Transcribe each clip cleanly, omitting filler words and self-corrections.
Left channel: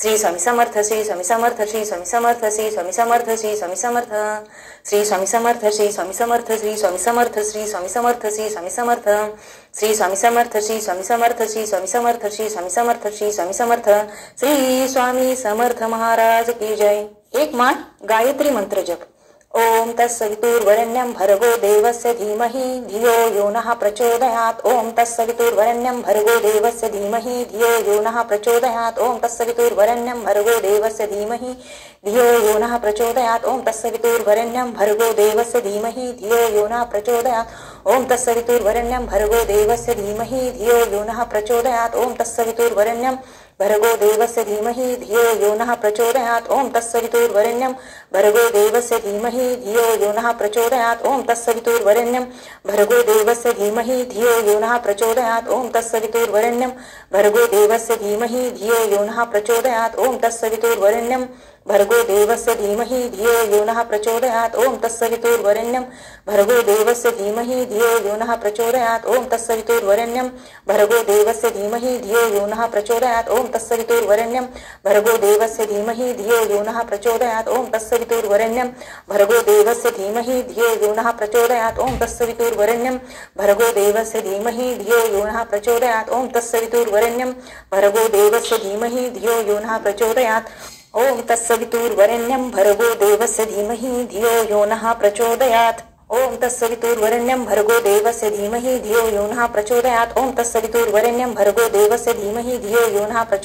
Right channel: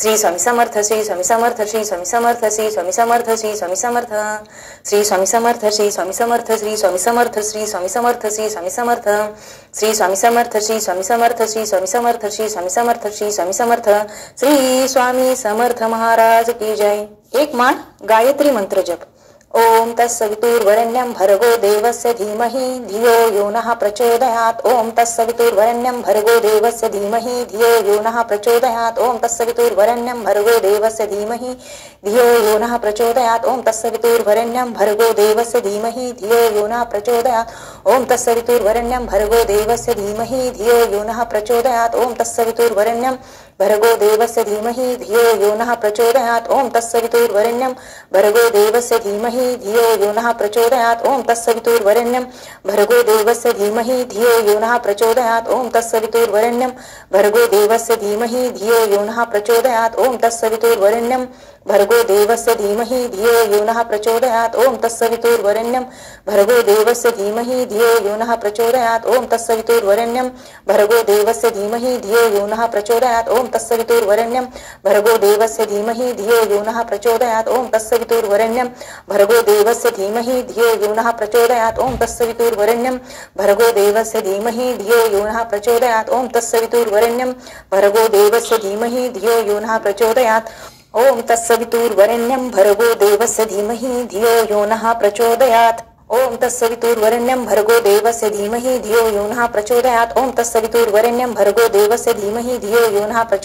श्री स्वामी समर्थ, श्री स्वामी समर्थ, श्री स्वामी समर्थ, श्री स्वामी समर्थ, श्री स्वामी समर्थ, श्री स्वामी समर्थ, श्री स्वामी समर्थ, श्री स्वामी समर्थ, श्री स्वामी समर्थ, श्री स्वामी समर्थ, श्री स्वामी समर्थ, श्री स्वामी समर्थ, श्री स्वामी समर्थ, श्री स्वामी समर्थ, श्री स्वामी समर्थ, श्री स्वामी समर्थ महाराज की जय। एक मान गायत्री मंत्र जप। ओम तत्सवितुर्वरेण्यं भर्गो देवस्य धीमहि धियो यो नः प्रचोदयात्। ओम तत्सवितुर्वरेण्यं भर्गो देवस्य धीमहि धियो यो नः प्रचोदयात्। ओम तत्सवितुर्वरेण्यं भर्गो देवस्य धीमहि धियो यो नः प्रचोदयात्। ओम तत्सवितुर्वरेण्यं भर्गो देवस्य धीमहि धियो यो नः प्रचोदयात्। ओम तत्सवितुर्वरेण्यं भर्गो देवस्य धीमहि धियो यो नः प्रचोदयात्। ओम तत्सवितुर्वरेण्यं भर्गो देवस्य धीमहि धियो यो नः प्रचोदयात्। ओम तत्सवितुर्वरेण्यं भर्गो देवस्य धीमहि धियो यो नः प्रचोदयात्। ओम तत्सवितुर्वरेण्यं भर्गो देवस्य धीमहि धियो यो नः प्रचोदयात्। ओम तत्सवितुर्वरेण्यं भर्गो देवस्य धीमहि धियो यो नः प्रचोदयात्। ओम तत्सवितुर्वरेण्यं भर्गो देवस्य धीमहि धियो यो नः प्रचोदयात्। ओम तत्सवितुर्वरेण्यं भर्गो देवस्य धीमहि धियो यो नः प्रचोदयात्। ओम तत्सवितुर्वरेण्यं भर्गो देवस्य धीमहि धियो यो नः प्रचोदयात्। ओम तत्सवितुर्वरेण्यं भर्गो देवस्य धीमहि धियो यो नः प्रचोदयात्। ओम तत्सवितुर्वरेण्यं भर्गो देवस्य धीमहि धियो यो नः प्रचोदयात्। ओम तत्सवितुर्वरेण्यं भर्गो देवस्य धीमहि धियो यो नः प्रचोदयात्। ओम तत्सवितुर्वरेण्यं भर्गो देवस्य धीमहि धियो यो नः प्रचोदयात्। ओम तत्सवितुर्वरेण्यं भर्गो देवस्य धीमहि धियो यो नः प्रचोदयात्। ओम तत्सवितुर्वरेण्यं भर्गो देवस्य धीमहि धियो यो नः प्रचोदयात्। ओम तत्सवितुर्वरेण्यं भर्गो देवस्य धीमहि धियो यो नः प्रचोदयात्। ओम तत्सवितुर्वरेण्यं भर्गो देवस्य धीमहि धियो यो नः प्रचोदयात्। ओम तत्सवितुर्वरेण्यं भर्गो देवस्य धीमहि धियो यो नः प्रचोदयात्। ओम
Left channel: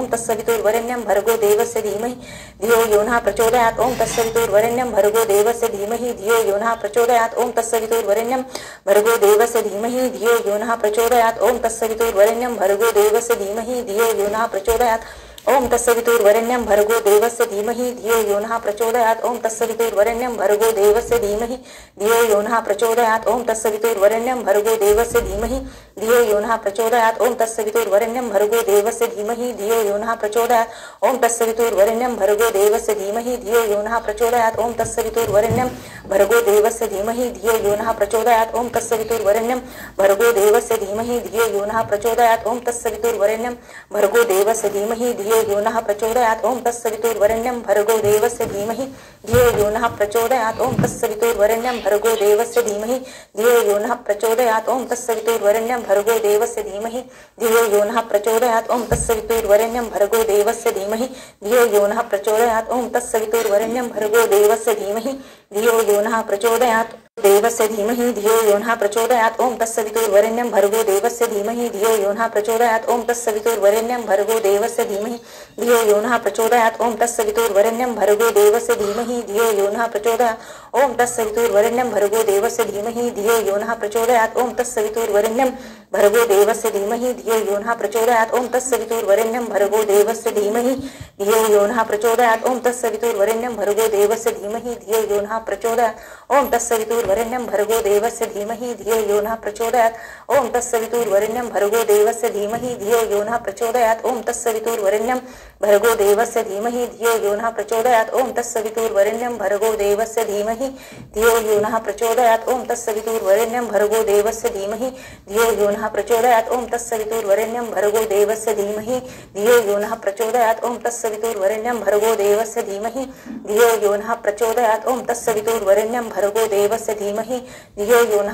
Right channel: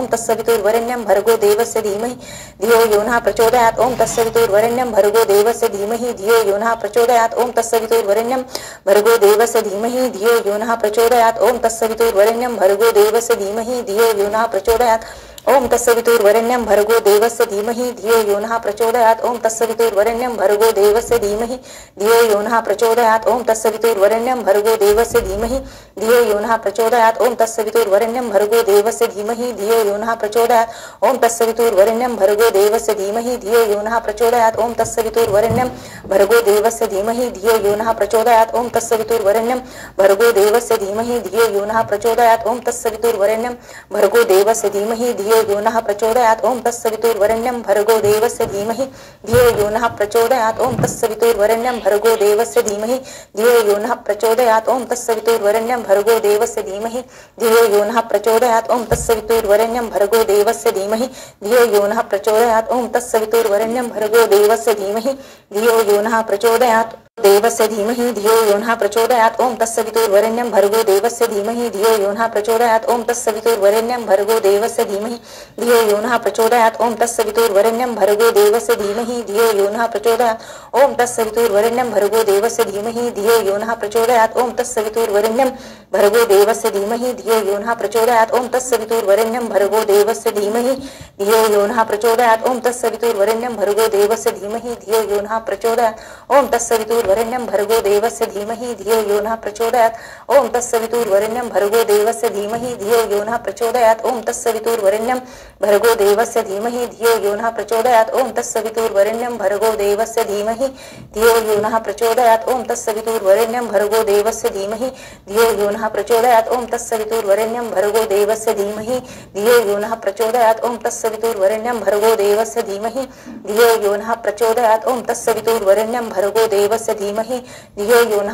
तत्सवितुर्वरेण्यं भर्गो देवस्य धीमहि धियो यो नः प्रचोदयात्। ओम तत्सवितुर्वरेण्यं भर्गो देवस्य धीमहि धियो यो नः प्रचोदयात्। ओम तत्सवितुर्वरेण्यं भर्गो देवस्य धीमहि धियो यो नः प्रचोदयात्। ओम तत्सवितुर्वरेण्यं भर्गो देवस्य धीमहि धियो यो नः प्रचोदयात्। ओम तत्सवितुर्वरेण्यं भर्गो देवस्य धीमहि धियो यो नः प्रचोदयात्। ओम तत्सवितुर्वरेण्यं भर्गो देवस्य धीमहि धियो यो नः प्रचोदयात्। ओम तत्सवितुर्वरेण्यं भर्गो देवस्य धीमहि धियो यो नः प्रचोदयात्। ओम तत्सवितुर्वरेण्यं भर्गो देवस्य धीमहि धियो यो नः प्रचोदयात्। ओम तत्सवितुर्वरेण्यं भर्गो देवस्य धीमहि धियो यो नः प्रचोदयात्। ओम तत्सवितुर्वरेण्यं भर्गो देवस्य धीमहि धियो यो नः प्रचोदयात्। ओम तत्सवितुर्वरेण्यं भर्गो देवस्य धीमहि धियो यो नः प्रचोदयात्। ओम तत्सवितुर्वरेण्यं भर्गो देवस्य धीमहि धियो यो नः प्रचोदयात्। ओम तत्सवितुर्वरेण्यं भर्गो देवस्य धीमहि धियो यो नः प्रचोदयात्। ओम तत्सवितुर्वरेण्यं भर्गो देवस्य धीमहि धियो यो नः प्रचोदयात्। ओम तत्सवितुर्वरेण्यं भर्गो देवस्य धीमहि धियो यो नः प्रचोदयात्। देवस्य धीमहि धियो यो नः प्रचोदयात्। ओम तत्सवितुर्वरेण्यं भर्गो देवस्य धीमहि धियो यो नः प्रचोदयात्। ओम तत्सवितुर्वरेण्यं भर्गो देवस्य धीमहि धियो यो नः प्रचोदयात्। ओम तत्सवितुर्वरेण्यं भर्गो देवस्य धीमहि धियो यो नः प्रचोदयात्। ओम तत्सवितुर्वरेण्यं भर्गो देवस्य धीमहि धियो यो नः प्रचोदयात्। ओम तत्सवितुर्वरेण्यं भर्गो देवस्य धीमहि धियो यो नः प्रचोदयात्। ओम तत्सवितुर्वरेण्यं भर्गो देवस्य धीमहि धियो यो नः प्रचोदयात्। ओम तत्सवितुर्वरेण्यं भर्गो देवस्य धीमहि धियो यो नः प्रचोदयात्। ओम तत्सवितुर्वरेण्यं भर्गो देवस्य धीमहि धियो यो नः प्रचोदयात्। ओम तत्सवितुर्वरेण्यं भर्गो देवस्य धीमहि धियो यो नः प्रचोदयात्। ओम तत्सवितुर्वरेण्यं भर्गो देवस्य धीमहि धियो यो नः प्रचोदयात्। ओम तत्सवितुर्वरेण्यं भर्गो देवस्य धीमहि धियो यो नः प्रचोदयात्। ओम तत्सवितुर्वरेण्यं भर्गो देवस्य धीमहि धियो यो नः प्रचोदयात्। ओम तत्सवितुर्वरेण्यं भर्गो देवस्य धीमहि धियो यो नः प्रचोदयात्। ओम तत्सवितुर्वरेण्यं भर्गो देवस्य धीमहि धियो यो नः प्रचोदयात्। ओम तत्सवितुर्वरेण्यं भर्गो देवस्य धीमहि धियो यो नः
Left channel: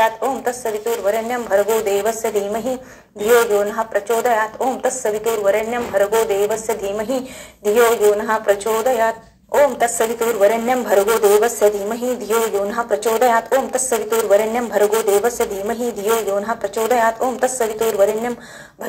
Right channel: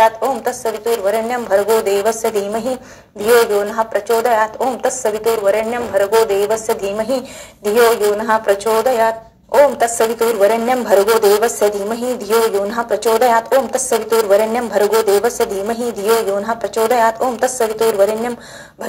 प्रचोदयात्। ओम तत्सवितुर्वरेण्यं भर्गो देवस्य धीमहि धियो यो नः प्रचोदयात्। ओम तत्सवितुर्वरेण्यं भर्गो देवस्य धीमहि धियो यो नः प्रचोदयात्। ओम तत्सवितुर्वरेण्यं भर्गो देवस्य धीमहि धियो यो नः प्रचोदयात्। ओम तत्सवितुर्वरेण्यं भर्गो देवस्य धीमहि धियो यो नः प्रचोदयात्। ओम तत्सवितुर्वरेण्यं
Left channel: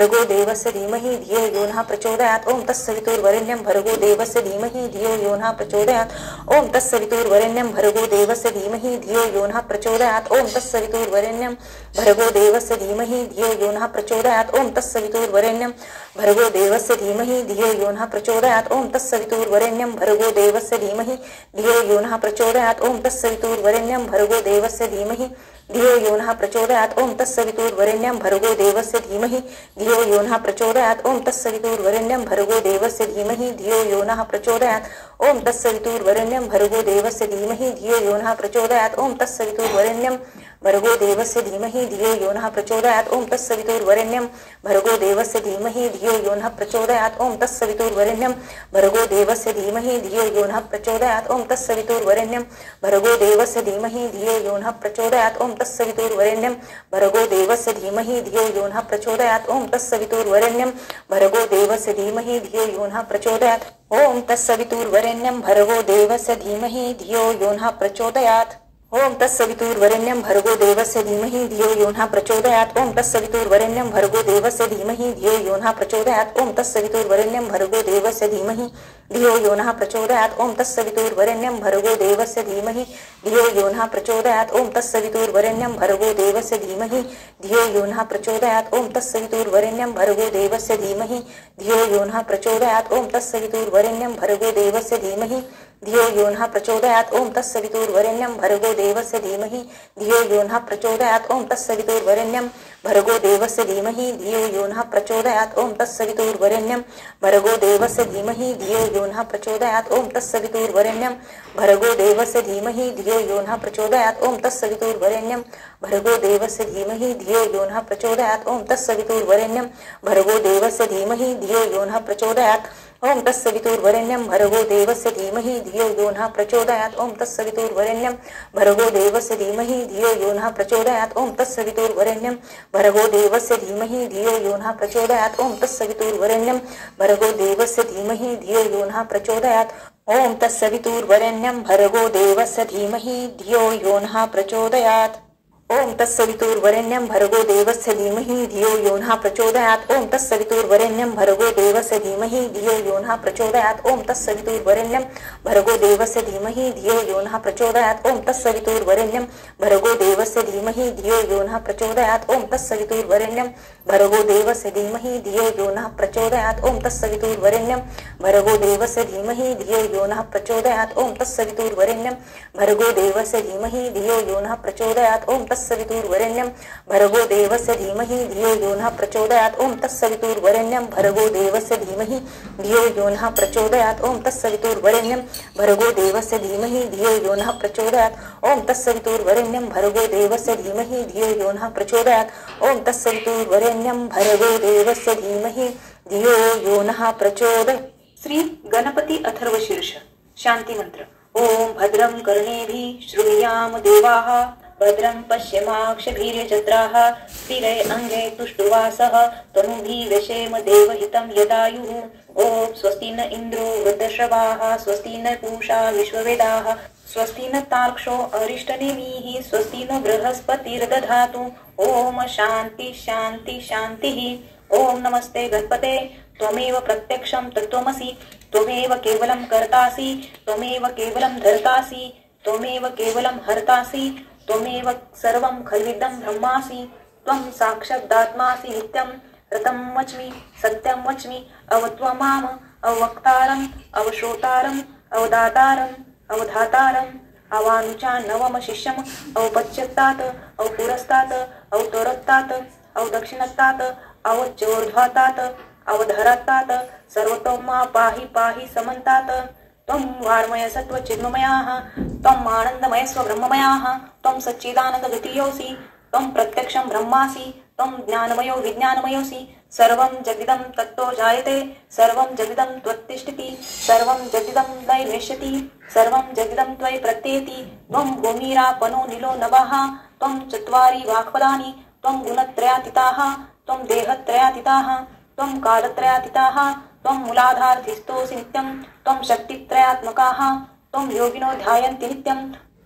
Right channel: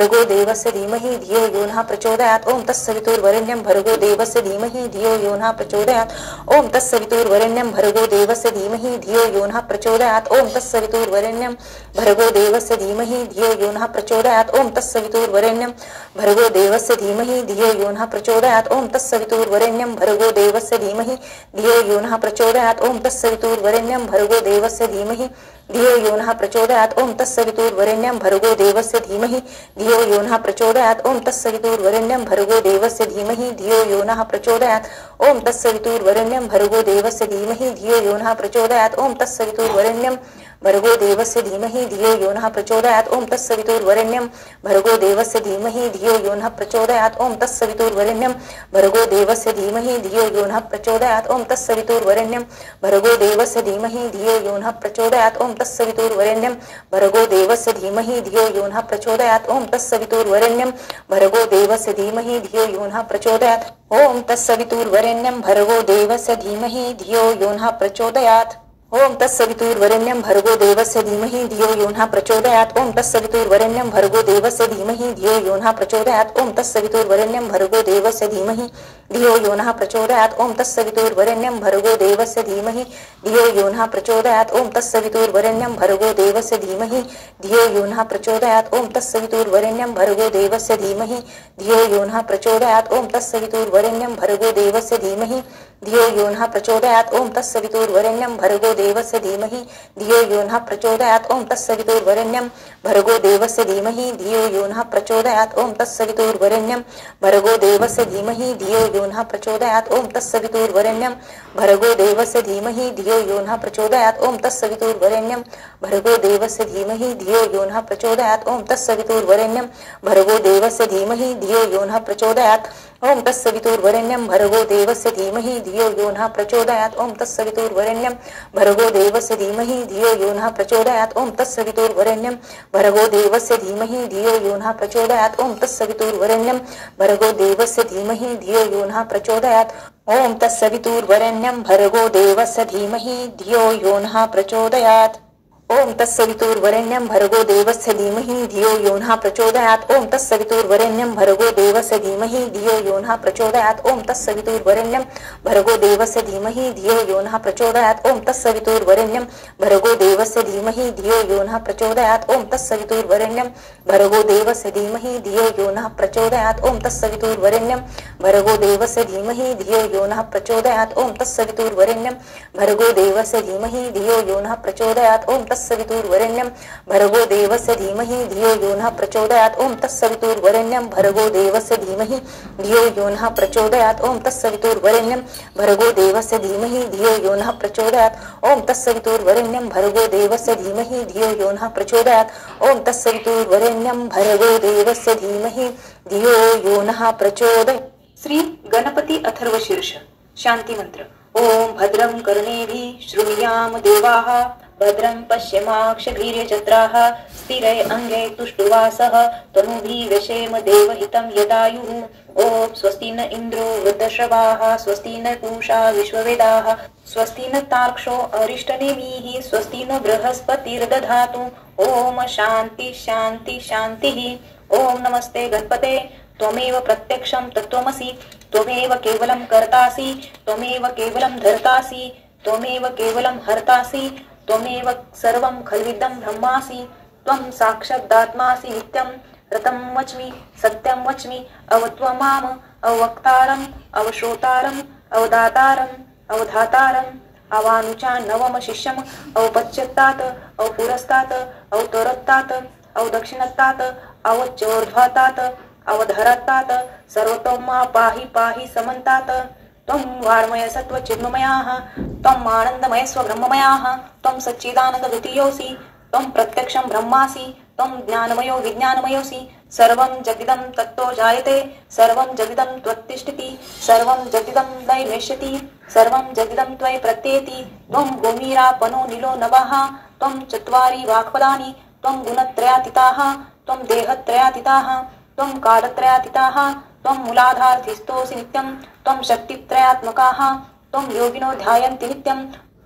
भर्गो देवस्य धीमहि धियो यो नः प्रचोदयात्। ओम तत्सवितुर्वरेण्यं भर्गो देवस्य धीमहि धियो यो नः प्रचोदयात्। ओम तत्सवितुर्वरेण्यं भर्गो देवस्य धीमहि धियो यो नः प्रचोदयात्। ओम तत्सवितुर्वरेण्यं भर्गो देवस्य धीमहि धियो यो नः प्रचोदयात्। ओम तत्सवितुर्वरेण्यं भर्गो देवस्य धीमहि धियो यो नः प्रचोदयात्। ओम तत्सवितुर्वरेण्यं भर्गो देवस्य धीमहि धियो यो नः प्रचोदयात्। ओम तत्सवितुर्वरेण्यं भर्गो देवस्य धीमहि धियो यो नः प्रचोदयात् ओम तत्सवितुर्वरेण्यं भर्गो देवस्य धीमहि धियो यो नः प्रचोदयात् ओम तत्सवितुर्वरेण्यं भर्गो देवस्य धीमहि धियो यो नः प्रचोदयात् ओम तत्सवितुर्वरेण्यं भर्गो देवस्य धीमहि धियो यो नः प्रचोदयात् ओम तत्सवितुर्वरेण्यं भर्गो देवस्य धीमहि धियो यो नः प्रचोदयात् ओम तत्सवितुर्वरेण्यं भर्गो देवस्य धीमहि धियो यो नः प्रचोदयात् ओम तत्सवितुर्वरेण्यं भर्गो देवस्य धीमहि धियो यो नः प्रचोदयात् ओम तत्सवितुर्वरेण्यं भर्गो देवस्य धीमहि धियो यो नः प्रचोदयात् ओम तत्सवितुर्वरेण्यं भर्गो देवस्य धीमहि धियो यो नः प्रचोदयात् ओम तत्सवितुर्वरेण्यं भर्गो देवस्य धीमहि धियो यो नः प्रचोदयात् ओम तत्सवितुर्वरेण्यं भर्गो देवस्य धीमहि धियो यो नः प्रचोदयात् ओम तत्सवितुर्वरेण्यं भर्गो देवस्य धीमहि धियो यो नः प्रचोदयात् ओम तत्सवितुर्वरेण्यं भर्गो देवस्य धीमहि धियो यो नः प्रचोदयात् ओम तत्सवितुर्वरेण्यं भर्गो देवस्य धीमहि धियो यो नः प्रचोदयात् ओम तत्सवितुर्वरेण्यं भर्गो देवस्य धीमहि धियो यो नः प्रचोदयात् ओम तत्सवितुर्वरेण्यं भर्गो देवस्य धीमहि धियो यो नः प्रचोदयात् ओम तत्सवितुर्वरेण्यं भर्गो देवस्य धीमहि धियो यो नः प्रचोदयात् ओम तत्सवितुर्वरेण्यं भर्गो देवस्य धीमहि धियो यो नः प्रचोदयात् ओम तत्सवितुर्वरेण्यं भर्गो देवस्य धीमहि धियो यो नः प्रचोदयात् ओम तत्सवितुर्वरेण्यं भर्गो देवस्य धीमहि धियो यो नः प्रचोदयात् ओम तत्सवितुर्वरेण्यं भर्गो देवस्य धीमहि धियो यो नः प्रचोदयात् ओम तत्सवितुर्वरेण्यं भर्गो देवस्य धीमहि धियो यो नः प्रचोदयात् ओम तत्सवितुर्वरेण्यं भर्गो देवस्य धीमहि धियो यो नः प्रचोदयात् ओम तत्सवितुर्वरेण्यं भर्गो देवस्य धीमहि धियो यो नः प्रचोदयात् ओम तत्सवितुर्वरेण्यं भर्गो देवस्य धीमहि धियो यो नः प्रचोदयात् ओम तत्सवितुर्वरेण्यं भर्गो देवस्य धीमहि धियो यो नः प्रचोदयात् ओम तत्सवितुर्वरेण्यं भर्गो देवस्य धीमहि धियो यो नः प्रचोदयात् ओम तत्सवितुर्वरेण्यं भर्गो देवस्य धीमहि धियो यो नः प्रचोदयात् ओम तत्सवितुर्वरेण्यं भर्गो देवस्य धीमहि धियो यो नः प्रचोदयात् ओम तत्सवितुर्वरेण्यं भर्गो देवस्य धीमहि धियो यो नः प्रचोदयात् ओम तत्सवितुर्वरेण्यं भर्गो देवस्य धीमहि धियो यो नः प्रचोदयात् ओम तत्सवितुर्वरेण्यं भर्गो देवस्य धीमहि धियो यो नः प्रचोदयात् ओम तत्सवितुर्वरेण्यं भर्गो देवस्य धीमहि धियो यो नः प्रचोदयात् ओम तत्सवितुर्वरेण्यं भर्गो देवस्य धीमहि धियो यो नः प्रचोदयात् ओम तत्सवितुर्वरेण्यं भर्गो देवस्य धीमहि धियो यो नः प्रचोदयात् ओम तत्सवितुर्वरेण्यं भर्गो देवस्य धीमहि धियो यो नः प्रचोदयात् ओम तत्सवितुर्वरेण्यं भर्गो देवस्य धीमहि धियो यो नः प्रचोदयात् ओम तत्सवितुर्वरेण्यं भर्गो देवस्य धीमहि धियो यो नः प्रचोदयात् ओम तत्सवितुर्वरेण्यं भर्गो देवस्य धीमहि धियो यो नः प्रचोदयात् ओम तत्सवितुर्वरेण्यं भर्गो देवस्य धीमहि धियो यो नः प्रचोदयात् ओम तत्सवितुर्वरेण्यं भर्गो देवस्य धीमहि धियो यो नः प्रचोदयात्। श्री गणपती अथर्वशीर्ष शांती मंत्र। ओम भद्रं कर्णेभिः शृणुयाम देवाः भद्रं पश्येमाक्षभिर्यजत्राः स्थिरै अंगे तुष्टुवासः तनूभिः व्यशेम देवहितं यदायुः। ओम स्वस्ति न इन्द्रो वृद्धश्रवाः स्वस्ति न पूषा विश्ववेदाः स्वस्ति न तार्क्ष्यो अरिष्टनेमिः स्वस्ति न बृहस्पतिर्दधातु। ओम शांति शांति शांतिः। ओम नमस्ते गणपते त्वमेव प्रत्यक्षं तत्त्वमसि त्वमेव केवलं कर्तासि त्वमेव केवलं धर्तासि त्वमेव केवलं हर्तासि त्वमेव सर्वं खल्विदं ब्रह्मासि त्वं साक्षादात्मासि नित्यं रतं वच्मि सत्यं वच्मि अवत्वमाम अवक्तारम् अवश्रोतारम् अवदातारम् अवधातारम् अवानुचान्नवम शिष्यम् अवपश्चात्तात् अवपुरस्तात् अवतोरत्तात् अवदक्षिणत्तात् अवचोर्ध्वातात् अवधरत्तात् सर्वतोमा पाहि पाहि समन्तात्। त्वं वाङ्मय सत्त्वचिन्मयाः त्वम् आनन्दमय स्वब्रह्ममयाः त्वं सच्चिदानन्दद्वितीयोऽसि त्वं प्रत्यक्षं ब्रह्मासि त्वं ज्ञानमयो विज्ञानमयोऽसि सर्वं जगदिदं तत्तो जायते सर्वं जगदिदं त्वत्तिष्ठति सर्वं जगदिदं नैवेश्यति सर्वं जगदिदं त्वयि प्रत्येति। त्वं भूमिरापनो नीलो नभः त्वं चत्वारि वाक्पदानि त्वं गुणत्रयातीताः त्वं देहत्रयातीताः त्वं कालत्रयातीताः त्वं मूलाधारधिस्थोऽसि नित्यं त्वं शक्तित्रयात्मकाः त्वं योगिनो ध्यायन्ति नित्यं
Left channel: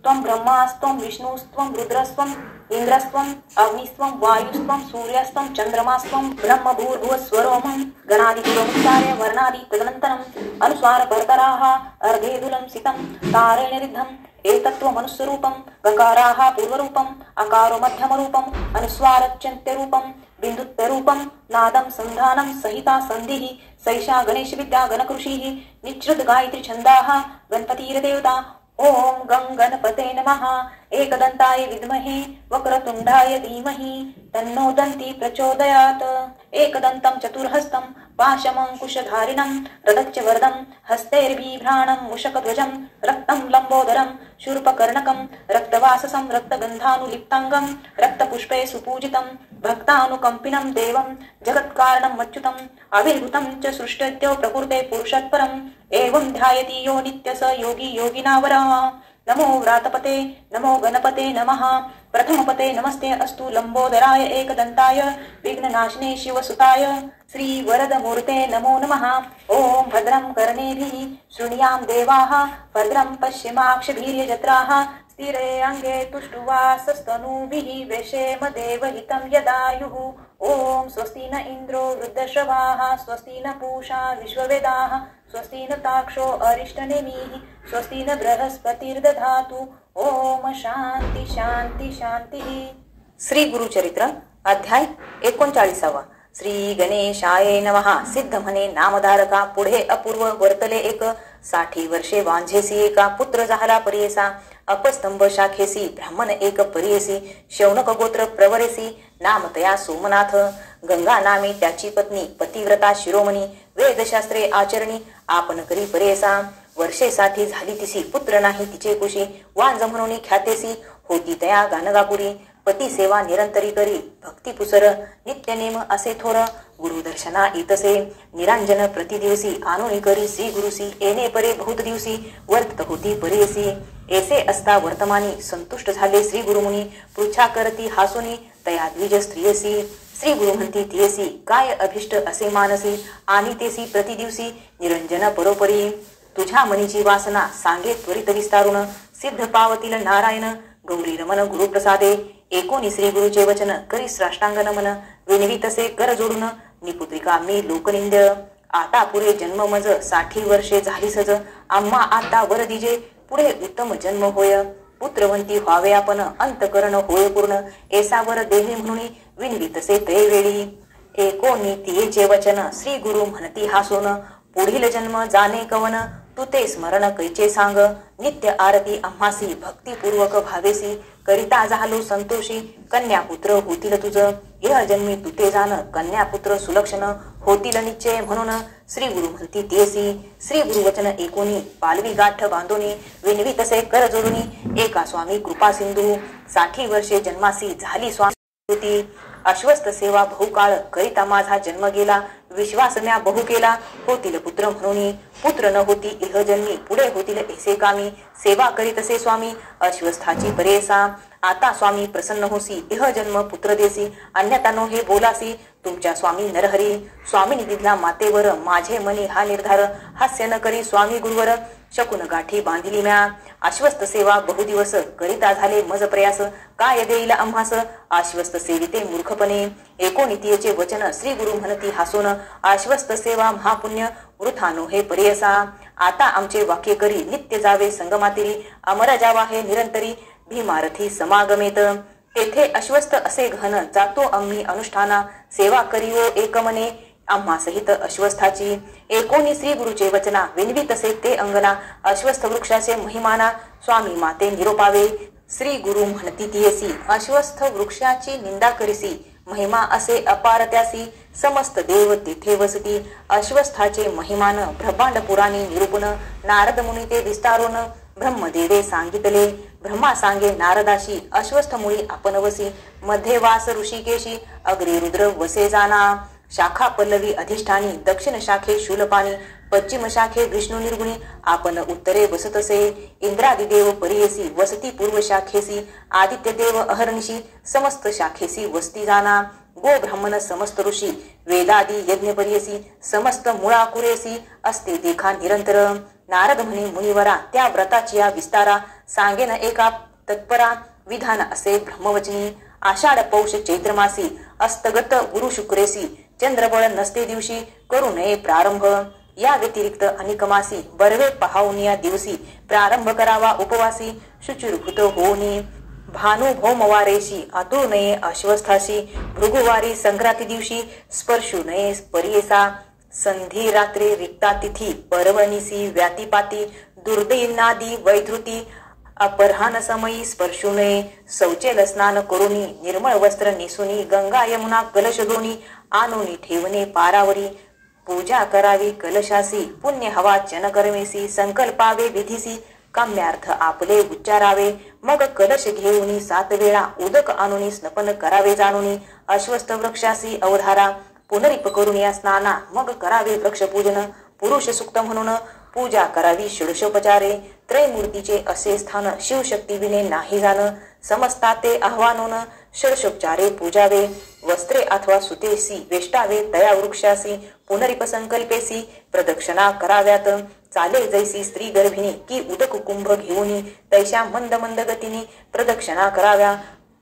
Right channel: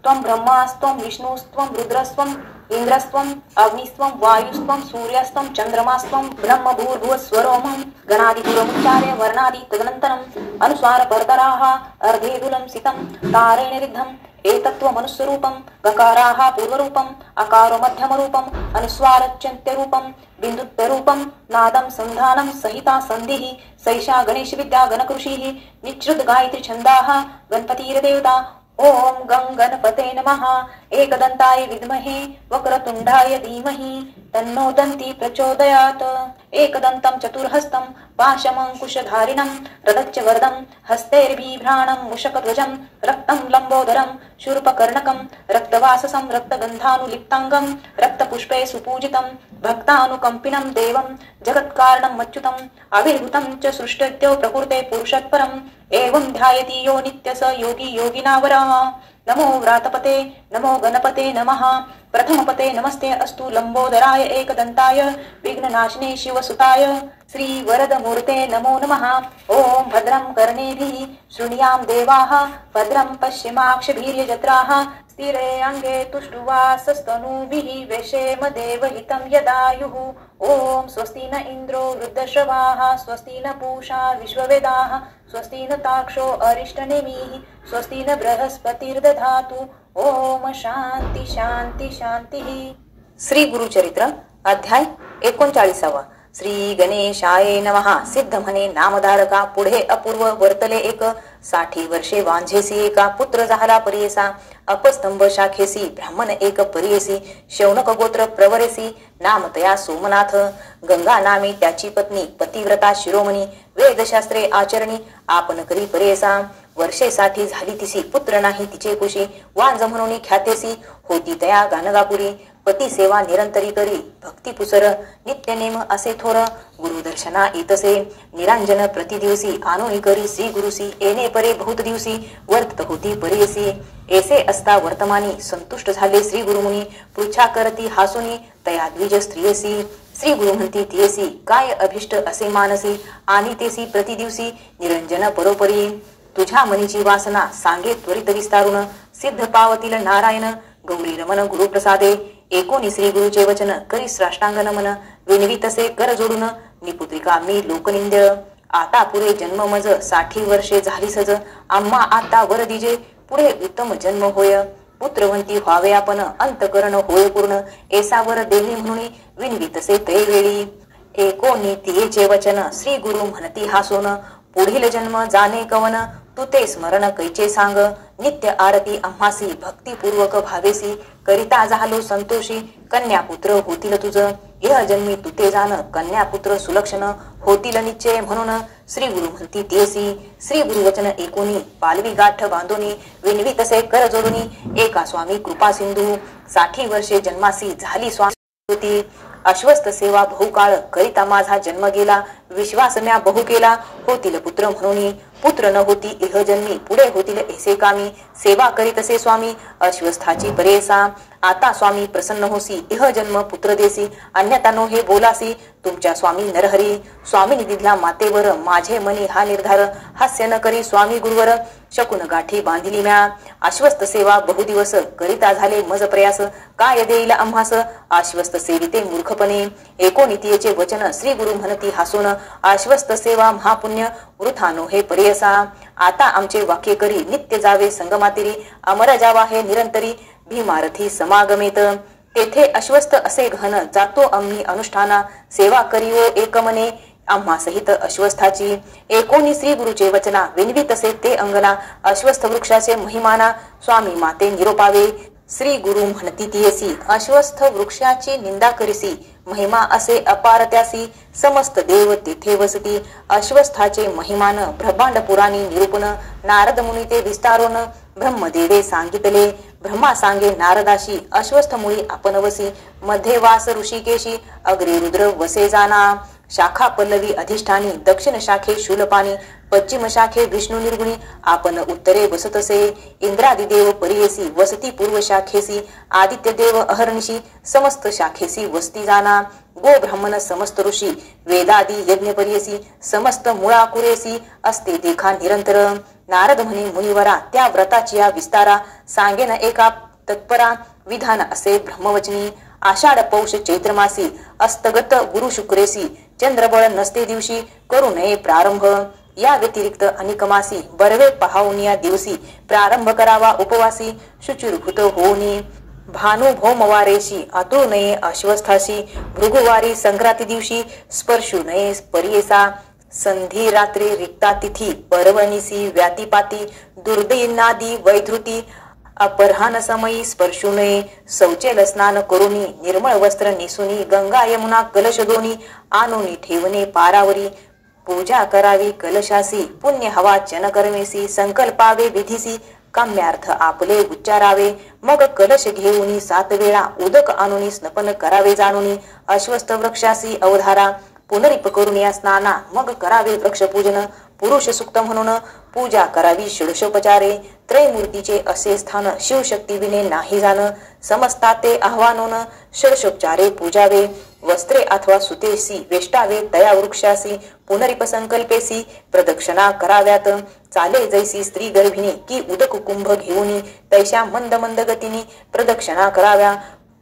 त्वं ब्रह्मास्त्वं विष्णुस्त्वं रुद्रस्त्वं इन्द्रस्त्वं अग्निस्त्वं वायुस्त्वं सूर्यस्त्वं चन्द्रमास्त्वं ब्रह्म भूर्भुवस्वरोमं गणादिपुरमुच्चार्य वर्णादि तदनन्तरम् अनुस्वारपरतराः अर्धेदुलं सितं तारेण रिद्धम् एतत्त्वमनुस्वरूपं गकाराः पूर्वरूपम् अकारो मध्यमरूपम् अनुस्वारच्यन्त्यरूपं बिन्दुत्वरूपं नादं संधानं सहिता सन्धिः सैषा गणेशविद्या गणकृषिः निच्छ्रुत गायत्री छन्दाः गणपतिर्देवता। ओम गं गणपते नमः। एकदंताय विद्महे वक्रतुंडाय धीमहि तन्नो दन्ती प्रचोदयात्। एकदन्तं चतुर्हस्तं पाशमंकुशधारिणं रदच्च वरदं हस्तैर्बिभ्राणं मूषकध्वजं रक्तं लम्बोदरं शूर्पकर्णकं रक्तवाससं रक्तगन्धानुलिप्ताङ्गं रक्तपुष्पे सुपूजितं भक्तानुकम्पिनं देवं जगत्कारणं मच्युतम् अविर्भूतं च सृष्टत्यो प्रकृते पुरुषत्परम् एवं ध्यायति यो नित्य स योगी योगिनावरः। नमो व्रातपते नमो गणपते नमः। प्रथमपते नमस्ते अस्तु लंबोदराय एकदंताय विघ्ननाशिने शिवसुताय श्री वरदमूर्ते नमो नमः। ओम भद्रं कर्णेभिः शृणुयां देवाः भद्रं पश्येमाक्षभिर्यजत्राः स्थिरे अंगे तुष्टुवासस्तनूभिः वेशेम देवहितं यदायुः। ओम स्वस्ति न इंद्रो वृद्धश्रवाः स्वस्ति न पूषा विश्ववेदाः स्वस्ति न ताक्षो अरिष्टनेमिः स्वस्ति न बृहस्पतिर्दधातु। ओम शांती शांती शांती। श्री गुरुचरित्र अध्याय 39। श्री गणेशाय नमः। सिद्ध म्हणे नामधारका पुढे अपूर्व वर्तले एक 60 वर्षे वांझेसी एका पुत्र झाला परियेसा अपस्तंभ शाखेसी ब्राह्मण एक परियेसी शौनक गोत्र प्रवरेसी नाम तया सोमनाथ गंगा नामे त्याची पत्नी पतिव्रता शिरोमणी वेदशास्त्रे आचरणी आपण करी परियेसा वर्षे 60 झाली तिसी पुत्र नाही तिचे कुशी वांझ म्हणून ख्यातेसी होती तया गानगापुरी पती सेवा निरंतरी करी भक्ती पुसर नित्य नेम असे थोर गुरुदर्शना येतसे निरंजन प्रतिदिवसी आणून करी श्री गुरुसी येणे परे बहुत दिवसी वर्त होती परियसी ऐसे असता वर्तमानी संतुष्ट झाले श्री गुरुमुनी पृच्छा करती हासुनी तया द्विज स्त्रियसी श्री गुरु म्हणती तियसी काय अभिष्ट असे मानसी आणि तेसी प्रतिदिवसी निरंजन परोपरी तुझ्या मनीची वासना सांगे त्वरित विस्तारून सिद्ध पावतील नारायण गौरी रमण गुरुप्रसादे एकोणी श्री गुरुचे वचन करी साष्टांग नमन विनवी तसे कर जोडून निपुत्रिका मी लोकनिंद्य आता पुरे जन्म मज 60 वर्षे झाली सज आम्हा आता वर दिजे पुढे उत्तम जन्म होय पुत्रवंती व्हावे आपण अंतकरण होय पूर्ण ऐसावर देवे म्हणून विनवी तसे ते वेळी एकोणी तियेचे वचन श्री गुरु म्हणती हासून पुढील जन्म जाणे कवन तू ते स्मरण कैचे सांग नित्य आरती आम्हासी भक्तिपूर्वक भावेसी करिता झालो संतोषी कन्यापुत्र होतील तुझ यह जन्मी तू ते जाण कन्यापुत्र सुलक्षण होतील निश्चय म्हणून श्री गुरु म्हणती तेसी श्री गुरु वचन एकोणी पालवी गाठ बांधोनी विनवी तसे कर जोडूनी एका स्वामी कृपा सिंधू 60 वर्षे जन्मासी झाली स्वामी होती अश्वस्थ सेवा बहुकाळ करिता माझा जन्म गेला विश्वास म्या बहु केला होतील पुत्र म्हणून पुत्र न होती इह जन्मी पुढे होतील ऐसे कामी सेवा करीतसे स्वामी अश्वस्थाची परेसा आता स्वामी प्रसन्न होसी इह जन्म पुत्र देसी अन्यथा नो हे बोलासी तुमच्या स्वामी नरहरी स्वामीनी दिधला मातेवर माझे मनी हा निर्धार हास्य न करी स्वामी गुरुवर शकुन गाठी बांधिली म्या आश्वस्त सेवा बहुदिवस करिता झाले मज प्रयास काय देईल आम्हास आश्वस्त सेविते मूर्खपणे एकोणितीयेचे वचन श्री गुरु म्हणती हासून आश्वस्त सेवा महापुण्य वृथानो हे परियसा आता आमचे वाक्य करी नित्य जावे संगमातिरी अमर जावा हे निरंतरी भीमारथी समागमेत तेथे अश्वस्त असे घन जातो आम्ही अनुष्ठाना सेवा करीव एकमने आम्हा सहित अश्वस्थाची एकोणी श्री गुरुचे वचना विनवी तसे ते अंगना अश्वस्थ वृक्षाचे महिमाना स्वामी माते निरोपावे श्री गुरु म्हणती तियसी अश्वस्थ वृक्षाची निंदा करीसी महिमा असे अपार त्यासी समस्त देव तिथे वसती अश्वस्थाचे महिमान ब्रह्मांड पुराणी निरूपण नारद मुनी ते विस्तारून ब्रह्मदेवे सांगितले ब्रह्मा सांगे नारदाशी अश्वस्थ मुळी आपण वसी मध्ये वास ऋषिकेशी अग्रे रुद्र वसे जाना शाखा पल्लवी अधिष्ठानी दक्षिण शाखे शूलपाणी पश्चिम शाखे विष्णू निर्गुणी आपण उत्तरे वसतसे इंद्रादी देव परियसी वसती पूर्व शाखेसी आदित्य देव अहर्निशी समस्त शाखेसी वस्ती जाना गो ब्राह्मण समस्त ऋषी वेदादी यज्ञ परियसी समस्त मुळा कुरेसी असते देखा निरंतर नारद म्हणे मुनिवरा त्या व्रताची या विस्तारा सांगेन एका तत्परा विधान असे ब्रह्मवचनी आषाढ पौष चैत्र मासी अस्तगत गुरु शुक्रेसी चंद्रबळ नसते दिवशी करू नये प्रारंभ या व्यतिरिक्त अनेक मासी बरवे पहावून या दिवशी प्रारंभ करावा उपवासी शुचिरभूत होऊनी भानु भौमवारेशी आतुर नये अश्वस्थाशी भृगुवारी संक्रांती दिवशी स्पर्शू नये परियेसा संधी रात्री रिक्ता तिथी पर्वणीसी व्यातिपाती दुर्दैनादी वैधृती अपराह्न समयी स्पर्शू नये शौचेल स्नान करुनी निर्मळ वस्त्र नेसुनी गंगा यमुना कलश दोनी आणुनी ठेवणे पारावरी पूजा करावी कलशासी पुण्य हवा जनकर्मेसी संकल्पावे विधीसी काम्यार्थ आपले उच्चारावे मग कलश घेऊनी 7 वेळा उदक आणुनी स्नपन करावे जाणुनी अश्वस्थ वृक्षासी अवधारा पुनरिप करुनिया स्नाना मग करावे वृक्षपूजन पुरुष सुक्त म्हणून पूजा करावी षोडशोपचारे त्रैमूर्तीचे असे स्थान शिवशक्ती विने नाही जाण समजता ते आव्हानून षोडशोपचारे पूजावे वस्त्रे अथवा सुतेसी वेष्टावे तया वृक्षासी पुनरिप संकल्पेसी प्रदक्षिणा कराव्यात चाले जैसी स्त्री गर्भिणी की उदक कुंभ घेऊनी तैशा मंद मंद गतीने प्रदक्षिणा कराव्या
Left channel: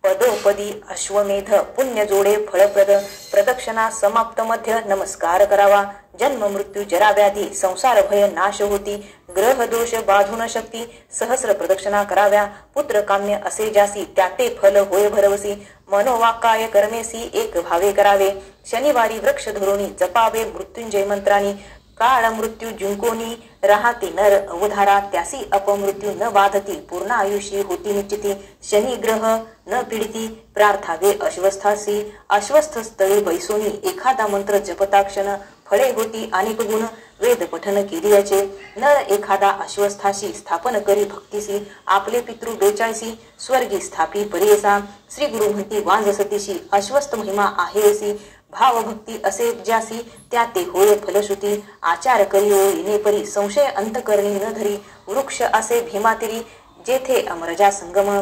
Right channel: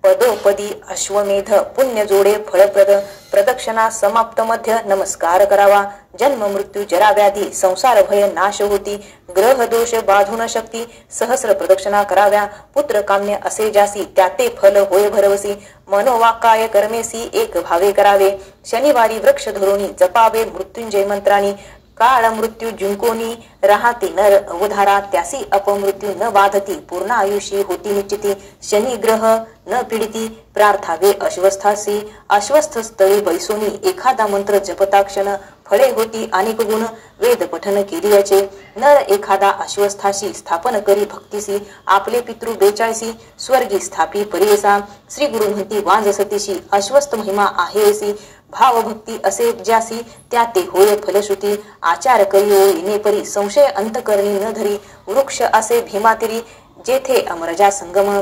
पदोपदी अश्वमेध पुण्य जोडे फळप्रद प्रदक्षिणा समाप्त मध्य नमस्कार करावा जन्म मृत्यू जरा व्याधी संसार भय नाश होती ग्रह दोष बाधून शक्ती सहस्र प्रदक्षिणा कराव्या पुत्र काम्य असे जासी त्याते फल होय भरवसी मनोवाकाय कर्मेसी एक भावे करावे शनिवारी वृक्ष धरोनी जपावे मृत्युंजय मंत्रानी काळ मृत्यू जिंकोनी राहते नर अवधारा त्यासी अपमृत्यू न बाधती पूर्ण आयुष्य होती निश्चिती शनी ग्रह न पीडिती प्रार्थावे अश्वस्थासी अश्वस्थ स्थळी बैसोनी एखादा मंत्र जपताक्षण फळे होती अनेक गुण वेद पठन केलियाचे नर एखादा अश्वस्थाशी स्थापन करी भक्तीसी आपले पितृ 42 स्वर्गी स्थापी परियसा श्री गुरु म्हणती वांज सतीशी अश्वस्थ महिमा आहे असी भाव भक्ती असे ज्यासी त्या ते होय फलश्रुती आचार करियो येणे परी संशय अंतकरणी न धरी वृक्ष असे भीमातिरी जेथे अमरजा संगम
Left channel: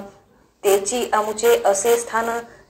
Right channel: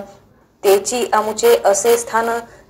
तेची अमुचे असे स्थान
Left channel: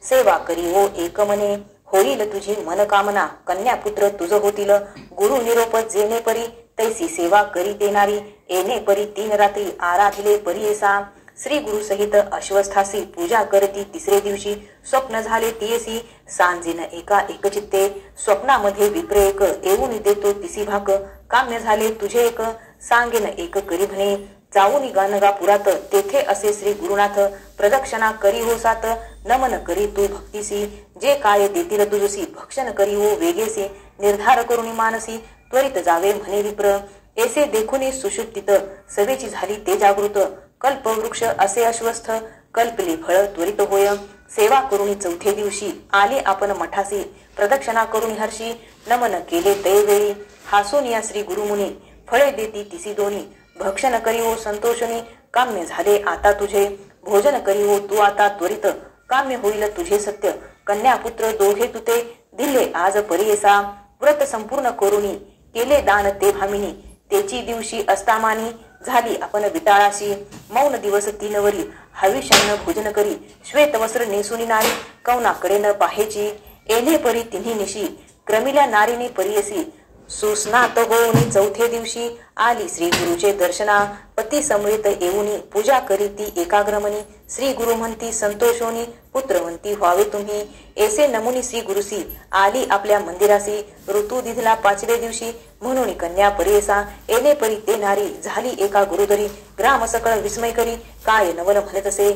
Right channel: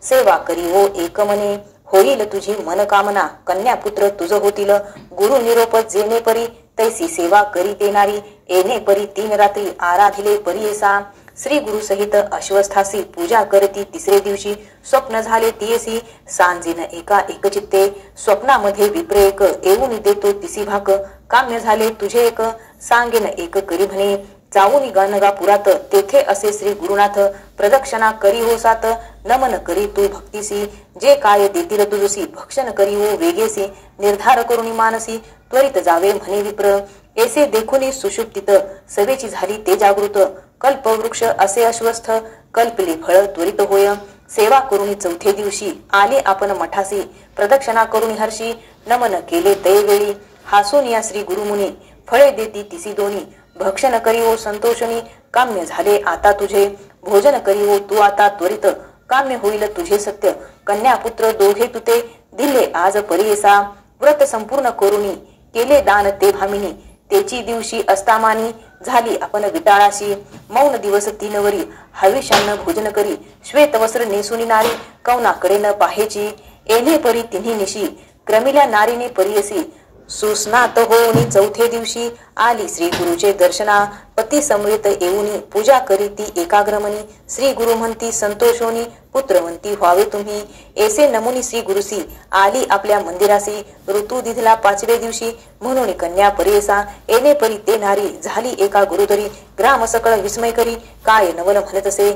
सेवा करियो एकमने होईल तुझी मनकामना कन्यापुत्र तुझ होतील गुरु निरोप जेणे परी तैसी सेवा करी देणारी येणे परी 3 रात्री आराधिले परियसा श्री गुरु सहित अश्वस्थासी पूजा करती तिसरे दिवशी स्वप्न झाले तियसी सांजीन एका एकचित्ते स्वप्नामध्ये विप्रेक येऊन देतो तिसी भाक काम्य झाले तुझे एक सांगेन एक करी म्हणे जाऊन गानगा पुरात तेथे असे श्री गुरुनाथ प्रदक्षिणा करी हो सात नमन करी तू भक्तीसी जे काय देतील तुझसी भक्षण करी हो वेगेसी निर्धार करुणी मानसी त्वरित जावे म्हणे विप्र ऐसे देखुनी सुषुप्तीत सवेची झाली ते जागृत कल्पवृक्ष असे अश्वस्थ कल्पले फळ त्वरित होय सेवा करुणी 4थ्या दिवशी आले आपण मठासी प्रदक्षिणा करुणी हर्षी नमन केले तैवेळी हासून या श्री गुरुमुनी फळे देती तिसी दोनी भक्षण करी हो संतोषणी काम्य झाले आता तुझे भोजन करी हो तू आता त्वरित काम्य होईल तुझे सत्य कन्यापुत्र दोघे तुते दिले आज परियसा व्रत संपूर्ण करुणी केले दान ते भामिनी तेची दिवशी अस्तामानी झाली आपण विटाळाशी मौन दिवस 3 वरी हविष्यान्न भोजन करी श्वेत वस्त्र नेसुनी नारी कौनाकडे न पाहेची येणे परी तिन्ही निशी क्रमिल्या नारीने परियसी सुस्नात होऊनी 4थ्या दिवशी आली श्री गुरुचे दर्शना पती समवेत येऊनी पूजा करी ती एकाग्रमणी श्री गुरु म्हणती संतोष होनी पुत्र म्हणती व्हावे तुम्ही ऐसे नमुनी श्री गुरुसी आली आपल्या मंदिरासी ऋतू दिधला 5व्या दिवशी म्हणून कन्या परियसा येणे परी ते नारी झाली एका गुरुदरी ग्राम सकळ विस्मय करी काय नवल म्हणत असे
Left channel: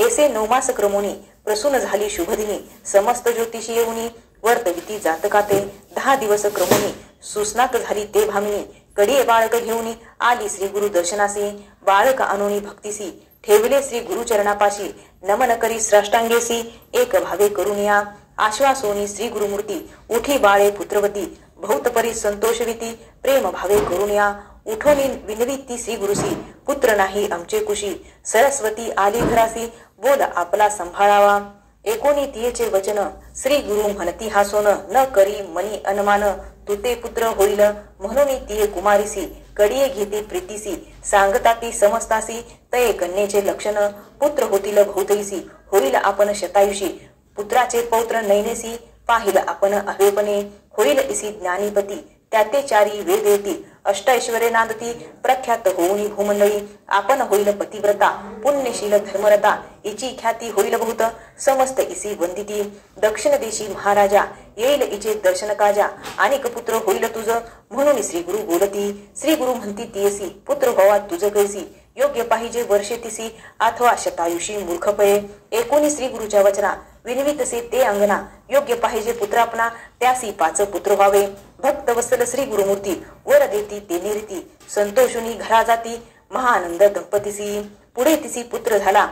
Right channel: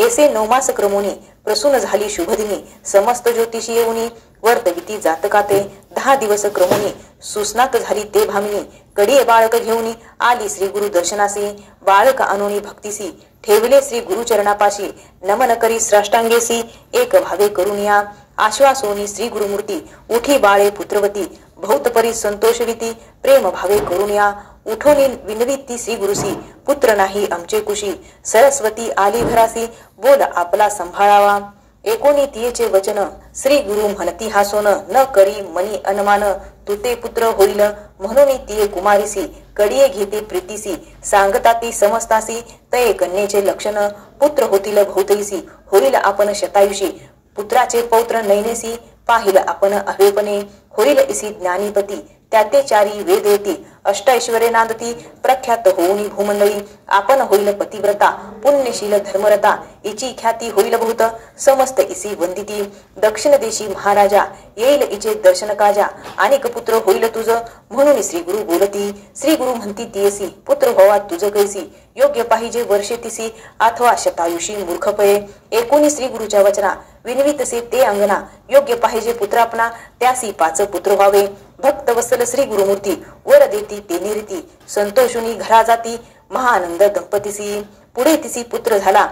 ऐसे 9 मास क्रमोनी प्रसून झाली शुभदिनी समस्त ज्योतिषी येऊनी वर्तविती जातकाते 10 दिवस क्रमोनी सुस्नात झाली ते भामिनी कडिये बाळक घेऊनी आली श्री गुरु दर्शनासी बाळक आणुनी भक्तीसी ठेवले श्री गुरु चरणापाशी नमन करी श्राष्टांगेसी एक भावे करुनिया आश्वासोनी श्री गुरुमूर्ती उठी बाळे पुत्रवती भौतपरी संतोषविती प्रेम भावे करुनिया उठोनी विनविती श्री गुरुसी पुत्र नाही आमचे कुशी सरस्वती आली घरासी बोल आपला संभाळावा एकोणी तियेचे वचन श्री गुरु म्हणती हासोन न करी मनी अनुमान तुते पुत्र होईल म्हणून तिये कुमारीसी कडिये घेते प्रीतीसी सांगता ती समजतासी तये कन्येचे लक्षण पुत्र होतील भौतैसी होईल आपण शतायुषी पुत्राचे पौत्र नैनेसी पाहिल आपण अवेपणे होईल इसी ज्ञानीपती त्याते चारी वेद येती अष्टैश्वर्ये नांदती प्रख्यात होऊनी भूमंडळी आपण होईल पतिव्रता पुण्यशील धर्मरता इची ख्याती होईल बहुत समस्त इसी वंदिती दक्षिण देशी महाराजा येईल इचे दर्शन काजा अनेक पुत्र होईल तुझ म्हणून श्री गुरु बोलती श्री गुरु म्हणती तियसी पुत्र होवा तुझ कैसी योग्य पाहिजे वर्षे तिसी अथवा शतायुषी मूर्खपये एकोणी श्री गुरुच्या वचना विनवितसे ते अंगना योग्य पाहिजे पुत्र आपणा त्यासी 5 पुत्र व्हावे भक्त वत्सल श्री गुरुमूर्ती वर देती तेने रीती संतोषुनी घरा जाती महानंद दंपतीसी पुढे तिसी पुत्र झाला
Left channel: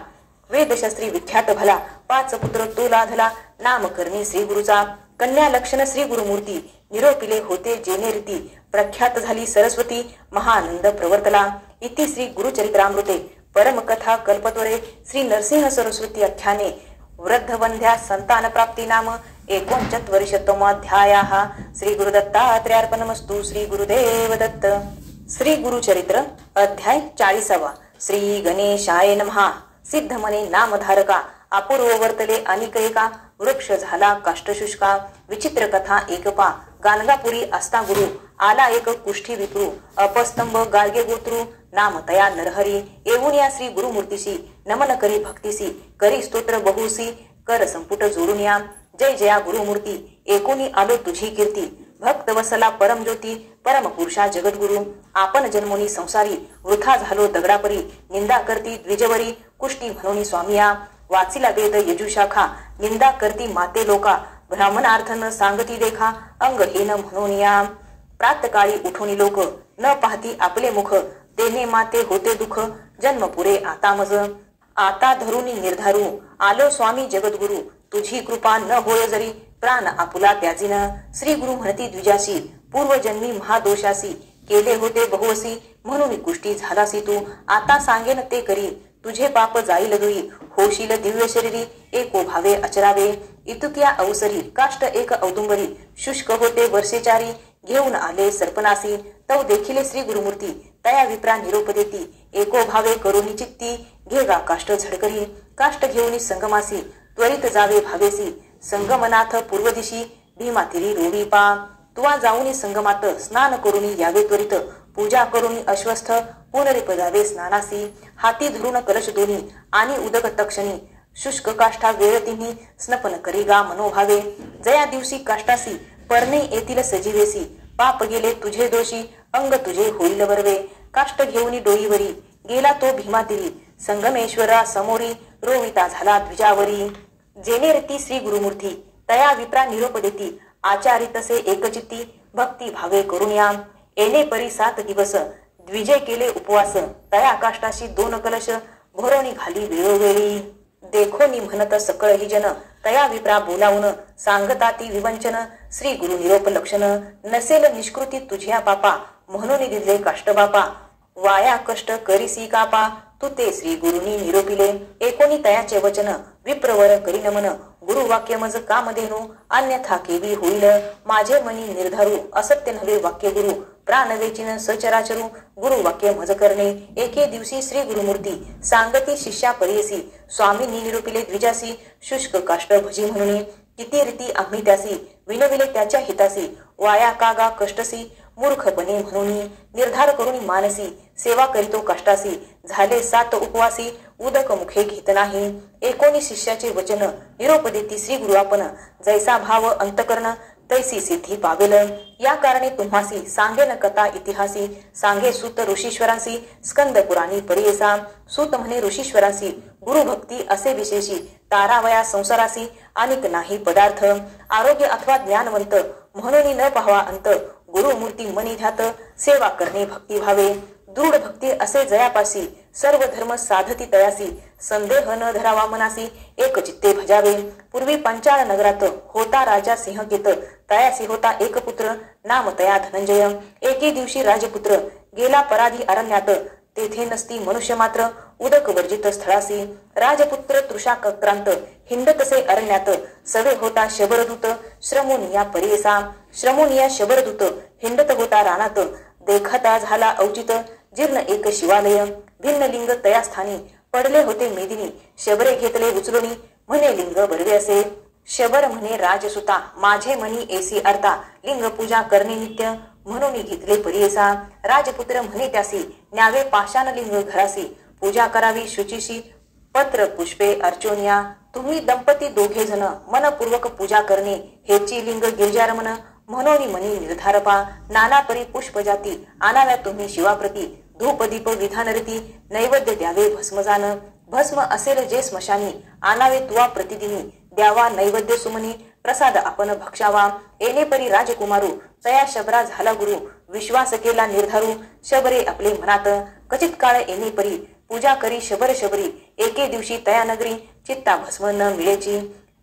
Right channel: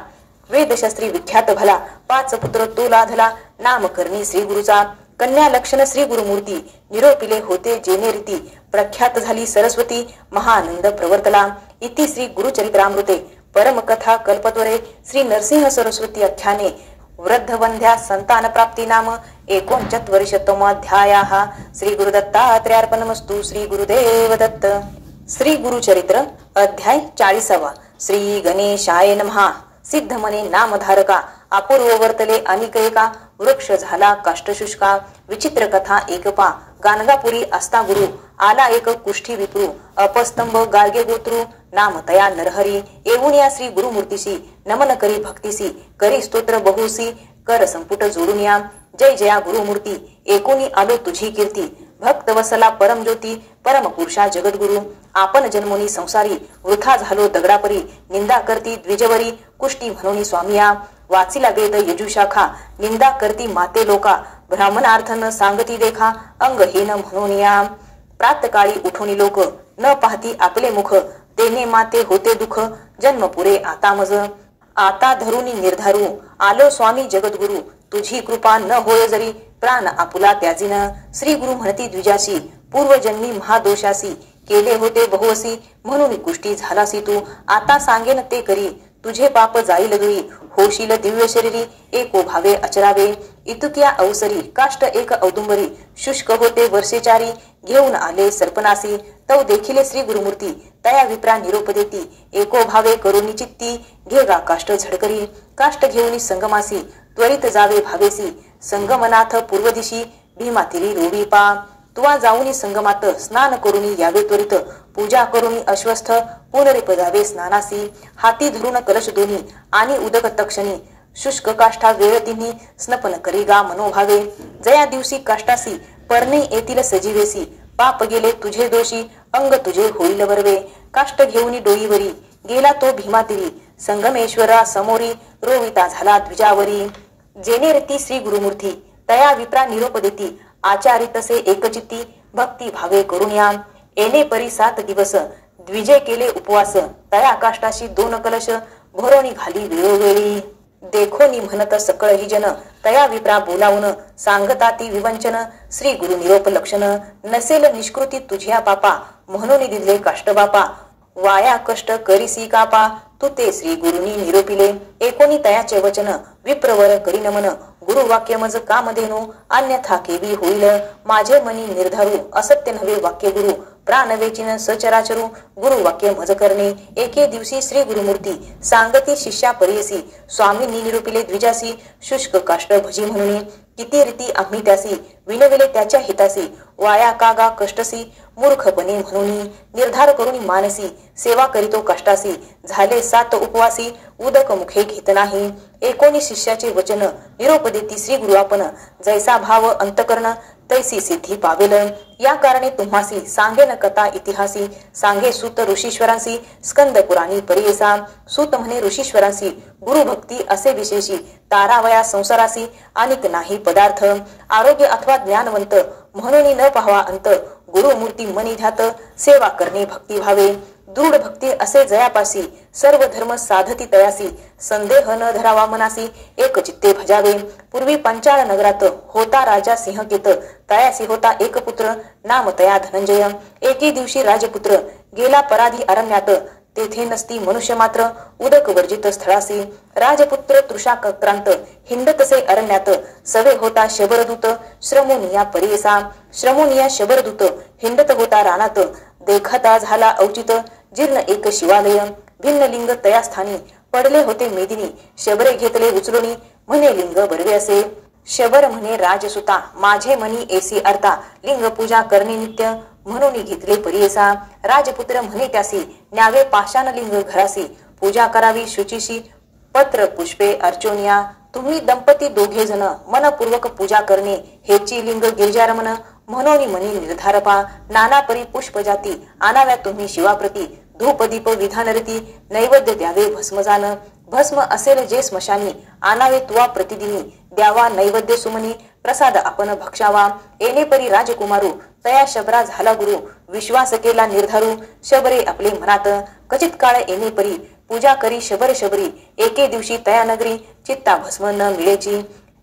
वेदशास्त्री विख्यात भला 5 पुत्र तो लाधला नामकरणी श्री गुरुचा कन्या लक्षण श्री गुरुमूर्ती निरोपिले होते जेने रीती प्रख्यात झाली सरस्वती महानंद प्रवर्तला इति श्री गुरुचरित्रामृते परमकथा कल्पत्वरे श्री नरसिंह सरस्वती आख्याने वृद्धवंध्या संतान प्राप्ती नाम 39तमोऽध्यायः श्री गुरुदत्तात्रेयार्पणमस्तु श्री गुरुदेव दत्त। श्री गुरुचरित्र अध्याय 40 श्री गणेशाय नमः। सिद्धमने नामधारका अपूर्व वर्तले अनिक एका वृक्ष झाला काष्टशुष्का विचित्र कथा एकपा गाणगापुरी असता गुरु आला एक कुष्ठी विप्रू अपस्तंभ गार्गे गोत्रू नाम तया नरहरी येऊन या श्री गुरुमूर्तीशी नमन करी भक्तीसी करी स्तोत्र बहुसी कर संपुट जोडून या जय जया गुरुमूर्ती एकोणी आलो तुझी कीर्ती भक्त वसला परम ज्योती परम पुरुषा जगद्गुरु आपण जन्मोनी संसारी वृथा झालो दगडापरी निंदा करती द्विजवरी कुष्टी म्हणून स्वामिया वाचिला वेद यजुशाखा निंदा करती माते लोका ब्राह्मणार्थन सांगती देखा अंगहीन म्हणून या प्रातकाळी उठोनी लोक न पाहती आपले मुख तेने माते होते दुःख जन्म पुरे आता मज आता धरुनी निर्धारू आलो स्वामी जगद्गुरु तुझी कृपा न होय जरी प्राण आपुला त्याजिन श्री गुरु म्हणती द्विजाशी पूर्वजन्मी महादोषासी केले होते बहुअसी म्हणून कुष्टी झालासी तू आता सांगेन ते करी तुझे पाप जाईल दुई होशील दिव्य शरीरी एको भावे अचरावे इतुक्या अवसरी काष्ट एक औदुंबरी शुष्क होते वर्षेचारी घेऊन आले सर्पनासी तव देखिले श्री गुरुमूर्ती तया विप्रा निरोप देती एको भावे करुणी चित्ती घेगा काष्ट झडकरी काष्ट घेऊन संगमासी त्वरित जावे भावेसी संगमनाथ पूर्व दिशी भीमातिरी रोवी पा तुवा जाऊनी संगमात स्नान करुनी यावे त्वरित पूजा करुनी अश्वस्थ पुनरिपदावे स्नानासी हाती धरून कलश दोनी आणि उदक तक्षणी शुष्क काष्ठा वेळ तिन्ही स्नपन करीगा मनोभावे जया दिवशी काष्टासी परणे येतील सजीवेसी पाप गेले तुझे दोषी अंग तुझे होईल बरवे काष्ट घेऊनी डोईवरी गेला तो भीमातिरी संगमेश्वरा समोरी रोविता झाला द्विजावरी जेने रती श्री गुरुमूर्ती तया विप्रा निरोप देती आचारी तसे एकचित्ती भक्ती भावे करून या येणे परी 7 दिवस द्विजय केले उपवास तया काष्टाशी 2 कलश घोरणी घाली वेळोवेळी देखोनी म्हणत सकळ ही जन तया विप्रा बोलावून सांगता ती विवंचन श्री गुरु निरोप लक्षण नसेल निष्कृती तुझ्या पापा म्हणून दिले काष्ट बापा वाया कष्ट करीसी कापा तू ते श्री गुरुनी निरोपिले एकोणी तयाचे वचन विप्रवर करी नमन गुरुवाक्य मज कामधेनु अन्यथा केवी होईल माझे मनी निर्धारू असत्य नव्हे वाक्य गुरु प्राण वेचिन सचराचरू गुरुवाक्य मज करणे एके दिवशी श्री गुरुमूर्ती सांगती शिष्या परियसी स्वामींनी निरूपिले द्विजासी शुष्क काष्ट भजी म्हणून किती रीती आम्ही त्यासी विनविले त्याच्या हितासी वाया कागा कष्टसी मूर्खपणे म्हणून निर्धार करून मानसी सेवा करीतो कष्टासी झाले 7 उपवासी उदक मुखे घेत नाही एकोणी शिष्याचे वचन निरोप देती श्री गुरु आपण जैसा भाव अंतकरण तैसी सिद्धी पावेल या कारणे तुम्हासी सांगेन कथा इतिहासी सांगे सूत ऋषीश्वरांसी स्कंद पुराणी परियेसा सूत म्हणे ऋषीश्वरांसी गुरु भक्ती असे विशेषी तारावया संसारासी अनिक नाही पदार्थ आरोग्य अथवा ज्ञानवंत म्हणून न पाहावा अंत गुरुमूर्ती मनी ध्यात सेवा करणे भक्ती भावे दृढ भक्ती असे जयापासी सर्व धर्म साधती तयासी संदेह न धरावा मनासी एक चित्ते भजावे पूर्वी पंचाळ नगरात होता राजा सिंहकेत तयासी होता एक पुत्र नाम तया धनंजय एके दिवशी राजपुत्र गेला पराधी अरण्यात तेथे नसती मनुष्य मात्र उदक वर्जित स्थळासी राजपुत्र तृषाक्रांत हिंडतसे अरण्यात सवे होता शबरदूत श्रमोनिया परियसा श्रमोनिया शबरदूत हिंडत होता रानात देखता झाला औचित जीर्ण एक शिवालय भिन्न लिंग तया स्थानी पडले होते मेदिनी शबरे घेतले उचलुनी म्हणे लिंग बरवे असे शबर म्हणे राजसुता माझे मनी एसी अर्था लिंग पूजा करणे नित्य म्हणून घेतले परियेसा राजपुत्र म्हणे त्यासी न्यावे पाषाणलिंग घरासी पूजा करावी शुचिशी पत्र पुष्पे अर्चोनिया तुम्ही दंपती दोघे जण मनपूर्वक पूजा करणे हेची लिंग गिरिजारमन म्हणून मनी निर्धारपा नाना परी पुष्प जाती आणाव्या तुम्ही शिवाप्रती धूपदीप विधानरती नैवेद्य द्यावे भस्मजान भस्म असेल जे स्मशानी आणावे तुवा प्रतिदिनी द्यावा नैवेद्य सुमनी प्रसाद आपण भक्षावा येणे परी राजकुमारू तया शबरा झाला गुरु विश्वास केला निर्धारू शबरे आपले मनात कचित काळ येणे परी पूजा करी शबर शबरी एके दिवशी तया नगरी चित्ता भस्म न मिळेची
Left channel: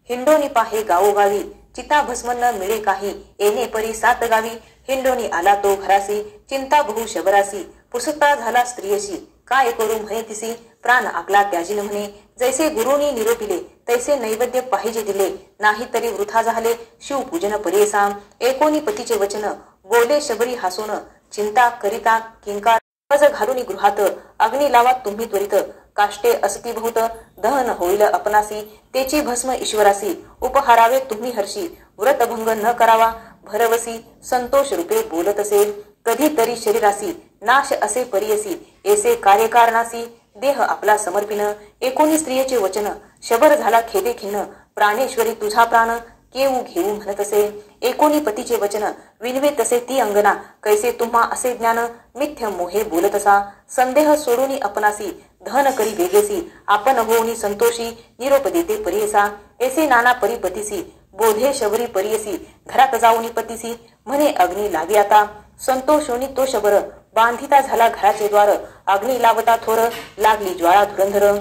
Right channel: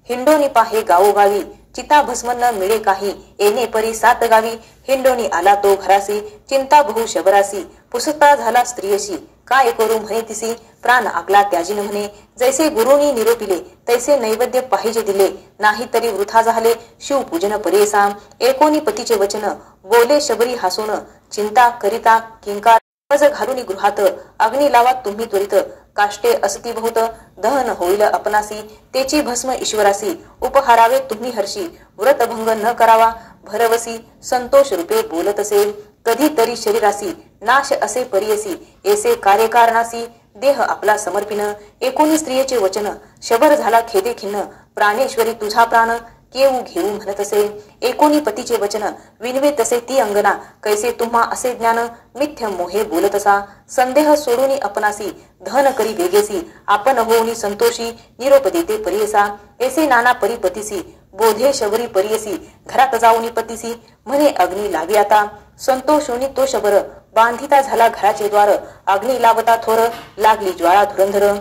हिंडोनी पाहे गावोगावी चिता भस्म न मिळे काही येणे परी 7 गावी हिंडोनी आला तो घरासी चिंता बहु शबरासी पुसता झाला स्त्रियशी काय करू म्हणे तिसी प्राण आकला त्याजीन म्हणे जैसे गुरुनी निरोपिले तैसे नैवेद्य पाहिजे दिले नाही तरी वृथा झाले शिवपूजन परियेसा एकोनी पतीचे वचन बोले शबरी हसून चिंता करिता किंकार घालून गृहात अग्नी लावा तुम्ही त्वरित काष्टे असती बहुत दहन होईल अपनासी तेची भस्म ईश्वरासी उपहारावे तुम्ही हर्षी व्रतभंग न करावा भरवसी संतोष रूपे बोलत असेल कधी तरी शरीरासी नाश असे परियसी ऐसे कार्यकारणासी देह आपला समर्पिन एकोणी स्त्रियेचे वचन शबर झाला खेदे खिन्न प्राणेश्वरी तुझा प्राण केऊ घेऊ म्हणत असे एकोणी पतीचे वचन विनवे तसे ती अंगना कैसे तुम्हा असे ज्ञान मिथ्य मोहे बोलत असा संदेह सोडूनी अपनासी धन करी वेगेसी आपण होऊनी संतोषी निरोप देते परियसा ऐसे नाना परिपतीसी बोधे शबरी परियसी घरात जाऊनी पतीसी म्हणे अग्नी लावी आता संतोषोनी तो शबर बांधिता झाला घराचे द्वार अग्नी लावता थोर लागली ज्वाळा धुरंधर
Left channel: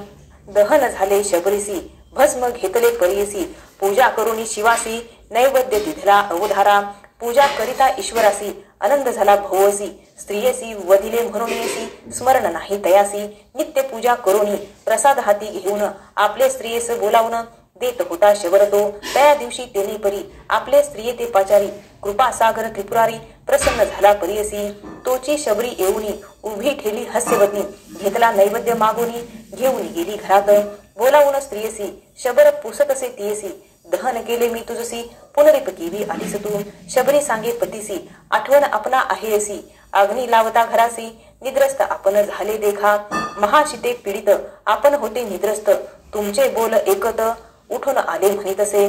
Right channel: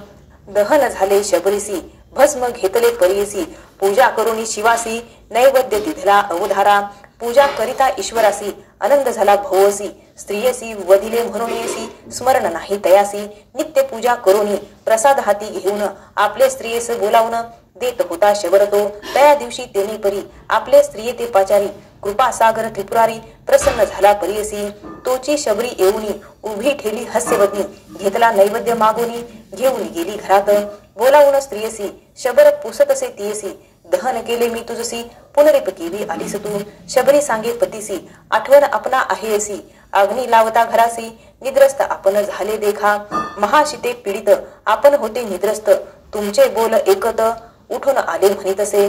दहन झाले शबरीसी भस्म घेतले परियसी पूजा करुनी शिवासी नैवेद्य दिधला अवधारा पूजा करिता ईश्वरासी आनंद झाला भवसी स्त्रियसी वदिले म्हणून स्मरण नाही तयासी नित्य पूजा करुनी प्रसाद हाती घेऊन आपले स्त्रियेस बोलावून देत होता शबरतो त्या दिवशी तेने परी आपले स्त्रिये ते पाचारी कृपा सागर त्रिपुरारी प्रसन्न झाला परियसी तोची शबरी येऊनी उभी ठेली हास्यवती घेतला नैवेद्य मागुनी घेऊन गेली घरात बोलावून स्त्रियसी शबर पुसत असे तियसी दहन केले मी तुझसी पुनरिप केली आलीस तू शबरी सांगे पतीसी आठवण आपला आहे असी अग्नी लावता घरासी निद्रस्त आपण झाले देखा महाशिते पीडित आपण होते निद्रस्त तुमचे बोल एकत उठून आले म्हणीत असे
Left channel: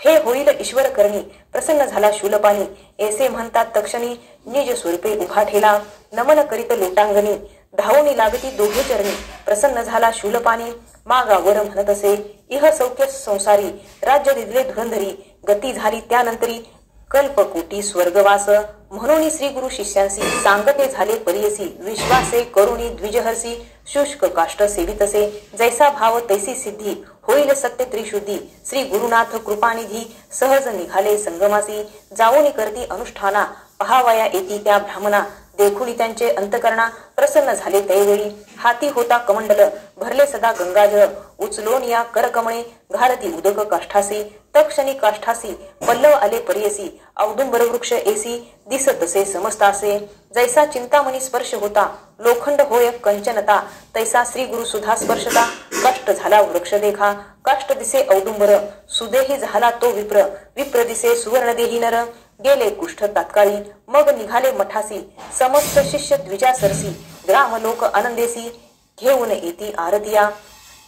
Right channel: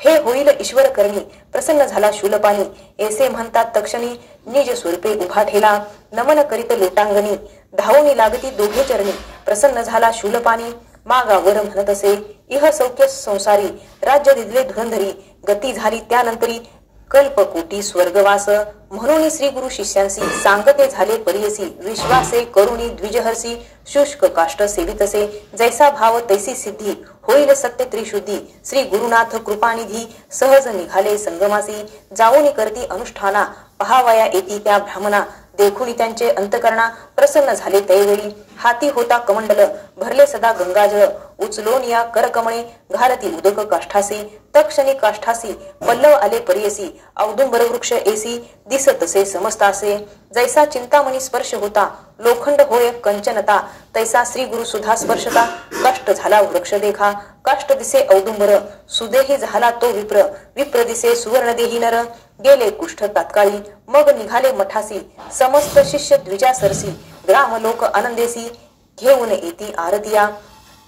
हे होईल ईश्वर करणी प्रसन्न झाला शूलपाणी ऐसे म्हणतात तक्षणी निज स्वरूपे उभा ठेला नमन करीत लोटांगणी धावणी लागती दोघे चरणी प्रसन्न झाला शूलपाणी मागावर म्हणत असे इह सौख्य संसारी राज्य दिदले धुरंधरी गती झाली त्यानंतरी कल्पकोटी स्वर्गवास म्हणून श्री गुरु शिष्यांसी सांगते झाले परियसी विश्वासे करुणी द्विजहर्षी शुष्क काष्ट सेवितसे जैसा भाव तैसी सिद्धी होईल सत्य त्रिशुद्धी श्री गुरुनाथ कृपानिधी सहज निघाले संगमासी जाऊनी करती अनुष्ठाना पहावया येती त्या ब्राह्मणा देखुनी त्यांचे अंतकरणा प्रसन्न झाले तैवेळी हाती होता कमंडल भरले सदा गंगाजळ उचलोन या करकमणे घालती उदक काष्ठासी तक्षणी काष्ठासी पल्लव आले परियसी औदुंबर वृक्ष एसी दिसत तसे समस्तासे जैसा चिंतामणी स्पर्श होता लोखंड होय कंचनता तैसा श्री गुरु सुधा स्पर्शता कष्ट झाला वृक्ष देखा कष्ट दिसे औदुंबर सुदेही झाला तो विप्र दिसे सुवर्ण देही नर गेले कुष्ठ तात्काळी मग निघाले मठासी समस्त शिष्य द्विजा सरसी ग्राम लोक आनंदेसी घेऊन येती आरतिया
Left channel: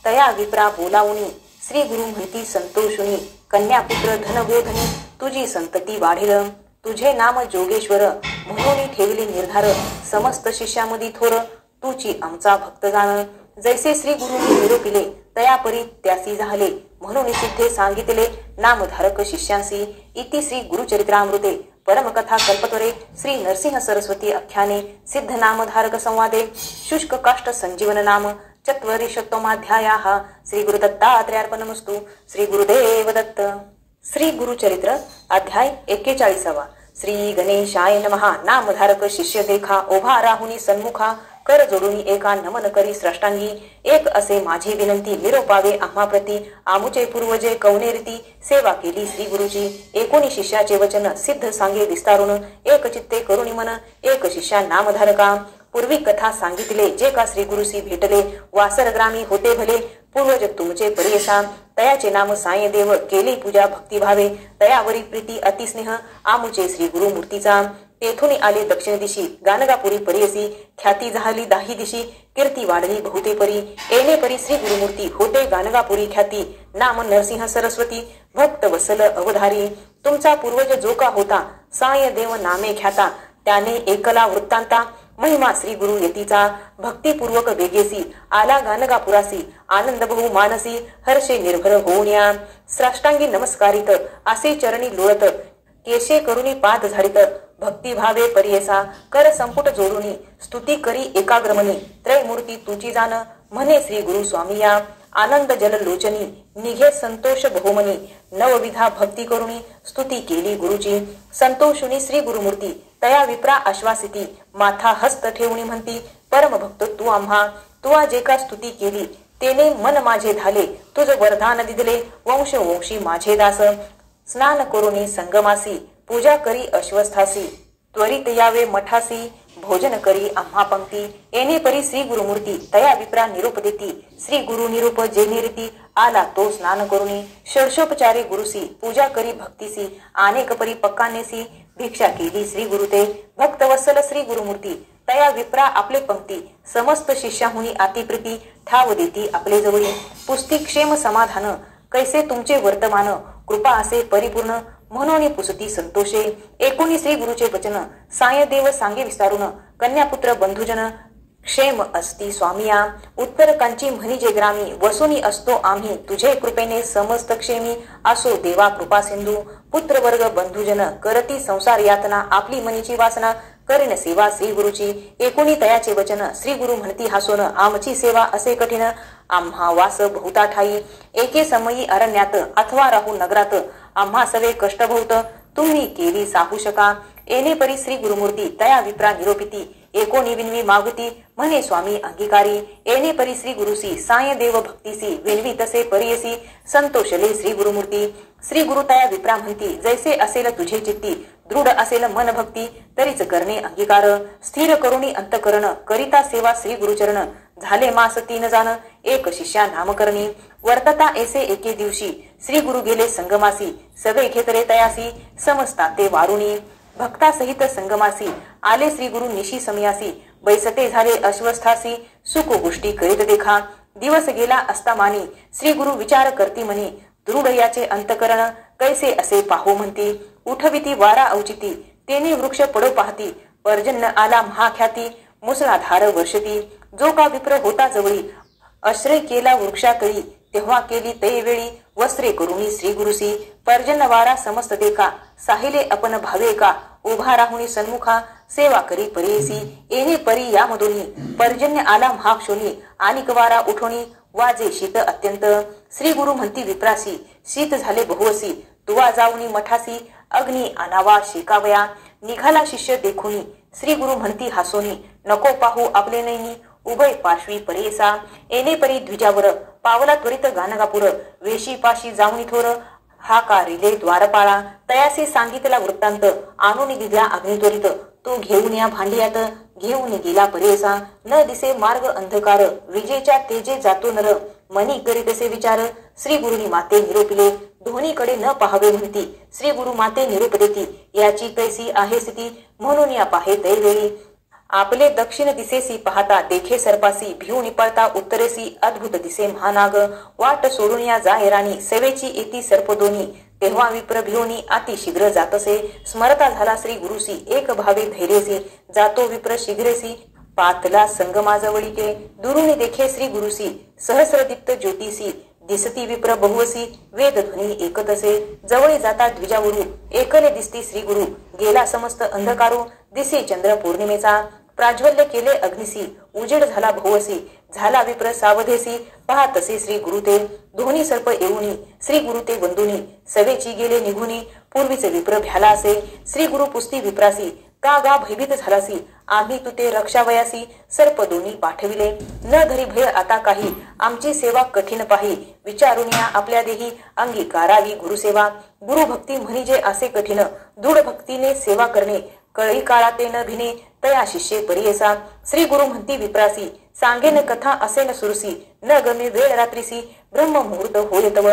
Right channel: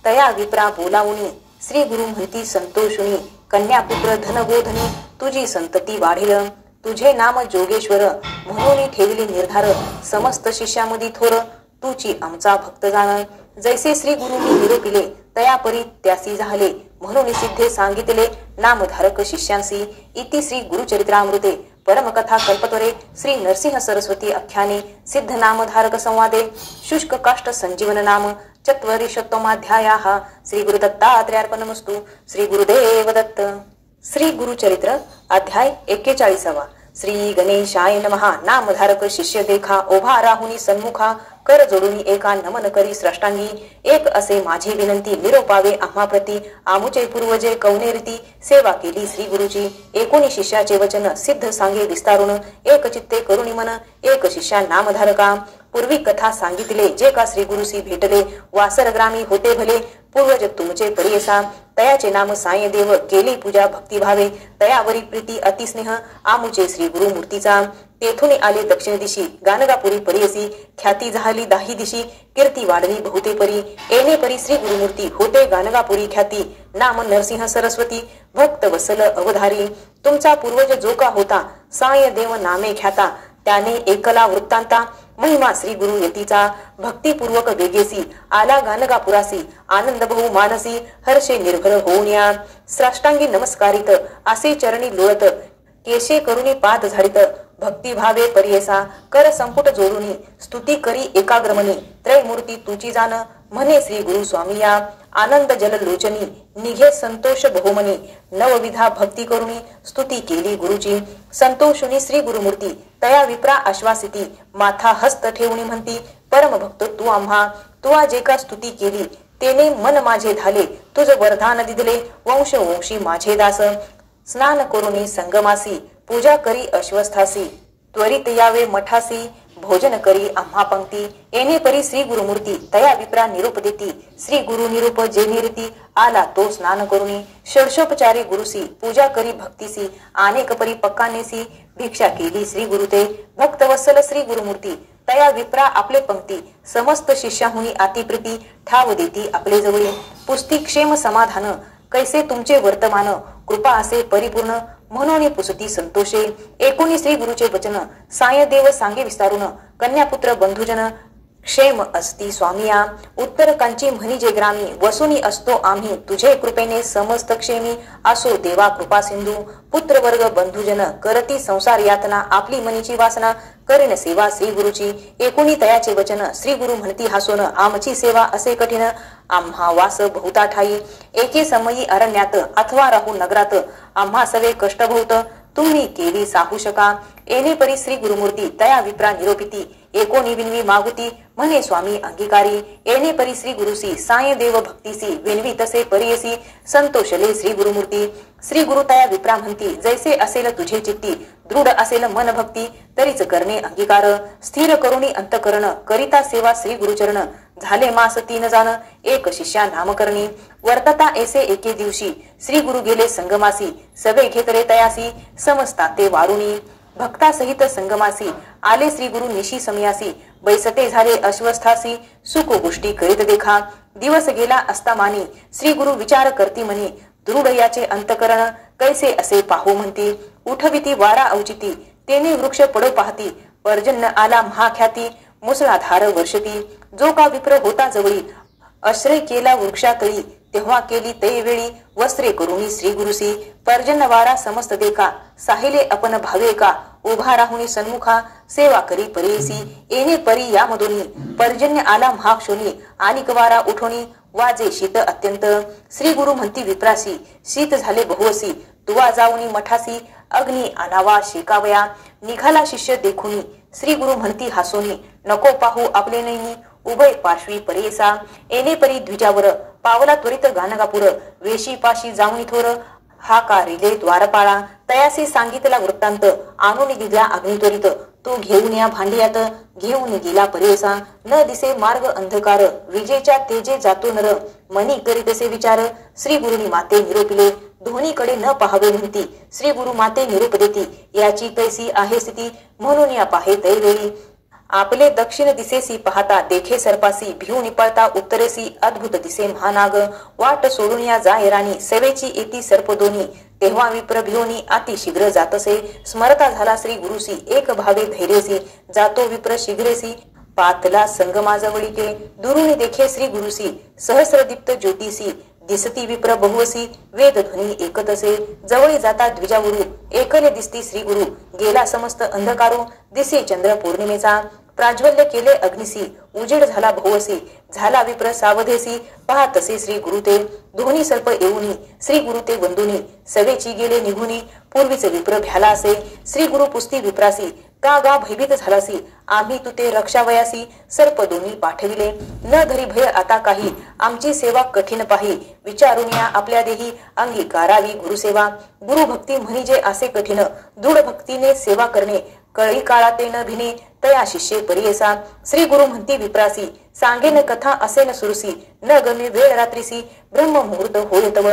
तया विप्रा बोलावुनी श्री गुरु म्हणती संतोषुनी कन्यापुत्र धनगोधनी तुझी संतती वाढेल तुझे नाम जोगेश्वर म्हणून ठेवले निर्धार समस्त शिष्यामध्ये थोर तुची आमचा भक्त जाण जैसे श्री गुरुनी निरोपिले तयापरी त्यासी झाले म्हणून सिद्धे सांगितले नामधारक शिष्यांसी इति श्री गुरुचरित्रामृते परमकथा कल्पतरे श्री नरसिंह सरस्वती आख्याने सिद्ध नामधारक संवादे शुष्क काष्ट संजीवन नाम चत्वरिशतमाध्यायाः श्री गुरुदत्तात्रेयार्पणमस्तु श्री गुरुदेव दत्त श्री गुरुचरित्र अध्याय 41 श्री गणेशाय नमः नामधारक शिष्य देखा ओभा राहुनी सन्मुखा कर जोडून एका नमन करी श्रेष्ठांगी एक असे माझी विनंती निरोपावे आम्हा प्रती आमुचे पूर्वजे कवनेरीती सेवा केली श्री गुरुची एकोणी शिष्याचे वचन सिद्ध सांगे विस्तारून एक चित्ते करुणी मन एक शिष्या नामधारका पूर्वी कथा सांगितले जे का श्री गुरुसी भेटले वासर ग्रामी होते भले पूर्वज तुमचे परियसा तयाचे नाम साय देव केली पूजा भक्ती भावे तयावरी प्रीती अतिस्नेह आमुचे श्री गुरु मूर्तीचा तेथून आले दक्षिण दिशी गाणगापुरी परियसी ख्याती झाली दाही दिशी कीर्ती वाढली बहुते परी येणे परी श्री गुरुमूर्ती होते गाणगापुरी ख्याती नाम नरसिंह सरस्वती भक्त वसल अवधारी तुमचा पूर्वज जो का होता साय देव नामे ख्याता त्याने एकला वृत्तांता महिमा श्री गुरु यतीचा भक्तीपूर्वक वेगेसी आला गाणगापुरासी आनंद बहु मानसी हर्षे निर्भर होऊन साष्टांगी नमस्कारित असे चरणी लोळत केशे करुणी पाद झाडित भक्ती भावे परियसा कर संपुट जोडुनी स्तुती करी एकाग्रमनी त्रयमूर्ती तुची जाण म्हणे श्री गुरु स्वामी या आनंद जल लोचनी निघे संतोष बहुमनी नवविधा भक्ती करुणी स्तुती केली गुरुची संतोषुनी श्री गुरुमूर्ती तया विप्रा आश्वासिती माथा हस्त ठेवणी म्हणती परम भक्त तू आम्हा तुआ जे का स्तुती केली तेने मन माझे झाले तुझ वरदान दिदले वंश वंशी माझे दास स्नान करुणी संगमासी पूजा करी अश्वस्थासी त्वरित यावे मठासी भोजन करी आम्हा पंक्ती येणे परी श्री गुरुमूर्ती तया विप्रा निरूप देती श्री गुरु निरूप जे निरती आला तो स्नान करुणी षडशोपचारी गुरुसी पूजा करी भक्तीसी अनेक परी पक्कानेसी भिक्षा केली श्री गुरुते भक्तवत्सल श्री गुरुमूर्ती तया विप्रा आपले पंक्ती समस्त शिष्याहुनी अतिप्रीती ठाव देती आपले जवळी पुस्ती क्षेम समाधान कैसे तुमचे वर्तमान कृपा असे परिपूर्ण म्हणून पुसती संतोषे एकोणी श्री गुरुचे वचन साय देव सांगे विस्तारून कन्यापुत्र बंधुजन क्षेम असती स्वामिया उत्तर कांची म्हणजे ग्रामी वसुनी असतो आम्ही तुझे कृपेने समस्त क्षेमी असो देवा कृपा सिंधू पुत्र वर्ग बंधुजन करती संसार यातना आपली मनीची वासना करीन सेवा श्री गुरुची एकोणी तयाचे वचन श्री गुरु म्हणती हसून आमची सेवा असे कठीण आम्हा वास बहुता ठाई एके समयी अरण्यात अथवा राहू नगरात आम्हा सवे कष्ट भोवत तुम्ही केली सापू शका येणे परी श्री गुरुमूर्ती तया विप्रा निरोपिती एकोणी विनवी मागुती म्हणे स्वामी अंगीकारी येणे परी श्री गुरुसी साय देव भक्तीसी विनवी तसे परियसी संतोषले श्री गुरुमूर्ती श्री गुरु तया विप्रा म्हणती जैसे असेल तुझे चित्ती दृढ असेल मन भक्ती तरीच करणे अंगीकार स्थिर करुणी अंतकरण करिता सेवा श्री गुरुचरण झाले मास 3 जाण एक शिष्या नामकरणी वर्तता ऐसे एके दिवशी श्री गुरु गेले संगमासी सगळे घेतले तयासी समजता ते वारुणी भक्ता सहित संगमासी आले श्री गुरु निशी समयासी बैसते झाले अश्वस्थासी सुख गोष्टी करीत देखा दिवस गेला असता मानी श्री गुरु विचार करती म्हणे दृढ याचे अंतकरण कैसे असे पाहू म्हणती उठविती वारा औचिती तेने वृक्ष पडो पाहती पर्जन्य आला महाख्याती मुसळाधार वर्षती जो का विप्र होता जवळी आश्रय केला वृक्षातळी तेव्हा केली ते वेळी वस्त्रे करुणी श्री गुरुसी पर्जन्य वारा समस्त देखा साहिले अपन भावे का उभा राहुनी सन्मुखा सेवा करी परेसी येणे परी यामधुनी पर्जन्य आला महाक्षोनी आलिक वारा उठोनी वाजे शीत अत्यंत श्री गुरु म्हणती विप्रासी शीत झाले बहुवसी तुवा जाऊनी मठासी अग्नी आनावा शेकावया निघाला शिष्य देखुनी श्री गुरु म्हणती हासोनी नको पाहू आपले नैनी उभय पार्श्वी परेसा येणे परी द्विजावर पावला त्वरित गाणगापुर वेशी पाशी जाऊनी थोर हा कारिले द्वारपाळा तयासे सांगितला वृत्तांत आणून दिला अग्नित्वरित तो घेऊन या भांडियात घेऊन गेला परेसा न दिसे मार्ग अंधकार विजेच्या तेजे जातो नर मनी करीतसे विचार श्री गुरुनी माते निरोपिले दोन्हीकडे न पाहावे म्हणती श्री गुरु माते निरूप देती याची कैसी आहे स्थिती म्हणून या पाहे तैवेळी आपले दक्षिण दिसेसी पाहता देखे सर्पासी भिऊ निपळता उत्तरेसी अद्भुत दिसे महानाग वाट सोडून या जाय राणी सेवेची येती सर्प दोन्ही तेव्हा विप्र भिवनी अति शीघ्र जातसे स्मरता झाला श्री गुरुसी एक भावे धैर्यसी जातो विप्र शीघ्रेसी पातला संगमाजवळीके दुरुनी देखे श्री गुरुसी सहस्रदीप्त ज्योतिसी दिसती विप्र बहुवसी वेद ध्वनी एकतसे जवळी जाता द्विजावरून एकले दिसती श्री गुरु गेला समस्त अंधकारो दिसे चंद्र पौर्णिमेचा प्राज्वल्य केले अग्निसी उजेड झाला बहुवसी झाला विप्र सावधेसी पाहतसे श्री गुरु ते दोन्ही सर्प येऊनी श्री गुरु ते वंदुनी सवेची गेले निघुनी पूर्वीच विप्र भ्याला असे श्री गुरु पुस्ती विप्रासी का गा भयभीत झालासी आम्ही तुते रक्षावयासी सर्प दोन्ही पाठविले न धरी भय आता काही आमची सेवा कठीण पाही विचारून या आपल्या देही अंगीकारावी गुरुसेवा गुरुभक्ती म्हणजे असे कठीण दृढ भक्तीने सेवा करणे कळी काळाते न भिने तया शिष्ये परियसा श्री गुरु म्हणती विप्रासी सांगेन कथा असे न सुरसी न गमे वेळ रात्रीसी ब्रह्म मुहूर्त होय तव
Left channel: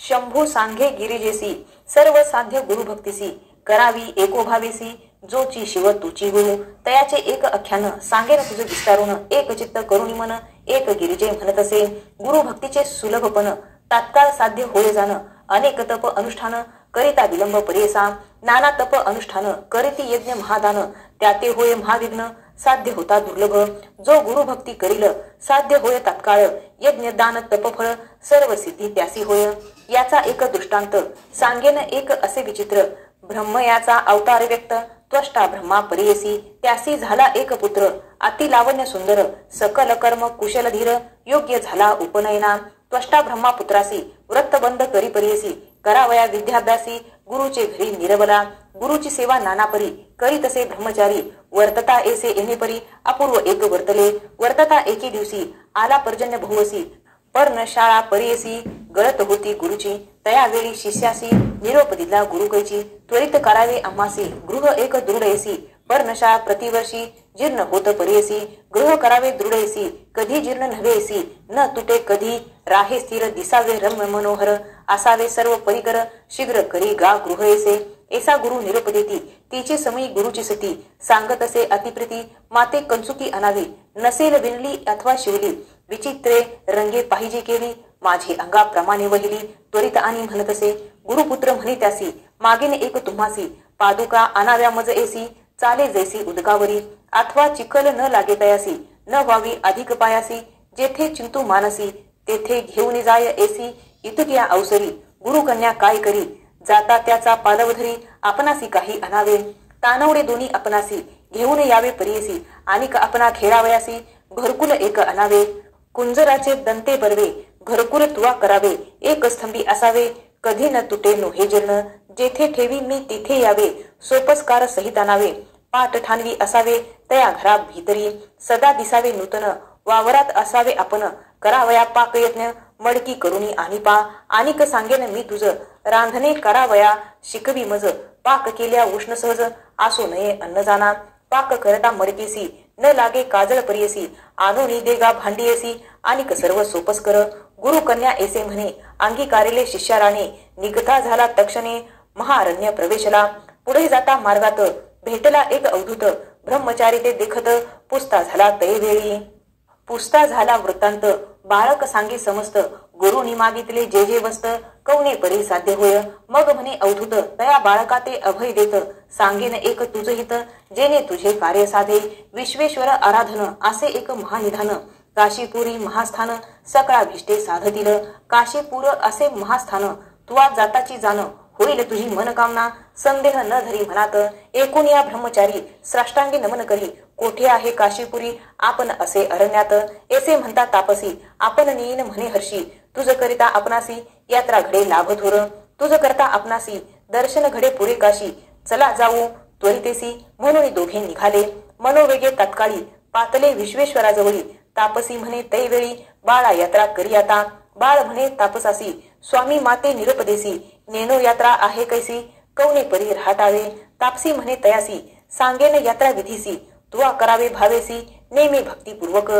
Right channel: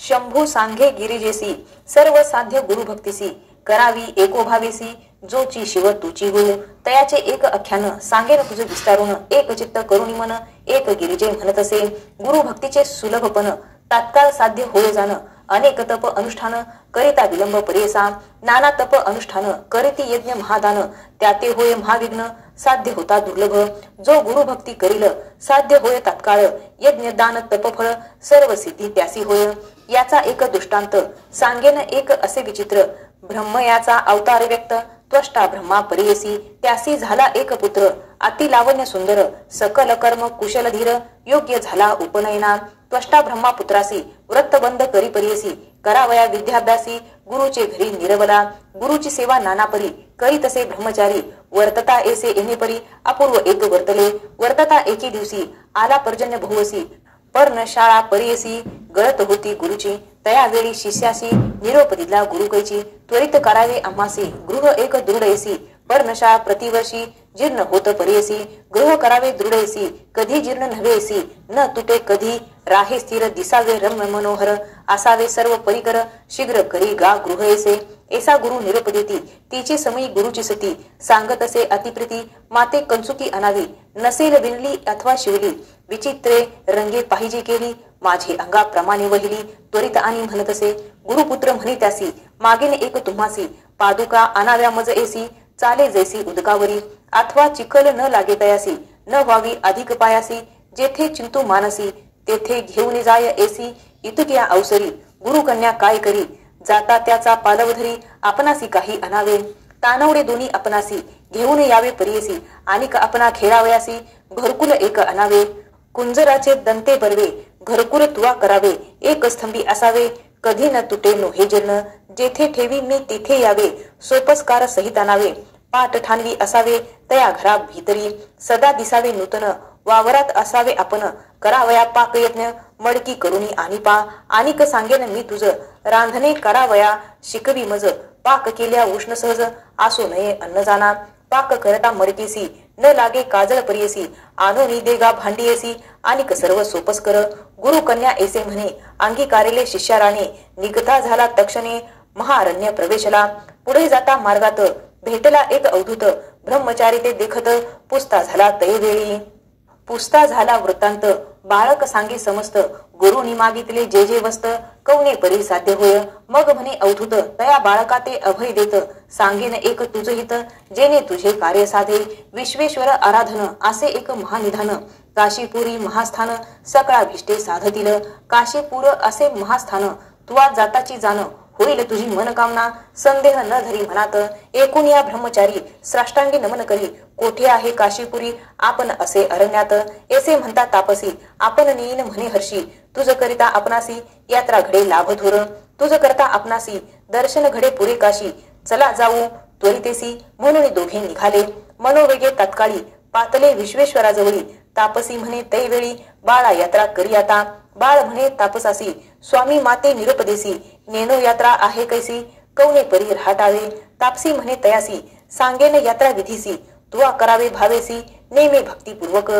शंभू सांगे गिरिजेसी सर्व साध्य गुरुभक्तीसी करावी एकोभावेसी जोची शिव तुची गुरु तयाचे एक अख्यान सांगेन तुझ विस्तारून एक चित्त करुणी मन एक गिरिजे म्हणत असे गुरु भक्तीचे सुलभपण तात्काळ साध्य होय जाण अनेक तप अनुष्ठान करिता विलंब परियसा नाना तप अनुष्ठान करीती यज्ञ महादान त्याते होय महाविघ्न साध्य होता दुर्लभ जो गुरु भक्ती करील साध्य होय तात्काळ यज्ञ दान तपफळ सर्व सिद्धी त्यासी होय याचा एक दृष्टांत सांगेन एक असे विचित्र ब्रह्म याचा अवतार व्यक्त त्वष्टा ब्रह्मा परियसी त्यासी झाला एक पुत्र अति लावण्य सुंदर सकल कर्म कुशल धीर योग्य झाला उपनयना त्वष्टा ब्रह्मा पुत्रासी व्रतबंध करी परियसी करावया विद्याभ्यासी गुरुचे घरी निरवला गुरुची सेवा नाना परी करी तसे ब्रह्मचारी वर्तता ऐसे येणे परी अपूर्व एक वर्तले वर्तता एकी दिवशी आला पर्जन्य बहुवसी पर्णशाळा परियसी गळत होती गुरुची तयावेळी शिष्यासी निरोप दिला गुरुकैची त्वरित करावे आम्हासी गृह एक दृढयसी पर्णशाळा प्रतिवर्षी जीर्ण होत परियसी गृह करावे दृढयसी कधी जीर्ण नव्हेसी न तुटे कधी राहे स्थिर दिसावे रम्य मनोहर असावे सर्व परिकर शीघ्र करी गा गृह ऐसे ऐसा गुरु निरोप देती तिची समयी गुरुची सती सांगत असे अतिप्रीती माते कंचुकी अनावी नसेल विणली अथवा शिवली विचित्रे रंगे पाहिजे केली माझे अंगाप्रमाणे वहिली त्वरित आणि म्हणत असे गुरुपुत्र म्हणे त्यासी मागेन एक तुम्हासी पादुका अनाव्या मज ऐसी चाले जैसी उदकावरी अथवा चिखल न लागे तयासी न व्हावी अधिक पायासी जेथे चिंतू मानसी तेथे घेऊन जाय ऐसी इतक्या अवसरी गुरुकन्या काय करी जाता त्याचा पालवधरी आपणासी काही अनावे तानवडे दोन्ही आपणासी घेऊन यावे परियसी आणि आपणा खेळावयासी घरकुल एक अनावे कुंजराचे दंते बरवे घरकुल तुवा करावे एक स्तंभी असावे कधी न तुटे नोहे जीर्ण जेथे ठेवी मी तिथे यावे सोपस्कार सहित आणावे पाठ ठाणवी असावे तया घरा भीतरी सदा दिसावे नूतन वावरात असावे आपण करावया पाक यज्ञ मडकी करुणी आणि पा आणिक सांगेन मी तुझ रांधणे करावया शिकवी मज पाक केल्या उष्ण सहज आसो नये अन्न जाना पाक करता मडकेसी न लागे काजळ परियसी आणून देगा भांडीयसी आणिक सर्व सोपस कर गुरु कन्या ऐसे म्हणे अंगीकारेले शिष्याराणे निघता झाला तक्षणे महारण्य प्रवेशला पुढे जाता मार्गात भेटला एक अवधूत ब्रह्मचारी ते देखत पुसता झाला तैवेळी पुसता झाला वृत्तांत बाळक सांगे समस्त गुरुनी मागितले जे जे वस्त कवने परी साध्य होय मग म्हणे अवधूत तया बाळका ते अभय देत सांगेन एक तुझ हित जेने तुझे कार्य साधे विश्वेश्वर आराधन असे एक महानिधान काशीपुरी महास्थान सकळा भिष्टे साधतील काशीपूर असे महास्थान तुवा जाताची जाण होईल तुझी मनकामना संदेह न धरी मनात एकूण या ब्रह्मचारी साष्टांगी नमन करी कोठे आहे काशीपुरी आपण असे अरण्यात ऐसे म्हणता तापसी आपण नेईन म्हणे हर्षी तुझ करिता आपणासी यात्रा घडे लाभ थोर तुझ करता आपणासी दर्शन घडे पुरे काशी चला जाऊ त्वरितेसी म्हणून दोघे निघाले मनोवेगे तात्काळी पातले विश्वेश्वराजवळी तापसी म्हणे तैवेळी बाळा यात्रा करी आता बाळ म्हणे तापसासी स्वामी माते निरुपदेसी नेनो यात्रा आहे कैसी कवने परी राहटावे तापसी म्हणे तयासी सांगेन यात्रा विधीसी तुवा करावे भावेसी नेमे भक्तीपूर्वक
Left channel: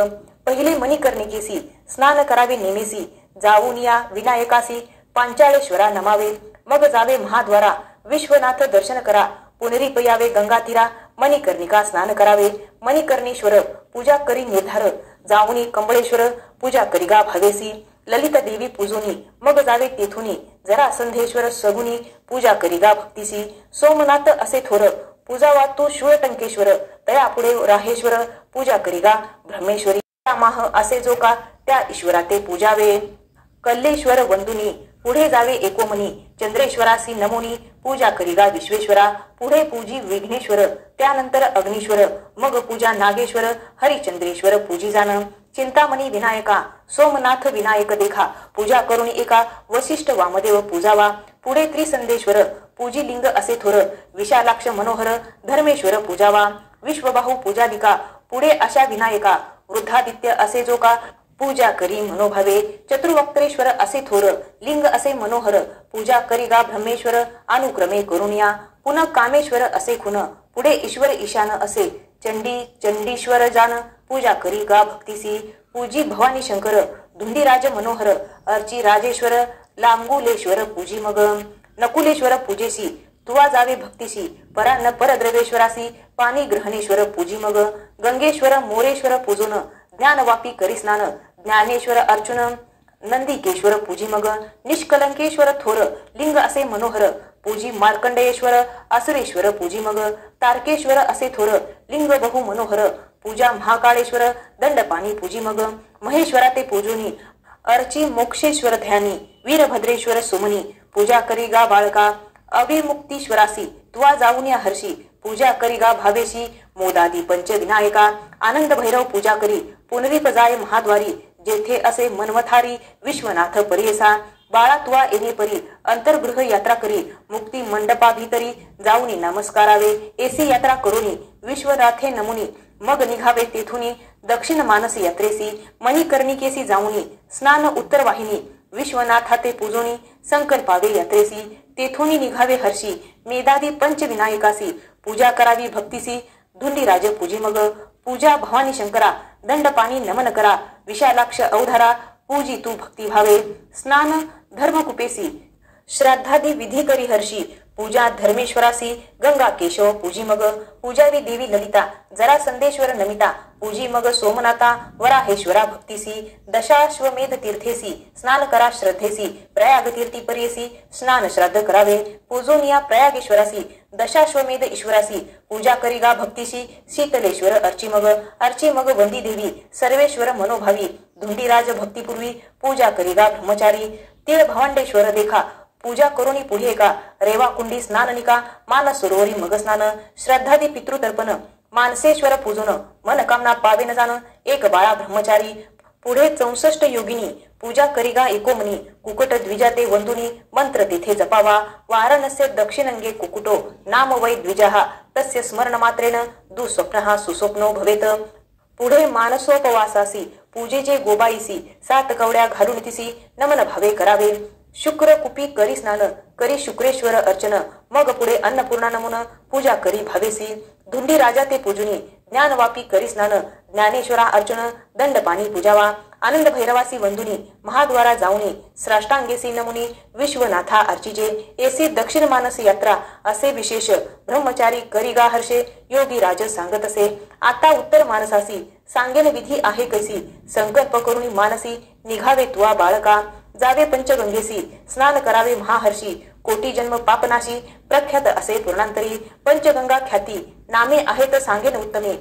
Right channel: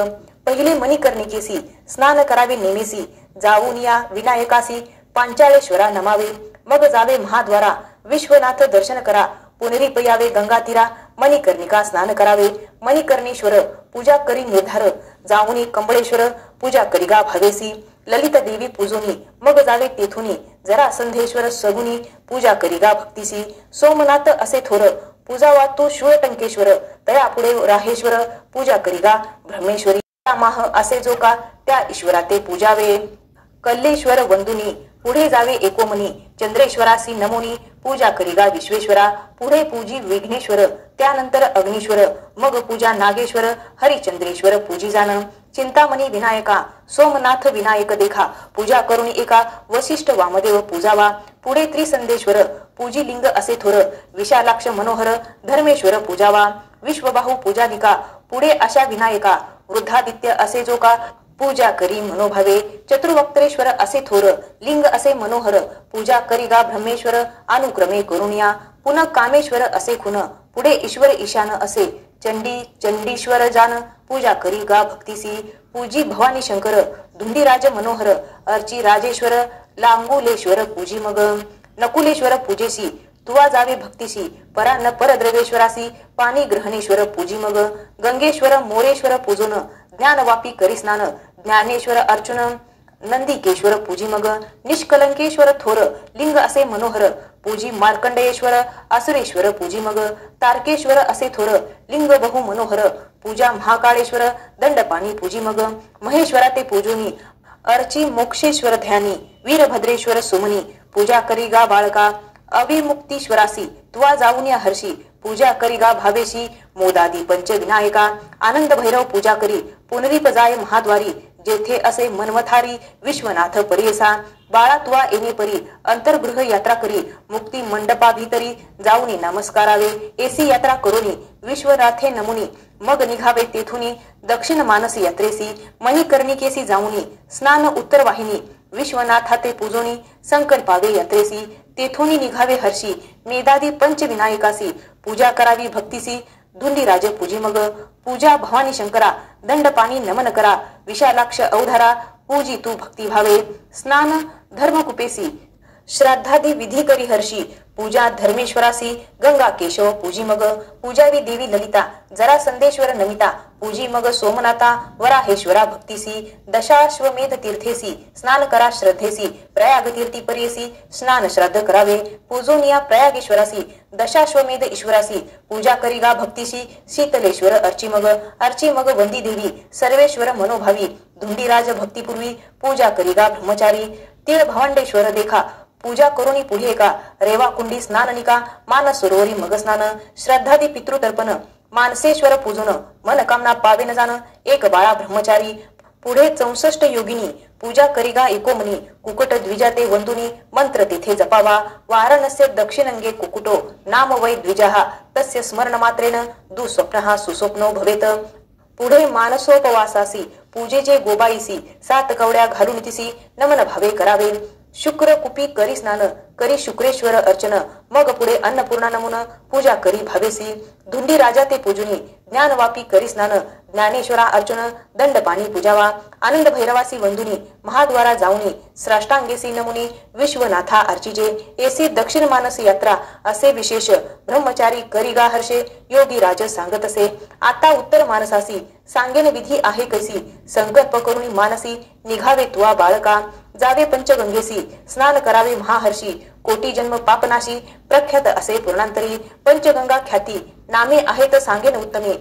पहिले मणिकर्णिकेसी स्नान करावे नेमेसी जाऊन या विनायकासी पांचाळेश्वरा नमावे मग जावे महाद्वारा विश्वनाथ दर्शन करा पुनरीप यावे गंगा तीरा मणिकर्णिका स्नान करावे मणिकर्णेश्वर पूजा करी निर्धार जाऊनी कंबळेश्वर पूजा करिगा भावेसी ललित देवी पूजोनी मग जावे तेथुनी जरा संधेश्वर सगुनी पूजा करिगा भक्तीसी सोमनाथ असे थोर पूजा वातू शूळटंकेश्वर तया पुढे राहेश्वर पूजा करिगा ब्रह्मेश्वरी माह असे जो का त्या ईश्वरा ते पूजावे कल्लेश्वर वंदुनी पुढे जावे एकोमनी चंद्रेश्वरासी नमोनी पूजा करिगा विश्वेश्वरा पुढे पूजी विघ्नेश्वर त्यानंतर अग्नीश्वर मग पूजा नागेश्वर हरिचंद्रेश्वर पूजी जाण चिंतामणी विनायका सोमनाथ विनायक देखा पूजा करून एका वशिष्ठ वामदेव पूजावा पुढे त्रिसंदेश्वर पूजी लिंग असे थोर विशालाक्ष मनोहर धर्मेश्वर पूजावा विश्वबाहू पूजादिका पुढे अशा विनायका वृद्धादित्य असे जो का पूजा करी मनोभावे चतुर्वक्त्रेश्वर असे थोर लिंग असे मनोहर पूजा करिगा ब्रह्मेश्वर अनुक्रमे करुणिया पुन्हा कामेश्वर असे खुन पुढे ईश्वर ईशान असे चंडी चंडीश्वर जान पूजा करिगा भक्तीसी पूजी भवानी शंकर धुंडीराज मनोहर अर्ची राजेश्वर लांबुलेश्वर पूजी मग नकुलेश्वर पूजेसी तुवा जावे भक्तीशी परान्न परद्रवेश्वरासी पाणी ग्रहणेश्वर पूजी मग गंगेश्वर मोरेश्वर पूजून ज्ञानवापी करी स्नान ज्ञानेश्वर अर्चुन नंदिकेश्वर पूजी मग निष्कलंकेश्वर थोर लिंग असे मनोहर पूजी मार्कंडेश्वर असुरेश्वर पूजी मग तारकेश्वर असे थोर लिंग बहु मनोहर पूजा महाकाळेश्वर दंडपाणी पूजी मग महेश्वरा ते पूजोनी अर्ची मोक्षेश्वर ध्यानी वीरभद्रेश्वर सुमनी पूजा करी गा बाळका अभिमुक्तीश्वरासी तुवा जाऊन या हर्षी पूजा करी गा भावेशी मोदादी पंचविनायका आनंद भैरव पूजा करी पुनरीप जाय महाद्वारी जेथे असे मनमथारी विश्वनाथ परियसा बाळा तुवा येणे परी अंतर्गृह यात्रा करी मुक्ती मंडपा भीतरी जाऊनी नमस्कारावे एसी यात्रा करुनी विश्वनाथे नमुनी मग निघावे तेथुनी दक्षिण मानस यात्रेसी मणिकर्णिकेसी जाऊनी स्नान उत्तर वाहिनी विश्वनाथा ते पूजोनी संकल्पावे यात्रेसी तेथुनी निघावे हर्षी मेदादी पंचविनायकासी पूजा करावी भक्तीसी धुंडीराज पूजी मग पूजा भवानी शंकरा दंडपाणी नमन करा विशालाक्ष अवधारा पूजी तू भक्ती भावे स्नान धर्मकुपेसी श्राद्धादी विधी करी हर्षी पूजा धर्मेश्वरासी गंगा केशव पूजी मग पूजावी देवी ललिता जरा संदेश्वर नमिता पूजी मग सोमनाथा वराहेश्वरा भक्तीसी दशाश्वमेध तीर्थेसी स्नान करा श्रद्धेसी प्रयाग तीर्थी पर्येसी स्नान श्राद्ध करावे पूजोनिया प्रयागेश्वरासी दशाश्वमेध ईश्वरासी पूजा करी गा भक्तीसी शीतलेश्वर अर्ची मग वंदी देवी सर्वेश्वर मनोभावी धुंडीराज भक्तीपूर्वी पूजा करी गा ब्रह्मचारी तीळ भवांडेश्वर देखा पूजा करुणी पुढे का रेवा कुंडी स्नाननिका मानस सरोवरी मग स्नान श्रद्धादी पितृतर्पण मानसेश्वर पूजन मनकामना पावे न जाण एक बाळा ब्रह्मचारी पुढे 64 योगिनी पूजा करिगा एकोमनी कुकुट द्विजाते वंदुनी मंत्र तेथे जपावा वाराणस्य दक्षिणंगे कुकुटो नाम वै द्विजाहा तस्य स्मरण मात्रेन दुःस्वप्नः सुस्वप्नो भवेत पुढे मानसोपवासासी पूजेचे गोबाईसी 7 कवड्या घालून तिसी नमन भावे करावे शुक्र कुपी करी स्नान करी शुक्रेश्वर अर्चन मग पुढे अन्नपूर्णा नमुन पूजा करी भावेसी धुंडी राजा ते पूजुनी ज्ञानवापी करी स्नान ज्ञानेश्वरा अर्चन दंडपाणी पूजावा आनंद भैरवासी वंदुनी महाद्वारा जाऊनी श्राष्टांगेसी नमुनी विश्वनाथा अर्चिजे एसे दक्षिण मानस यात्रा असे विशेष ब्रह्मचारी करिगा हर्षे योगी राज सांगत असे आता उत्तर मानसासी सांगेन विधी आहे कैसी संकल्प करुणी मानसी निघावे तुवा बाळका जावे पंचगंगेसी स्नान करावे महाहर्षी कोटी जन्म पापनाशी प्रख्यात असे पूर्णांतरी पंचगंगा ख्याती नामे आहेत सांगेन उत्तमे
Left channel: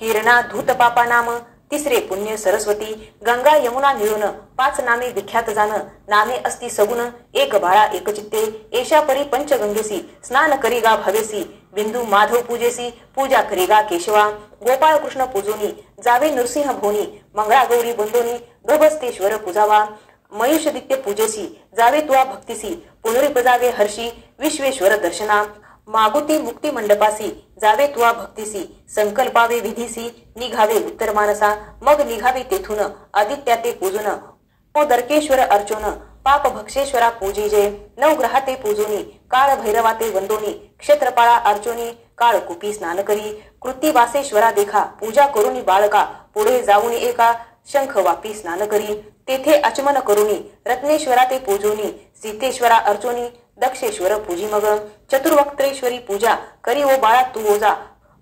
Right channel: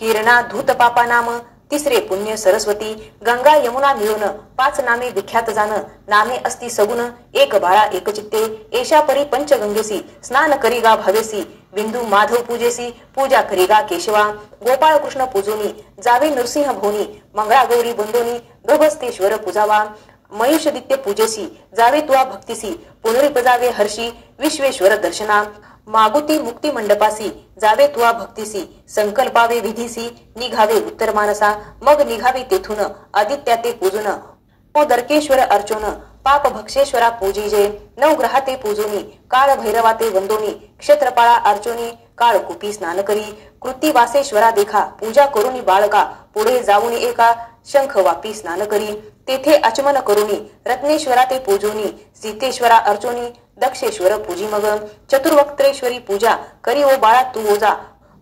किरणा धूत पापा नाम तिसरे पुण्य सरस्वती गंगा यमुना मिळून 5 नामे विख्यात जाण नामे असती सगुण एक बाळा एक चित्ते एशा परी पंचगंगेसी स्नान करिगा भावेसी बिंदू माधव पूजेसी पूजा करिगा केशवा गोपाळ कृष्ण पूजोनी जावे नृसिंह भोनी मंगळा गौरी बंदोनी गभस्तेश्वर पूजावा मयुषदित्य पूजेसी जावे तुवा भक्तीसी पुनरिपजावे हर्षी विश्वेश्वर दर्शना मागुती मुक्ती मंडपासी जावे तुवा भक्तीसी संकल्पावे विधीसी निघावे उत्तर मानसा मग निघावे तेथून आदित्या ते पूजन ओ दर्केश्वर अर्चोन पाप भक्षेश्वरा पूजिजे नवग्रहा ते पूजोनी काळ भैरवा ते वंदोनी क्षेत्रपाळा अर्चोनी काळ कुपी स्नान करी कृती वासेश्वरा देखा पूजा करुनी बाळका पुढे जाऊनी एका शंख वापी स्नान करी तेथे आचमन करुनी रत्नेश्वरा ते पूजोनी सीतेश्वरा अर्चोनी दक्षेश्वर पूजी मग चतुर्वक्त्रेश्वरी पूजा करी ओ बाळा तू ओजा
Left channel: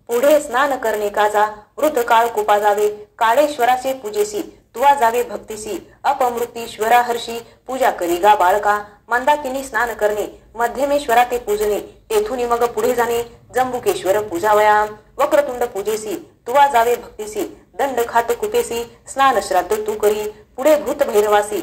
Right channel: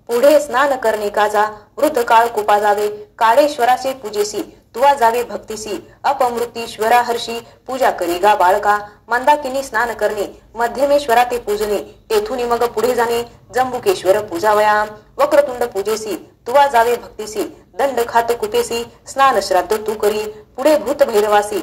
पुढे स्नान करणे काजा वृद्ध काळ कुपा जावे काळेश्वराचे पूजेसी तुवा जावे भक्तीसी अपमृतीश्वरा हर्षी पूजा करिगा बाळका मंदाकिनी स्नान करणे मध्यमेश्वरा ते पूजने तेथुनी मग पुढे जाणे जंबुकेश्वर पूजावया वक्रतुंड पूजेसी तुवा जावे भक्तीसी दंड खात कुपेसी स्नान श्राद्ध तू करी पुढे भूत भैरवासी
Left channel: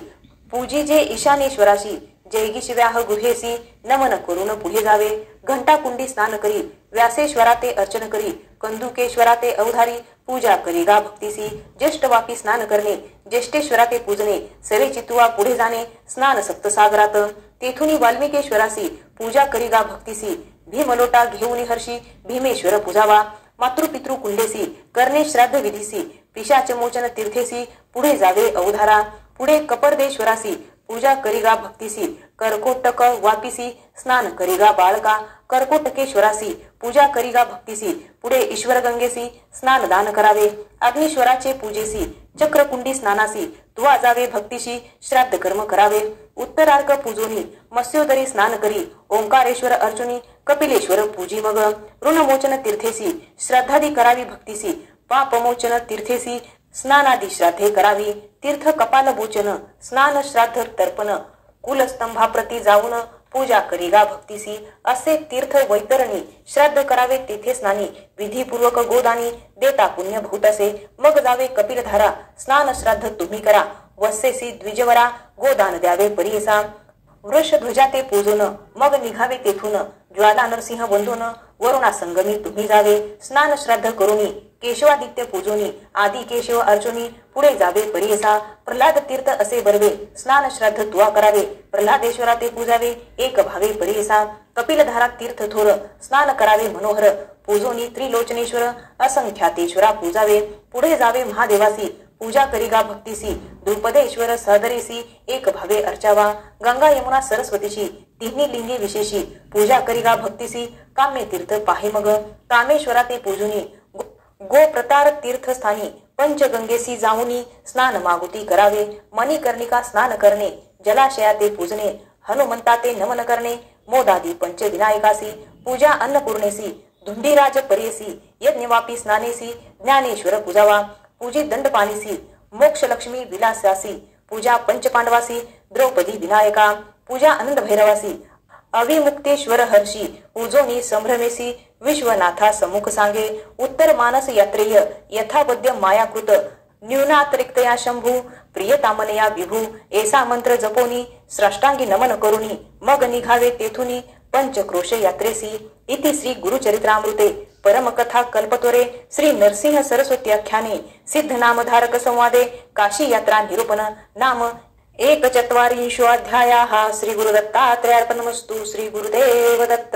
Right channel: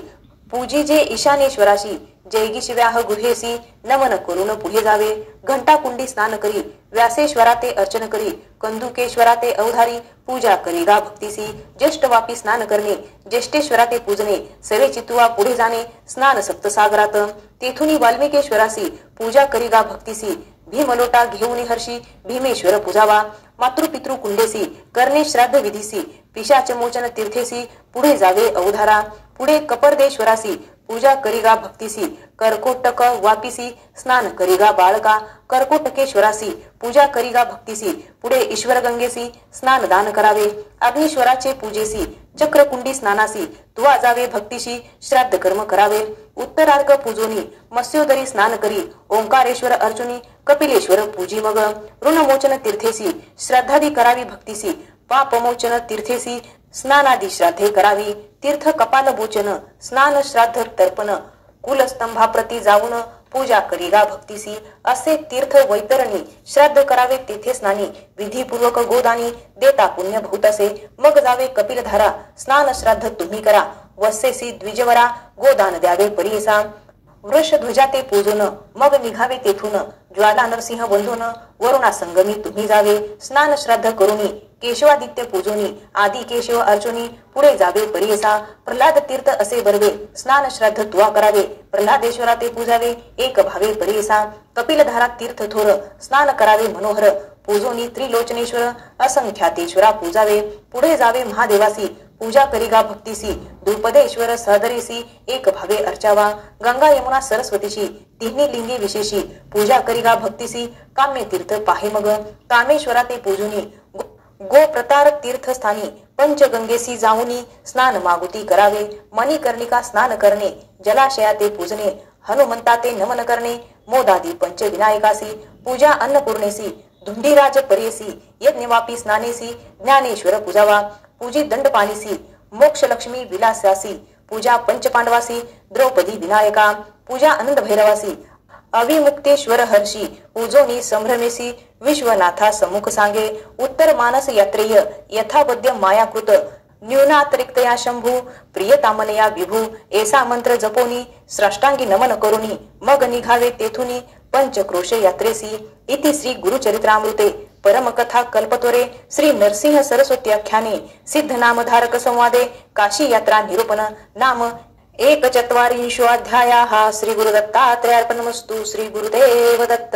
पूजी जे ईशानेश्वराशी जयगिशिव्याह गुहेसी नमन करून पुढे जावे घंटा कुंडी स्नान करी व्यासेश्वरा ते अर्चन करी कंदुकेश्वरा ते अवधारी पूजा करिगा भक्तीसी ज्येष्ठ वापी स्नान करणे ज्येष्ठेश्वरा ते पूजने सरे चितुवा पुढे जाणे स्नान सप्तसागरात तेथुनी वाल्मिकेश्वरासी पूजा करिगा भक्तीसी भीमलोटा घेऊनी हर्षी भीमेश्वर पूजावा मातृपितृ कुंडेसी करणे श्राद्ध विधीसी पिशाच मोचन तीर्थेसी पुढे जावे अवधारा पुढे कपर्देश्वरासी पूजा करिगा भक्तीसी कर्कोटक वापिसी स्नान करिगा बाळका कर्कोटकेश्वरासी पूजा करिगा भक्तीसी पुढे ईश्वर गंगेसी स्नान दान करावे अग्नीश्वराचे पूजेसी चक्रकुंडी स्नानासी तुवा जावे भक्तीशी श्राद्ध कर्म करावे उत्तरार्क पूजोनी मत्स्योदरी स्नान करी ओंकारेश्वर अर्जुनी कपिलेश्वर पूजी मग ऋणमोचन तीर्थेसी श्रद्धादी करावी भक्तीसी पापमोचन तीर्थेसी स्नानादी श्राद्धे करावी तीर्थ कपाल बोचन स्नान श्राद्ध तर्पण कुलस्तंभाप्रती जाऊन पूजा करिगा भक्तीसी असे तीर्थ वैतरणी श्राद्ध करावे तेथे स्नानी विधीपूर्वक गोदानी देता पुण्य बहुत असे मग जावे कपिलधारा स्नान श्राद्ध तुम्ही करा वस्सेसी द्विजवरा गोदान द्यावे परियसा वृषध्वजा ते पूजून मग निघावे तेथून ज्वाला नरसिंह बंधून वरुणा संगमी तुम्ही जावे स्नान श्राद्ध करुनी केशवादित्य पूजोनी आदी केशव अर्जुनी पुढे जावे परियसा प्रल्हाद तीर्थ असे बरवे स्नान श्राद्ध तुवा करावे प्रल्हादेश्वरा ते पूजावे एक भावे परियसा कपिलधारा तीर्थ थोर स्नान करावे मनोहर पूजोनी त्रिलोचनेश्वर असंख्यातेश्वरा पूजावे पुढे जावे महादेवासी पूजा करिगा भक्तीसी द्रुपदेश्वर सहदरीसी एक भावे अर्चावा गंगा यमुना सरस्वतीशी तिन्ही लिंगी विशेषी पूजा करिगा भक्तीसी काम्य तीर्थ पाहे मग कामेश्वरा ते पूजुनी गो प्रतार तीर्थस्थानी पंचगंगेसी जाऊनी स्नान मागुती करावे मणिकर्णिका स्नान करणे जलाशया ते पूजने हनुमंता ते नमन करणे मोदादी पंचविनायकासी पूजा अन्नपूर्णेसी धुंडीराज परेसी यज्ञवापी स्नानेसी ज्ञानेश्वर पूजावा पूजी दंडपाणीसी मोक्ष लक्ष्मी विलासासी पूजा पंचपांडवासी द्रौपदी विनायका पूजा आनंद भैरवासी अविमुक्तेश्वर हर्षी पूजोनी संभ्रमेसी विश्वनाथा सम्मुख सांगे उत्तर मानस यात्रेय यथावद्य मायाकृत न्यूनातिरिक्तया शंभू प्रियतामनया विभू ऐसा मंत्र जपोनी श्राष्टांगी नमन करुनी मग निघावे तेथुनी पंचक्रोश यात्रेसी इति श्री गुरुचरित्रामृते परमकथा कल्पतोरे श्री नरसिंह सरस्वत्याख्याने सिद्ध नामधारक संवादे काशी यात्रा निरूपण नाम 1/4 श्री गुरुदत्तात्रयार्पणमस्तु श्री गुरुदेव दत्त।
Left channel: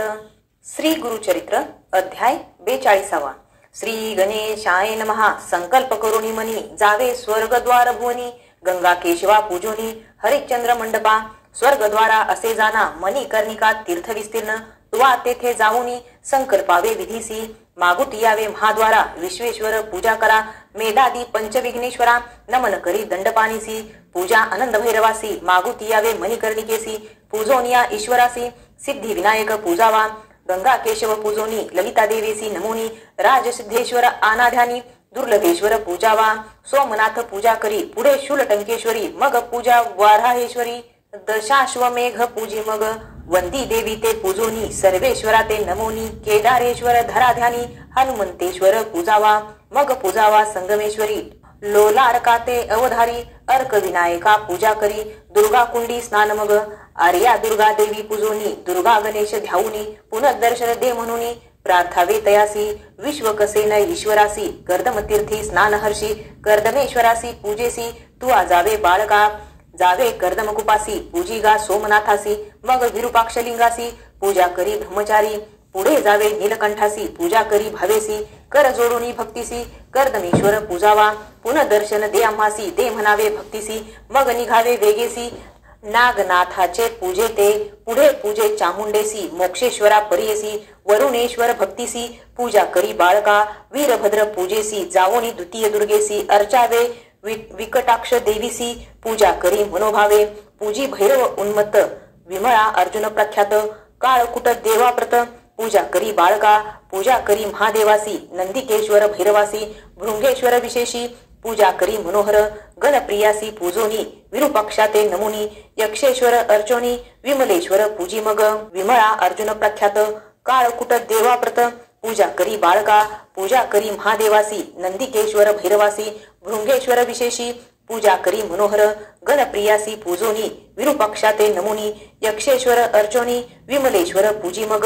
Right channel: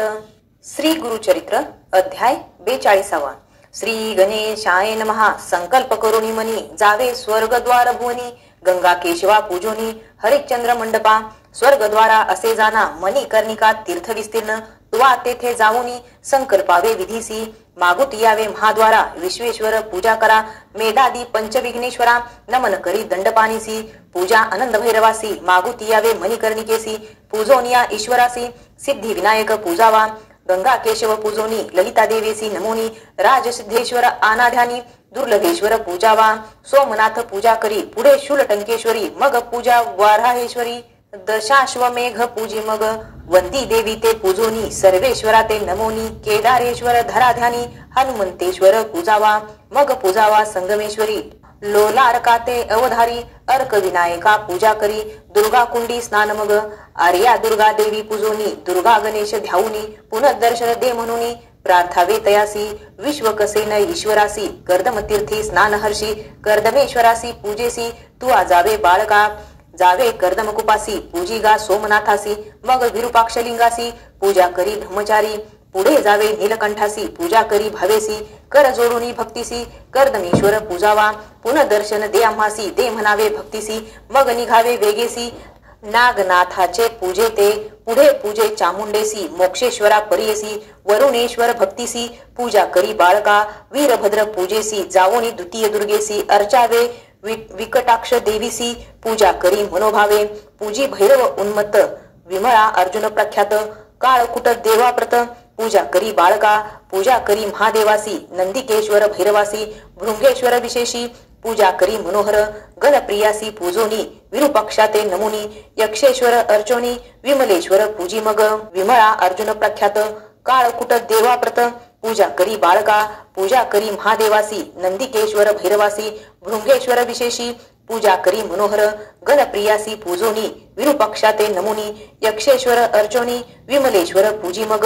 श्री गुरुचरित्र अध्याय 42 श्री गणेशाय नमः। संकल्प करुणी मनी जावे स्वर्गद्वार भुवनी गंगा केशवा पूजोनी हरिश्चंद्र मंडपा स्वर्गद्वारा असे जाना मणिकर्णिका तीर्थ विस्तीर्ण तुवा तेथे जाऊनी संकल्पावे विधीसी मागुत यावे महाद्वारा विश्वेश्वर पूजा करा मेधादी पंचविघ्नेश्वरा नमन करी दंडपाणीसी पूजा आनंद भैरवासी मागुत यावे मणिकर्णिकेसी पूजोनिया ईश्वरासी सिद्धी विनायक पूजावा गंगा केशव पूजोनी ललिता देवेसी नमोनी राजसिद्धेश्वर आनाध्यानी दुर्लभेश्वर पूजावा सोमनाथ पूजा करी पुढे शूलटंकेश्वरी मग पूजा वाराहेश्वरी दशाश्वमेघ पूजी मग वंदी देवी ते पूजोनी सर्वेश्वरा ते नमोनी केदारेश्वर धराध्यानी हनुमंतेश्वर पूजावा मग पूजावा संगमेश्वरी लोलारका ते अवधारी अर्क विनायका पूजा करी दुर्गा कुंडी स्नान मग आर्या दुर्गा देवी पूजोनी दुर्गा गणेश ध्याऊनी पुनर्दर्शन दे म्हणूनी प्रार्थावे तयासी विश्वकसेन ईश्वरासी कर्दमतीर्थी स्नान हर्षी कर्दमेश्वरासी पूजेसी तू आजावे बाळका जावे कर्दमकुपासी पूजिगा सोमनाथासी मग विरूपाक्षलिंगासी पूजा करी ब्रह्मचारी पुढे जावे नीलकंठासी पूजा करी भावेसी कर जोडुनी भक्तीसी कर्दमेश्वर पूजावा पुनर्दर्शन दे आम्हासी दे म्हणावे भक्तीसी मग निघावे वेगेसी नागनाथाचे पूजे ते पुढे पूजे चामुंडेसी मोक्षेश्वरा परियसी वरुणेश्वर भक्तीसी पूजा करी बाळका वीरभद्र पूजेसी जावोनी द्वितीय दुर्गेसी अर्चावे विकटाक्ष देवीसी पूजा करी मनोभावे पूजी भैरव उन्मत्त विमळा अर्जुन प्रख्यात काळकुट देवाप्रत पूजा करी बाळका पूजा करी महादेवासी नंदिकेश्वर भैरवासी भृंगेश्वर विशेषी पूजा करी मनोहर गणप्रियासी पूजोनी विरूपाक्षाते नमुनी यक्षेश्वर अर्चोनी विमलेश्वर पूजी मग विमळा अर्जुन प्रख्यात काळकुट देवाप्रत पूजा करी बाळका पूजा करी महादेवासी नंदिकेश्वर भैरवासी भृंगेश्वर विशेषी पूजा करी मनोहर गणप्रियासी पूजोनी विरूपाक्षाते नमुनी यक्षेश्वर अर्चोनी विमलेश्वर पूजी मग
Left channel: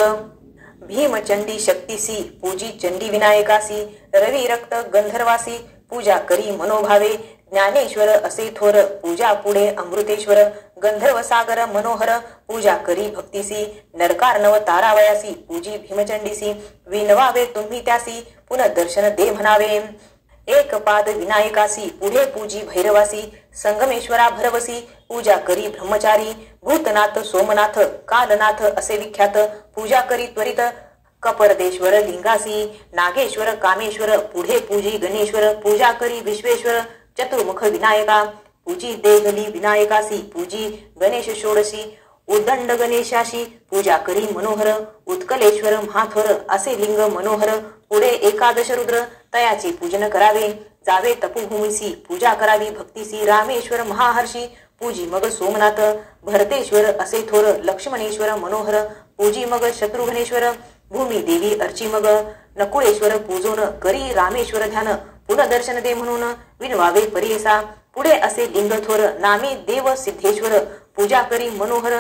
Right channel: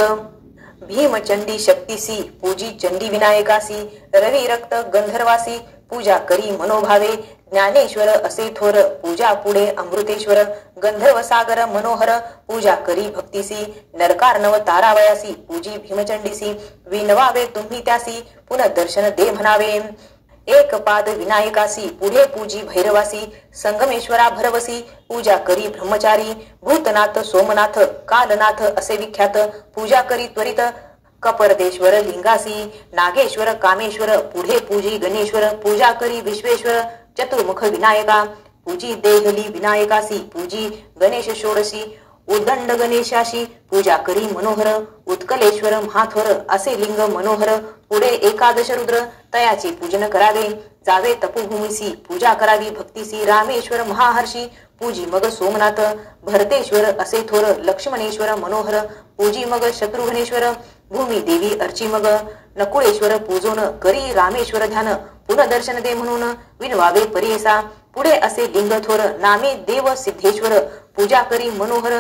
भीमचंडी शक्तीसी पूजी चंडी विनायकासी रवी रक्त गंधर्वासी पूजा करी मनोभावे ज्ञानेश्वर असे थोर पूजा पुढे अमृतेश्वर गंधर्व सागर मनोहर पूजा करी भक्तीसी नरकारनव तारावयासी पूजी भीमचंडीसी विनवावे तुम्ही त्यासी पुनर्दर्शन दे म्हणावे एक पाद विनायकासी पुढे पूजी भैरवासी संगमेश्वरा भरवसी पूजा करी ब्रह्मचारी भूतनाथ सोमनाथ कालनाथ असे विख्यात पूजा करी त्वरित कपर्देश्वर लिंगासी नागेश्वर कामेश्वर पुढे पूजी गणेश्वर पूजा करी विश्वेश्वर चतुर्मुख विनायका पूजी देहली विनायकासी पूजी गणेश षोडशी उद्दंड गणेशाशी पूजा करी मनोहर उत्कलेश्वर महाथोर असे लिंग मनोहर पुढे एकादश रुद्र तयाचे पूजन करावे जावे तपोभूमीसी पूजा करावी भक्तीसी रामेश्वर महाहर्षी पूजी मग सोमनाथ भरतेश्वर असे थोर लक्ष्मणेश्वर मनोहर पूजी मग शत्रुघ्नेश्वर भूमी देवी अर्ची मग नकुळेश्वर पूजोन करी रामेश्वर ध्यान पुनर्दर्शन दे म्हणून विनवावे परियसा पुढे असे लिंग थोर नामे देव सिद्धेश्वर पूजा करी मनोहर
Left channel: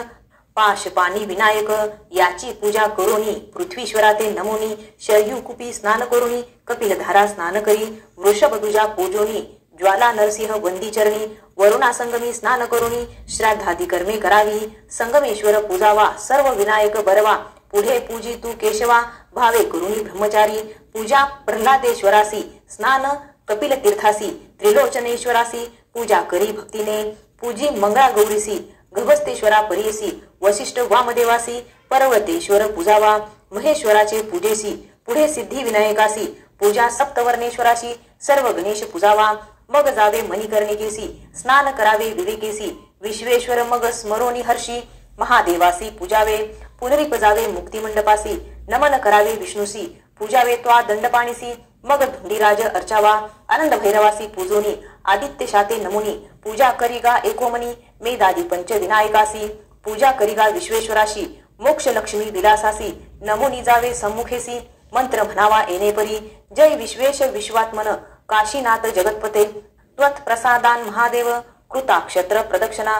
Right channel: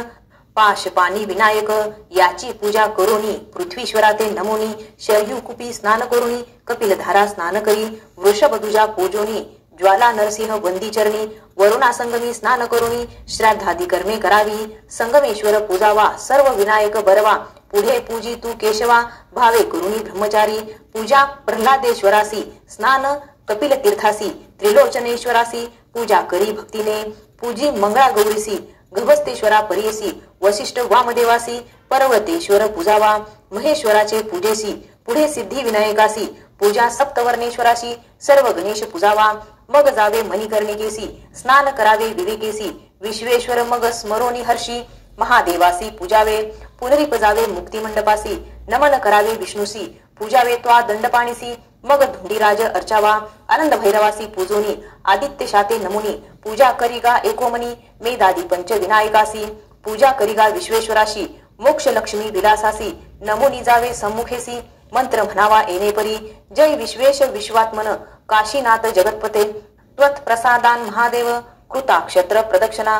पाशपानी विनायक याची पूजा करोनी पृथ्वीश्वरा ते नमोनी शरयू कुपी स्नान करोनी कपिलधारा स्नान करी वृषभ तुझा पूजोनी ज्वाला नरसिंह वंदीचरणी वरुणा संगमी स्नान करोनी श्राद्धादी कर्मे करावी संगमेश्वर पूजावा सर्व विनायक बरवा पुढे पूजी तू केशवा भावे करुणी ब्रह्मचारी पूजा प्रल्हादेश्वरासी स्नान कपिल तीर्थासी त्रिलोचनेश्वरासी पूजा करी भक्तीने पूजी मंगळा गौरीसी गभस्तेश्वरा परियसी वशिष्ठ वामदेवासी पर्वतेश्वर पूजावा महेश्वराचे पूजेसी पुढे सिद्धी विनायकासी पूजा सप्तवर्णेश्वराशी सर्व गणेश पूजावा मग जावे मणिकर्णिकेसी स्नान करावे विवेकेसी विश्वेश्वर मग स्मरोनी हर्षी महादेवासी पूजावे पुनरिपजावे मुक्तिमंडपासी नमन करावे विष्णुसी पूजावे त्वा दंडपाणीसी मग धुंडीराज अर्चावा आनंद भैरवासी पूजोनी आदित्य शाते नमुनी पूजा करिगा एकोमनी मेदादी पंच विनायकासी पूजा करिगा विश्वेश्वराशी मोक्ष लक्ष्मी विलासासी नमुनी जावे सम्मुखेसी मंत्र म्हणावा येणेपरी जय विश्वेश विश्वात्मन काशीनाथ जगतपते त्वत् प्रसादान महादेव कृताक्षत्र प्रदक्षिणा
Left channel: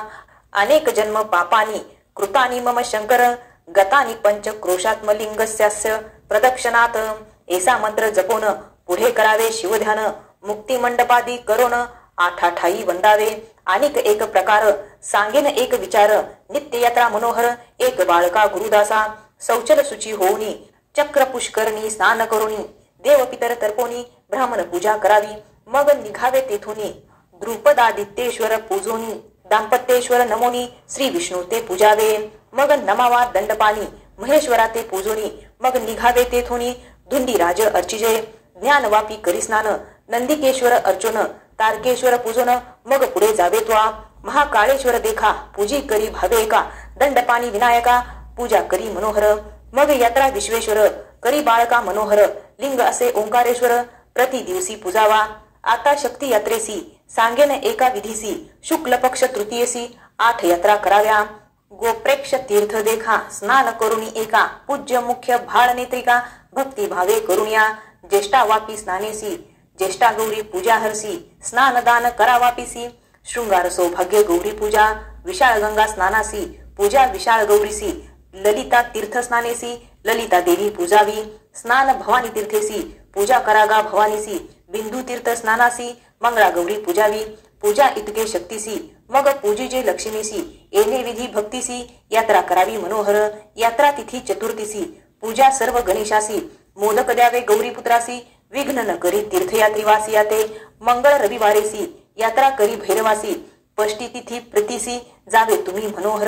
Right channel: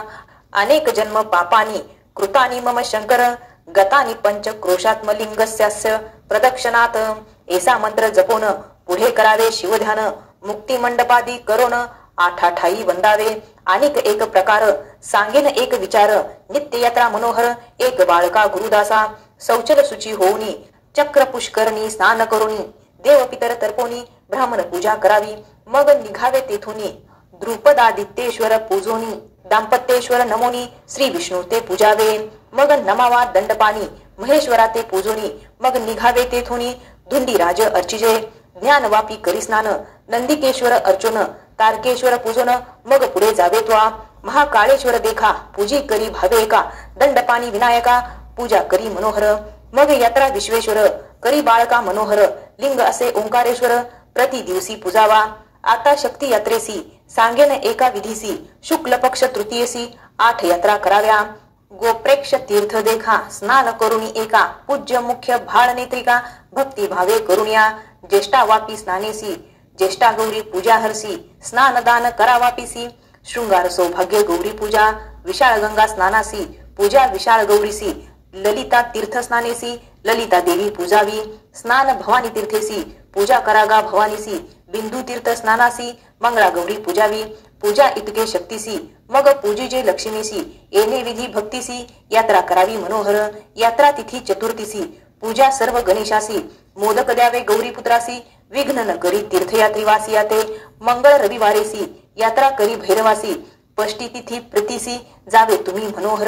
अनेक जन्म पापानी कृतानी मम शंकर गतानी पंच क्रोशात्मलिंगस्यास्य प्रदक्षिणात ऐसा मंत्र जपोन पुढे करावे शिवध्यान मुक्ती मंडपादी करोन आठाठाई वंदावे अनेक एक प्रकार सांगेन एक विचार नित्य यात्रा मनोहर एक बाळका गुरुदासा शौचल सुची होऊनी चक्र पुष्करणी स्नान करुणी देव पितर तर्पोनी ब्राह्मण पूजा करावी मग निघावे तेथुनी द्रुपदादित्येश्वर पूजोनी दाम्पत्येश्वर नमोनी श्री विष्णू ते पूजावे मग नमावा दंडपाणी महेश्वरा ते पूजोनी मग निघावे तेथुनी धुंडीराज अर्चिजय ज्ञानवापी करी स्नान नंदिकेश्वर अर्चुन तारकेश्वर पूजन मग पुढे जावे त्वा महाकाळेश्वर देखा पूजी करी भावे एका दंडपाणी विनायका पूजा करी मनोहर मग यात्रा विश्वेश्वर करी बाळका मनोहर लिंग असे ओंकारेश्वर प्रति दिवसी पूजावा आता शक्ती यात्रेसी सांगेन एका विधीसी शुक्ल पक्ष तृतीयसी 8 यात्रा कराव्या गोप्रेक्ष तीर्थ देखा स्नान करुणी एका पूज्य मुख्य भाळ नेत्रिका भक्ती भावे करुणिया ज्येष्ठा वापी स्नानेसी ज्येष्ठा गौरी पूजा हरसी स्नान दान करावापीसी शृंगार सौभाग्य गौरी पूजा विशाळ गंगा स्नानासी पूजा विशाळ गौरीसी ललिता तीर्थ स्नानेसी ललिता देवी पूजावी स्नान भवानी तीर्थेसी पूजा करागा भवानीसी बिंदू तीर्थ स्नानासी मंगळा गौरी पूजावी पूजा इतके शक्तीसी मग पूजेचे लक्ष्मीसी येणे विधी भक्तीसी यात्रा करावी मनोहर यात्रा तिथी चतुर्थीसी पूजा सर्व गणेशासी मोदक द्यावे गौरी पुत्रासी विघ्न न करी तीर्थयात्रीवासी याते मंगळ रविवारेसी यात्रा करी भैरवासी पष्टी तिथी प्रतीसी जावे तुम्ही मनोहर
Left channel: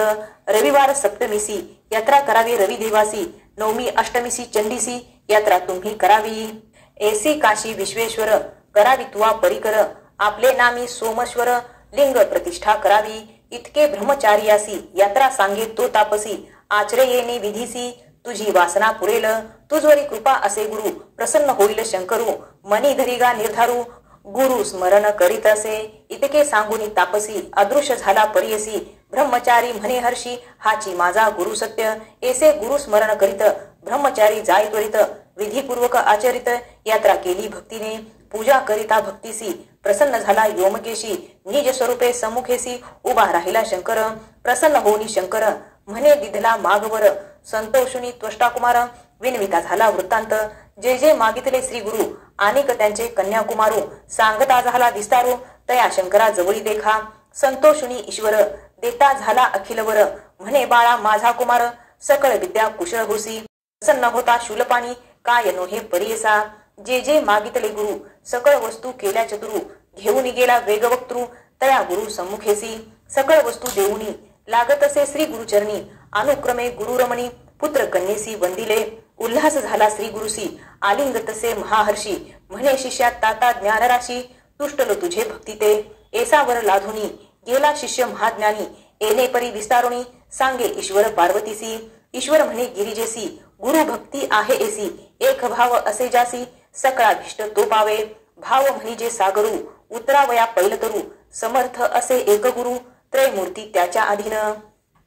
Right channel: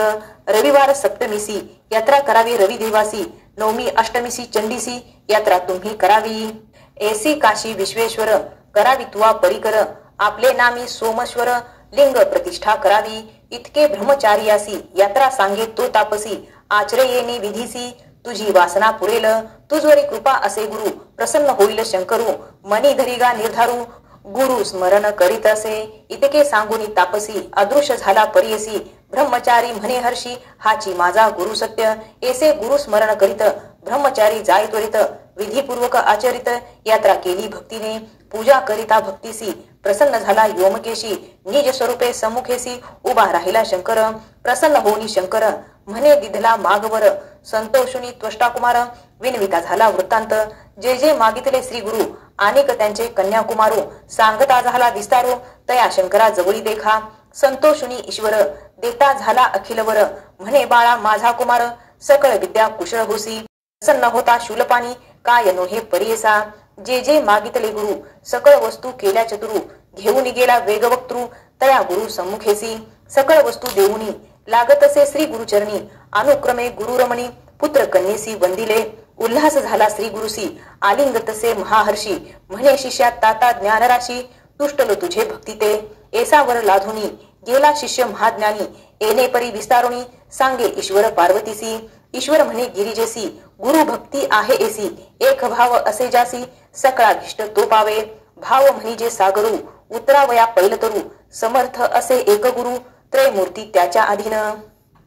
रविवार सप्तमीसी यात्रा करावी रविदेवासी नवमी अष्टमीसी चंडीसी यात्रा तुम्ही करावी ऐसी काशी विश्वेश्वर करावी तुवा परिकर आपले नामी सोमेश्वर लिंग प्रतिष्ठा करावी इतके ब्रह्मचार्यासी यात्रा सांगे तो तापसी आचरे येणे विधीसी तुझी वासना पुरेल तुझवरी कृपा असे गुरु प्रसन्न होईल शंकरू मनी धरिगा निर्धारू गुरु स्मरण करीत असे इतके सांगुनी तापसी अदृश्य झाला परियसी ब्रह्मचारी म्हणे हर्षी हाची माझा गुरु सत्य ऐसे गुरु स्मरण करीत ब्रह्मचारी जाय त्वरित विधीपूर्वक आचरित यात्रा केली भक्तीने पूजा करिता भक्तीसी प्रसन्न झाला योमकेशी निज स्वरूपे सम्मुखेसी उभा राहिला शंकर प्रसन्न होनी शंकर म्हणे दिधला मागवर संतोषुनी त्वष्टा कुमार विनविता झाला वृत्तांत जे जे मागितले श्री गुरु अनेक त्यांचे कन्याकुमारो सांगता झाला विस्तारो तया शंकरा जवळी देखा संतोषुनी ईश्वर देता झाला अखिलवर म्हणे बाळा माझा कुमार सकळ विद्या कुशळ होसी प्रसन्न होता शूलपाणी काय नो हे परियसा जे जे मागितले गुरु सकळ वस्तू केल्या चतुरू घेऊन गेला वेगवक्तृ तया गुरु सम्मुखेसी सकळ वस्तू देऊनी लागत असे श्री गुरुचरणी अनुक्रमे गुरुरमणी पुत्र कन्येसी वंदिले उल्हास झाला श्री गुरुसी आलिंग तसे महाहर्षी म्हणे शिष्या ताता ज्ञानराशी तुष्टलो तुझे भक्ती ते एसावर लाधुनी गेला शिष्य महाज्ञानी येणे परी विस्तारुणी सांगे ईश्वर पार्वतीसी ईश्वर म्हणे गिरिजेसी गुरु भक्ती आहे एसी एक भाव असे जासी सकळाभिष्ट तो पावे भाव म्हणजे सागरू उतरावया पैलतरू समर्थ असे एक गुरु त्रयमूर्ती त्याच्या अधीन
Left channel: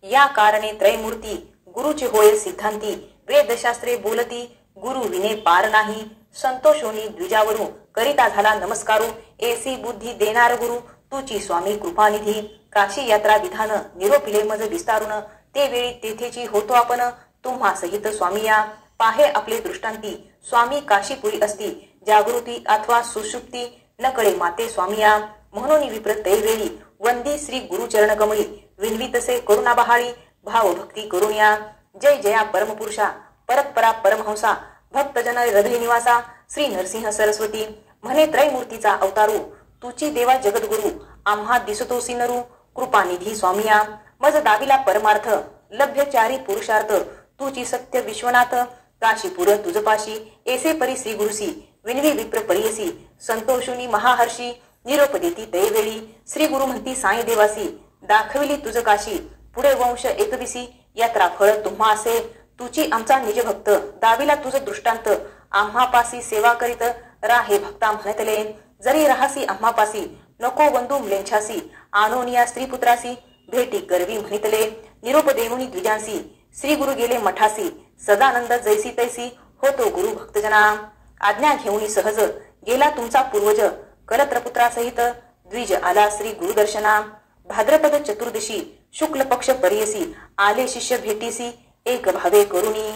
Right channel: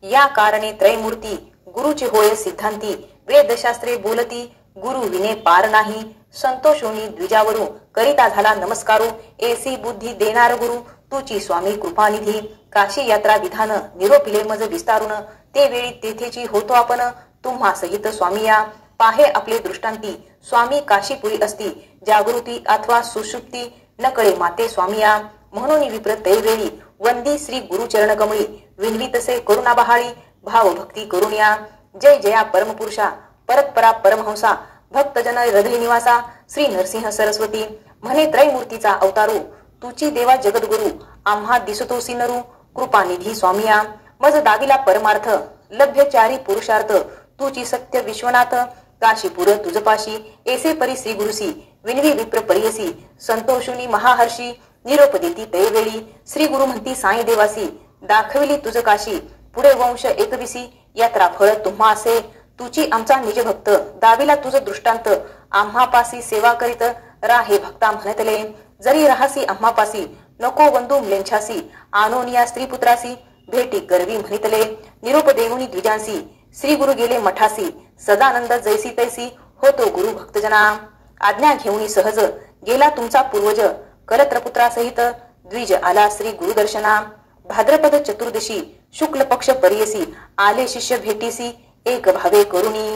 या कारणे त्रयमूर्ती गुरुची होय सिद्धांती वेदशास्त्रे बोलती गुरु विने पार नाही संतोषुनी द्विजावरू करिता झाला नमस्कारू एसी बुद्धी देणार गुरु तुची स्वामी कृपानिधी काशी यात्रा विधान निरोपिले मज विस्तारून ते वेळी तेथेची होतो आपण तुम्हा सहित स्वामिया पाहे आपले दृष्टांती स्वामी काशीपुरी असती जागृती अथवा सुषुप्ती नकळे माते स्वामिया म्हणून विप्र तैवेळी वंदी श्री गुरुचरण कमळी विनवी तसे करुणा बहाळी भाव भक्ती करुणिया जय जया परमपुरुषा परतपरा परमहंसा भक्तजन हृदय निवासा श्री नरसिंह सरस्वती म्हणे त्रयमूर्तीचा अवतारू तुची देवा जगद्गुरु आम्हा दिसतोसी नरू कृपानिधी स्वामिया मज दाविला परमार्थ लभ्यचारी पुरुषार्थ तुची सत्य विश्वनाथ काशीपुर तुझपाशी एसे परी श्री गुरुसी विनवी विप्र परियसी संतोषुनी महाहर्षी निरोप देती तैवेळी श्री गुरु म्हणती साई देवासी दाखविली तुझ काशी पुढे वंश एकविसी यात्रा फळ तुम्हा असे तुची आमचा निज भक्त दाविला तुझ दृष्टांत आम्हापासी सेवा करीत राहे भक्ता म्हणतले जरी राहासी आम्हापासी नको वंदू म्लेंछासी आनोनिया स्त्री पुत्रासी भेटी करवी म्हणितले निरोप देऊनी द्विजांसी श्री गुरु गेले मठासी सदानंद जैसी तैसी होतो गुरु भक्तजना आज्ञा घेऊनी सहज गेला तुमचा पूर्वज कलत्रपुत्रासहित द्विज आला श्री गुरुदर्शना भाद्रपद चतुर्दशी शुक्ल पक्ष परियसी आले शिष्य भेटीसी एक भावे करुणी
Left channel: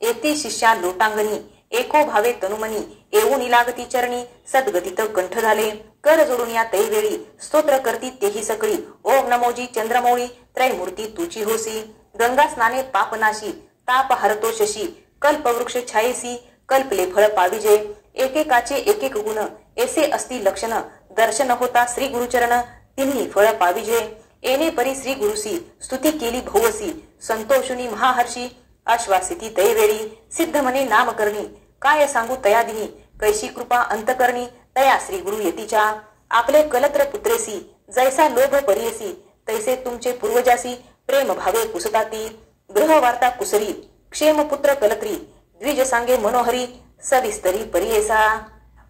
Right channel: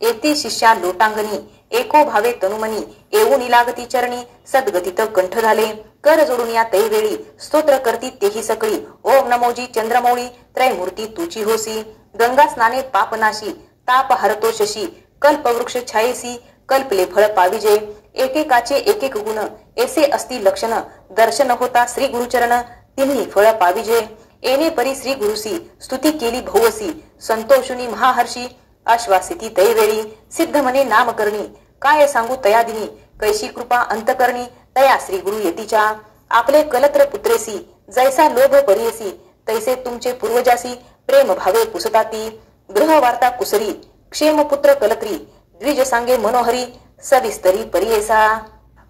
येते शिष्या लोटांगणी एको भावे तनुमनी येऊन लागती चरणी सद्गतीत कंठ झाले कर जोडून या तैवेळी स्तोत्र करती तेही सकळी ओम नमोजी चंद्रमौळी त्रयमूर्ती तुची होसी गंगा स्नाने पापनाशी ताप हरतो शशी कल्पवृक्ष छायेसी कल्पले फळ पाविजे एकेकाचे एक एक गुण ऐसे असती लक्षण दर्शन होता श्री गुरुचरण तिन्ही फळ पाविजे येणे परी श्री गुरुसी स्तुती केली भोवसी संतोषुनी महाहर्षी आश्वासिती तैवेळी सिद्ध म्हणे नाम करणी काय सांगू तयादिनी कैशी कृपा अंतकरणी तया श्री गुरु येतीच्या आपले कलत्र पुत्रेसी जैसा लोभ परियसी तैसे तुमचे पूर्वजासी प्रेम भावे कुसताती ग्रह वार्ता कुसरी क्षेम पुत्र कलत्री द्विज सांगे मनोहरी सविस्तरी परियेसा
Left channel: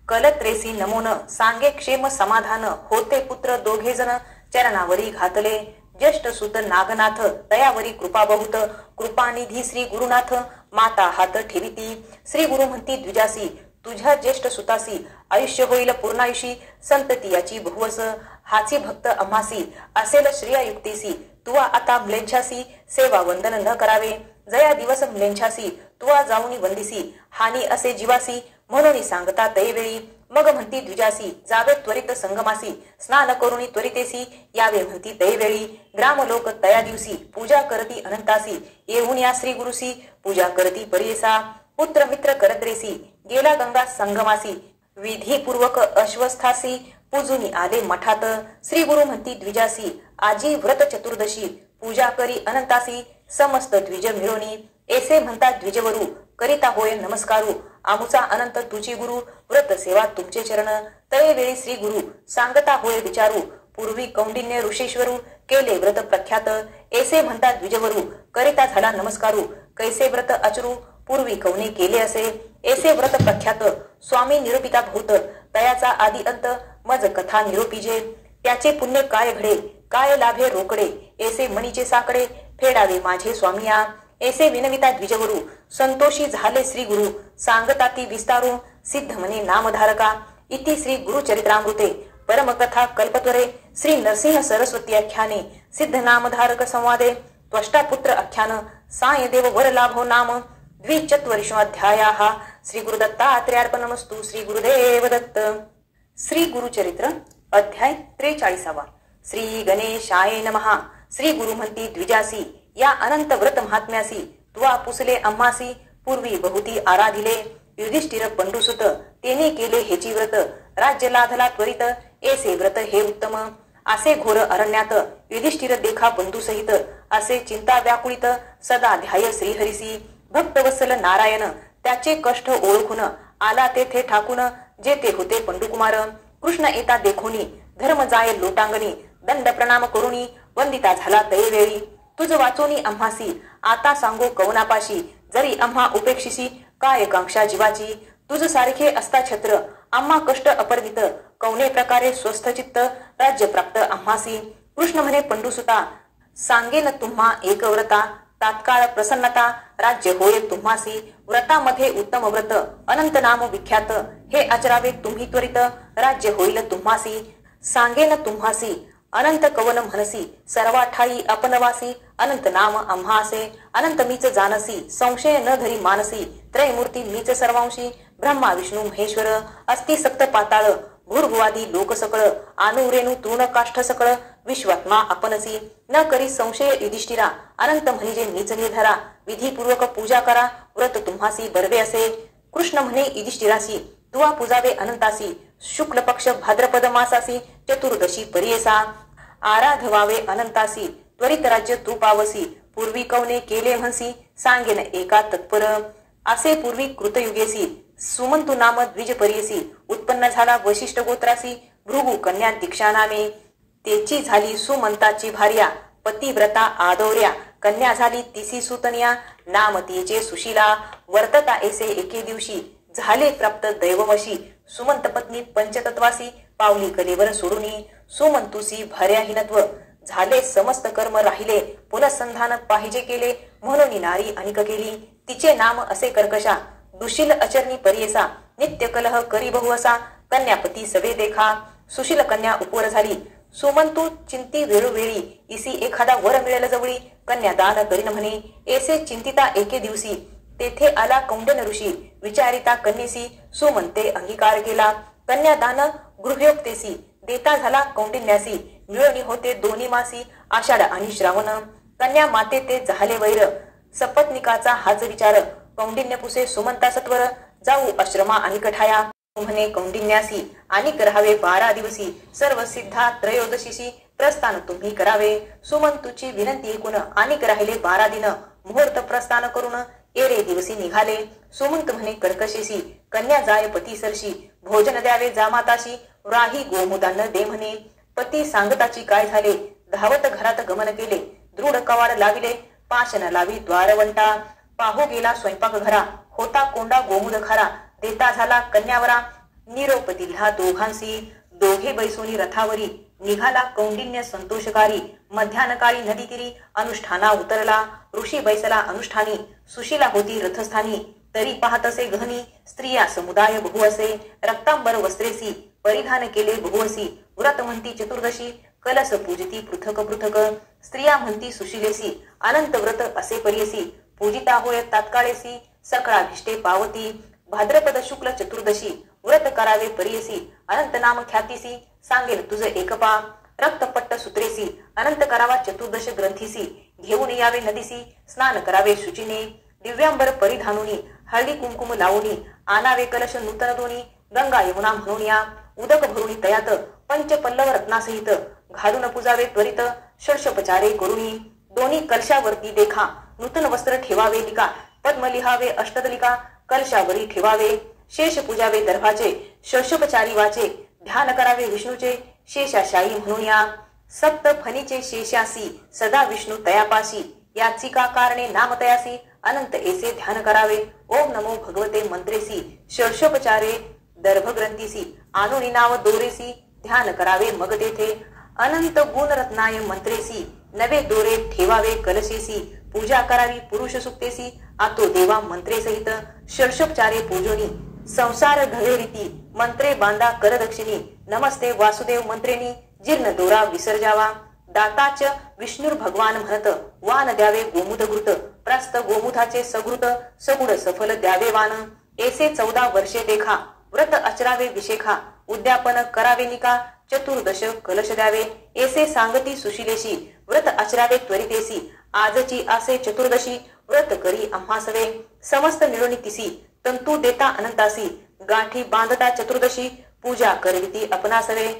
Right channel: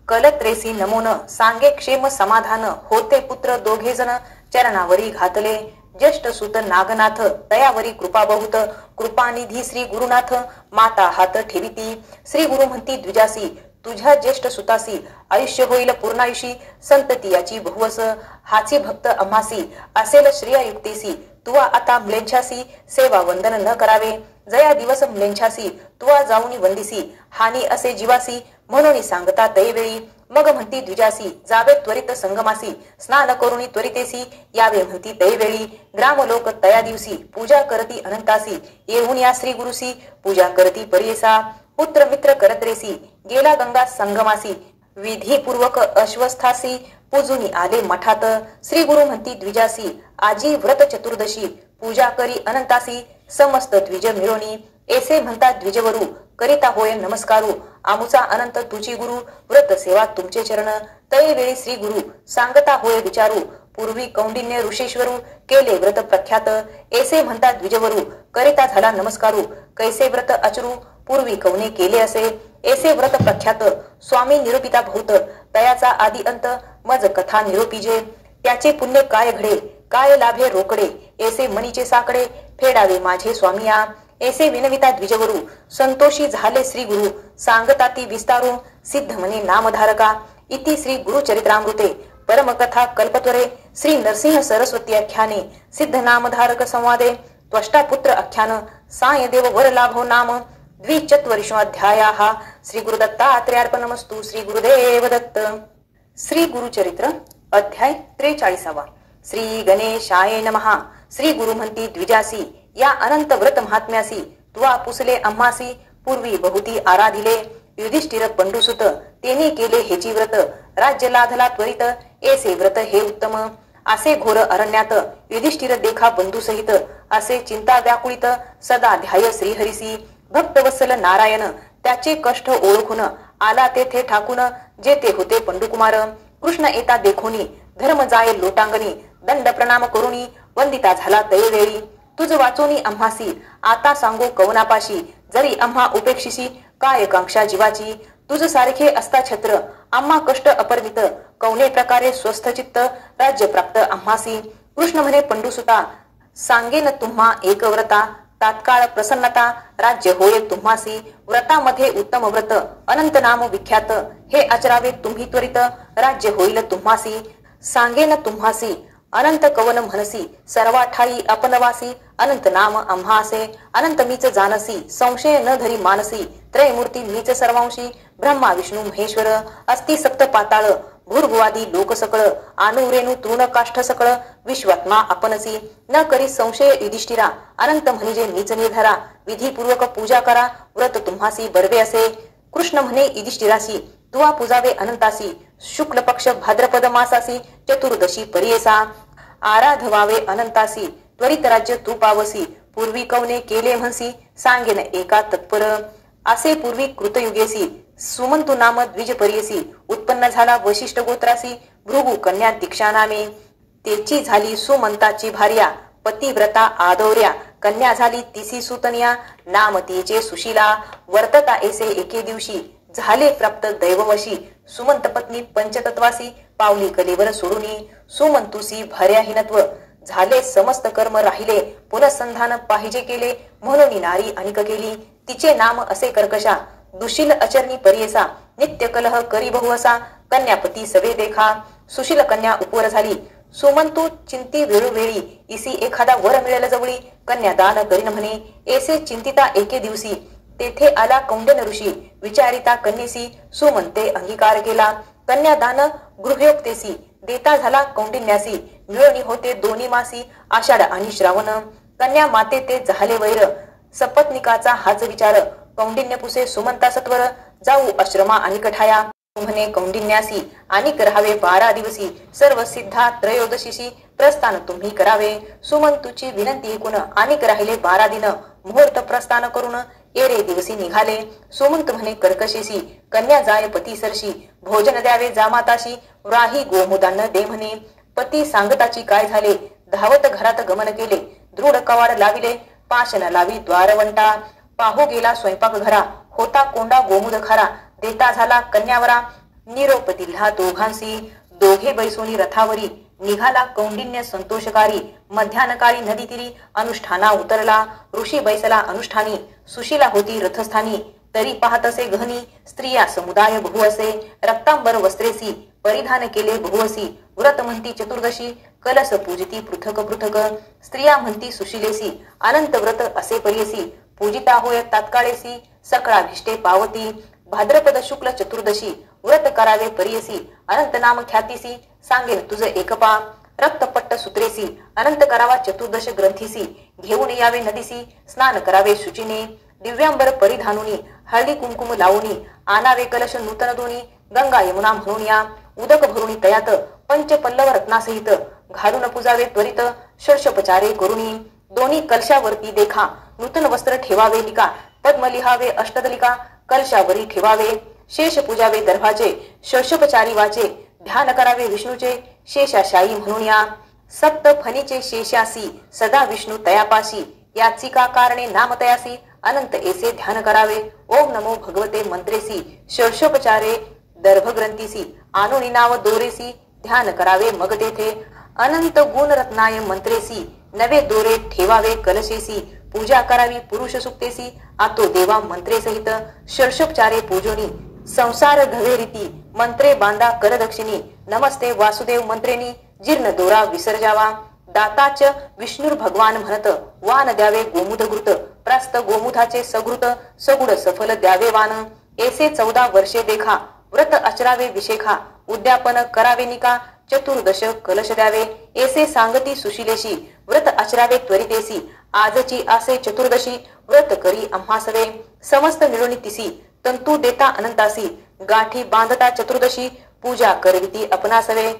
कलत्रेसी नमोन सांगे क्षेम समाधान होते पुत्र दोघे जण चरणावरी घातले ज्येष्ठ सुत नागनाथ तयावरी कृपा बहुत कृपानिधी श्री गुरुनाथ माता हात ठेविती श्री गुरु म्हणती द्विजासी तुझ्या ज्येष्ठ सुतासी आयुष्य होईल पूर्णायुषी संतती याची बहुवस हाची भक्त अम्हासी असेल श्रेयायुक्तेसी तुवा आता म्लेच्छासी सेवा वंदन न करावे जया दिवस म्लेच्छासी तुवा जाऊनी वंदिसी हानी असे जीवासी म्हणून सांगता तैवेळी मग म्हणती द्विजासी जावे त्वरित संगमासी स्नान करुणी त्वरितेसी यावे म्हणती तैवेळी ग्रामलोक तया दिवसी पूजा करती अनंतासी येऊन या श्री गुरुसी पूजा करती परियेसा पुत्र मित्र करत्रेसी गेला गंगा संगमासी विधीपूर्वक अश्वस्थासी पूजुनी आले मठात श्री गुरु म्हणती द्विजासी आजी व्रत चतुर्दशी पूजा करी अनंतासी समस्त द्विज मिळवणी ऐसे म्हणता द्विजवरू करिता होय नमस्कारू आमुचा अनंत तुची गुरु व्रत सेवा तुमचे चरण तैवेळी श्री गुरु सांगता होय विचारू पूर्वी कौंडिन्य ऋषेश्वरू केले व्रत प्रख्यात ऐसे म्हणता द्विजवरू करिता झाला नमस्कारू कैसे व्रत अचरू पूर्वी कौने केले असे ऐसे व्रत प्रख्यात स्वामी निरूपिता भूत तयाचा आदि अंत मज कथा निरूपीजे त्याचे पुण्य काय घडे काय लाभे रोकडे ऐसे मणीचे साकडे फेडावे माझे स्वामिया ऐसे विनविता द्विजवरू संतोषी झाले श्री गुरु सांगता ती विस्तारू सिद्ध म्हणे नामधारका इति श्री गुरुचरित्रामृते परमकथा कल्पत्वरे श्री नरसिंह सरस्वती आख्याने सिद्ध नामधारक संवादे त्वष्टा पुत्र आख्यान साय देव वर लाभो नाम द्विचत्वरिशोऽध्यायाः श्री गुरुदत्तात्रेयार्पणमस्तु श्री गुरुदेव दत्त श्री गुरुचरित्र अध्याय 43 श्री गणेशाय नमः श्री गुरु म्हणती द्विजासी या अनंत व्रत महात्म्यासी तुवा पुसले आम्हासी पूर्वी बहुती आराधिले युधिष्ठिर पंडुसुत तेने केले हेची व्रत राज्य लाधला त्वरित ऐसे व्रत हे उत्तम असे घोर अरण्यात युधिष्ठिर देखा बंधुसहित असे चिंता व्याकुळित सदा ध्याय श्रीहरिसी भक्तवत्सल नारायण त्याचे कष्ट ओळखून आला तेथे ठाकून जेथे होते पंडुकुमार कृष्ण येता देखोनी धर्म जाय लोटांगणी दंड प्रणाम करुणी वंदिता झाला दयवेळी तुझ वाचोनी आम्हासी आता सांगो कवनापाशी जरी आम्हा उपेक्षिसी काय कांक्षा जीवाची तुझ सारखे असता छत्र आम्हा कष्ट अपरिमित कवने प्रकारे स्वस्थ चित्त राज्य प्राप्त आम्हासी कृष्ण म्हणे पंडुसुता सांगेन तुम्हा एक व्रता तात्काळ प्रसन्नता राज्य होय तुम्हासी व्रतामध्ये उत्तम व्रत अनंत नाम विख्यात हे आचरावे तुम्ही त्वरित राज्य होईल तुम्हासी सांगेन तुम्हासी अनंत कवन म्हणसी सर्वा ठाई आपनवासी अनंत नाम आम्हासे अनंत मीच जानसी संशय न धरी मानसी त्रयमूर्ती मीच सर्वांशी ब्रह्मा विष्णू महेश्वर अस्ति सप्त पाताळ भूर्भुवादी लोक सकळ आनुरेणु तून काष्ठ सकळ विश्वात्मा आपणसी न करी संशय युधिष्ठिरा अनंत म्हणजे मीच निर्धारा विधीपूर्वक पूजा करा व्रत तुम्हासी बरवे असे कृष्ण म्हणे युधिष्ठिरासी तुवा पूजावे अनंतासी शुक्ल पक्ष भाद्रपद मासासी चतुर्दशी परियेसा आराधवावे अनंतासी त्वरित राज्य तू पावसी पूर्वी कवने केले म्हणसी सांगेन एका तत्पर असे पूर्वी कृतयुगेसी सुमंतु नाम द्विज परियसी उत्पन्न झाला वशिष्ठ गोत्रासी भृगु कन्या दीक्षा नामे तेची झाली सुमंताची भार्या पतिव्रता आदौर्या कन्या झाली तिसी सुतन्या नाम तिचे सुशीला वर्तता ऐसे एके दिवशी झाले प्राप्त दैववशी सुमंत पत्नी पंचतत्वासी पावली कलेवर सोडूनी सुमंतुसी भार्याहीनत्व झाले समस्त कर्म राहिले पुनःसंधान पाहिजे केले म्हणून नारी अनिक केली तिचे नाम असे कर्कशा दुशील अचरणी परियेसा नित्य कलह करी बहुअसा कन्यापती सवे देखा सुशील कन्या उपवर झाली सुमंतू चिंती वेळोवेळी इसी एखादा वर मिळेल जवळी कन्यादान करीन म्हणे ऐसे चिंतिता एके दिवशी तेथे आला कौंडन ऋषी विचारिता कन्येसी सुमंते अंगीकार केला कन्यादान गृहोक्तेसी देता झाला कौंडिन्यासी मिळवणी होते दोन्ही मासी आषाढ आणि श्रावण कन्या माते ते झाले वैर सपत्निकाचा हाच विचार कौंडिन्य पुसे सुमंता सत्वर जाऊ आश्रमा आणि कठाया म्हणे कौंडिन्यासी आणि करावे 12 दिवसी सर्व सिद्धा त्रयोदशीसी प्रस्थान तुम्ही करावे सुमंतूची विनंती ऐकून आणि राहिले 12 दिन मुहूर्त प्रस्थान करून एरे दिवसी निघाले सुमंत म्हणे कर्कशेसी कन्या जाय पती सरशी भोजन द्यावे जामाताशी राही गोमुदान दे म्हणे पती सांगताची काय झाले धावत घरात गमन केले दृढ कवाड लाविले पाशन लावी द्वारवंटा पाहू गेला स्वयंपाक घरा होता कोंडा गोमुद खरा देता झाला कन्यावरा निरोप दिला दोघांसी दोघे बैसोनी रथावरी निघाला कौंडिन्य संतोषकारी मध्यानकाळी नदी तीरी अनुष्ठाना उतरला ऋषी बैसला अनुष्ठानी सुशीला होती रथस्थानी तरी पाहत असे गहनी स्त्रिया समुदाय बहु असे रक्तांबर वस्त्रेसी परिधान केले बहुअसी व्रत म्हणती चतुर्दशी कलश पूजिती पृथक पृथक स्त्रिया म्हणती सुशीलेसी अनंत व्रत असे परियसी पूजिता होय तात्काळेसी सकळा निष्ठे पावती भाद्रपद शुक्ल चतुर्दशी व्रत करावे परियसी अनंत नाम ख्यातीसी सांगेल तुझ एकपा रक्तपट्ट सूत्रेसी अनंत करावा चतुर्दश ग्रंथीसी घेऊन यावे नदीसी स्नान करावे शुचिने दिव्यांबर परिधानुनी हळदी कुंकुम लावूनी आणावे कलश नूतन दोनी गंगा यमुना म्हणून या उदक भरुणी तयात पंच पल्लव रत्नासहित घालून पूजावे त्वरित षोडशोपचारे करुणी दोन्ही कलशावरती देखा नूतन वस्त्र ठेवावे लिका पद्म लिहावे अष्टदलिका कलशावरी ठेवावे शेष पूजावे दर्भाचे षोडशोपचारी वाचे ध्यान करावे विष्णूचे शेषाशायी म्हणून या सप्त फणीचे शेषासी सदा विष्णू तयापाशी याची का कारणे नाम तयासी अनंत ऐसे ध्यान करावे ओम नमो भगवते मंत्रेसी षोडशोपचारे दर्भग्रंथीसी आणुनी नाव दोरेसी ध्यान करावे मग तेथे अनंत गुण रत्नाय मंत्रेसी नवे दोरे ठेवावे कलशेसी पूजा करावी पुरुष सुक्तेसी आतो देवा मंत्रे सहित षोडशोपचारे पूजोनी संसार घवे रीती मंत्रे बांधा करदक्षिणी नमस्ते वासुदेव मंत्रेनी जीर्ण दोरा विसर्जावा दाताच विष्णुर भगवान म्हणत वान द्यावे गोमुदघृत प्रास्त गोमुधाचे सघृत सगुड सफल द्यावे वान ऐसे 14 वर्षे देखा व्रत आचरावे विशेखा उद्यापन करावे निका चतुर्दश कलश द्यावे ऐसे सांगती सुशीलेशी व्रत आचरावे त्वरितेसी आजची आसे चतुर्दशी व्रत करी आम्हा सवे समस्त मिळून तिसी तंतू देता अनंतासी, गाठी बांधता चतुर्दशी, पूजा करविती अपनासवे,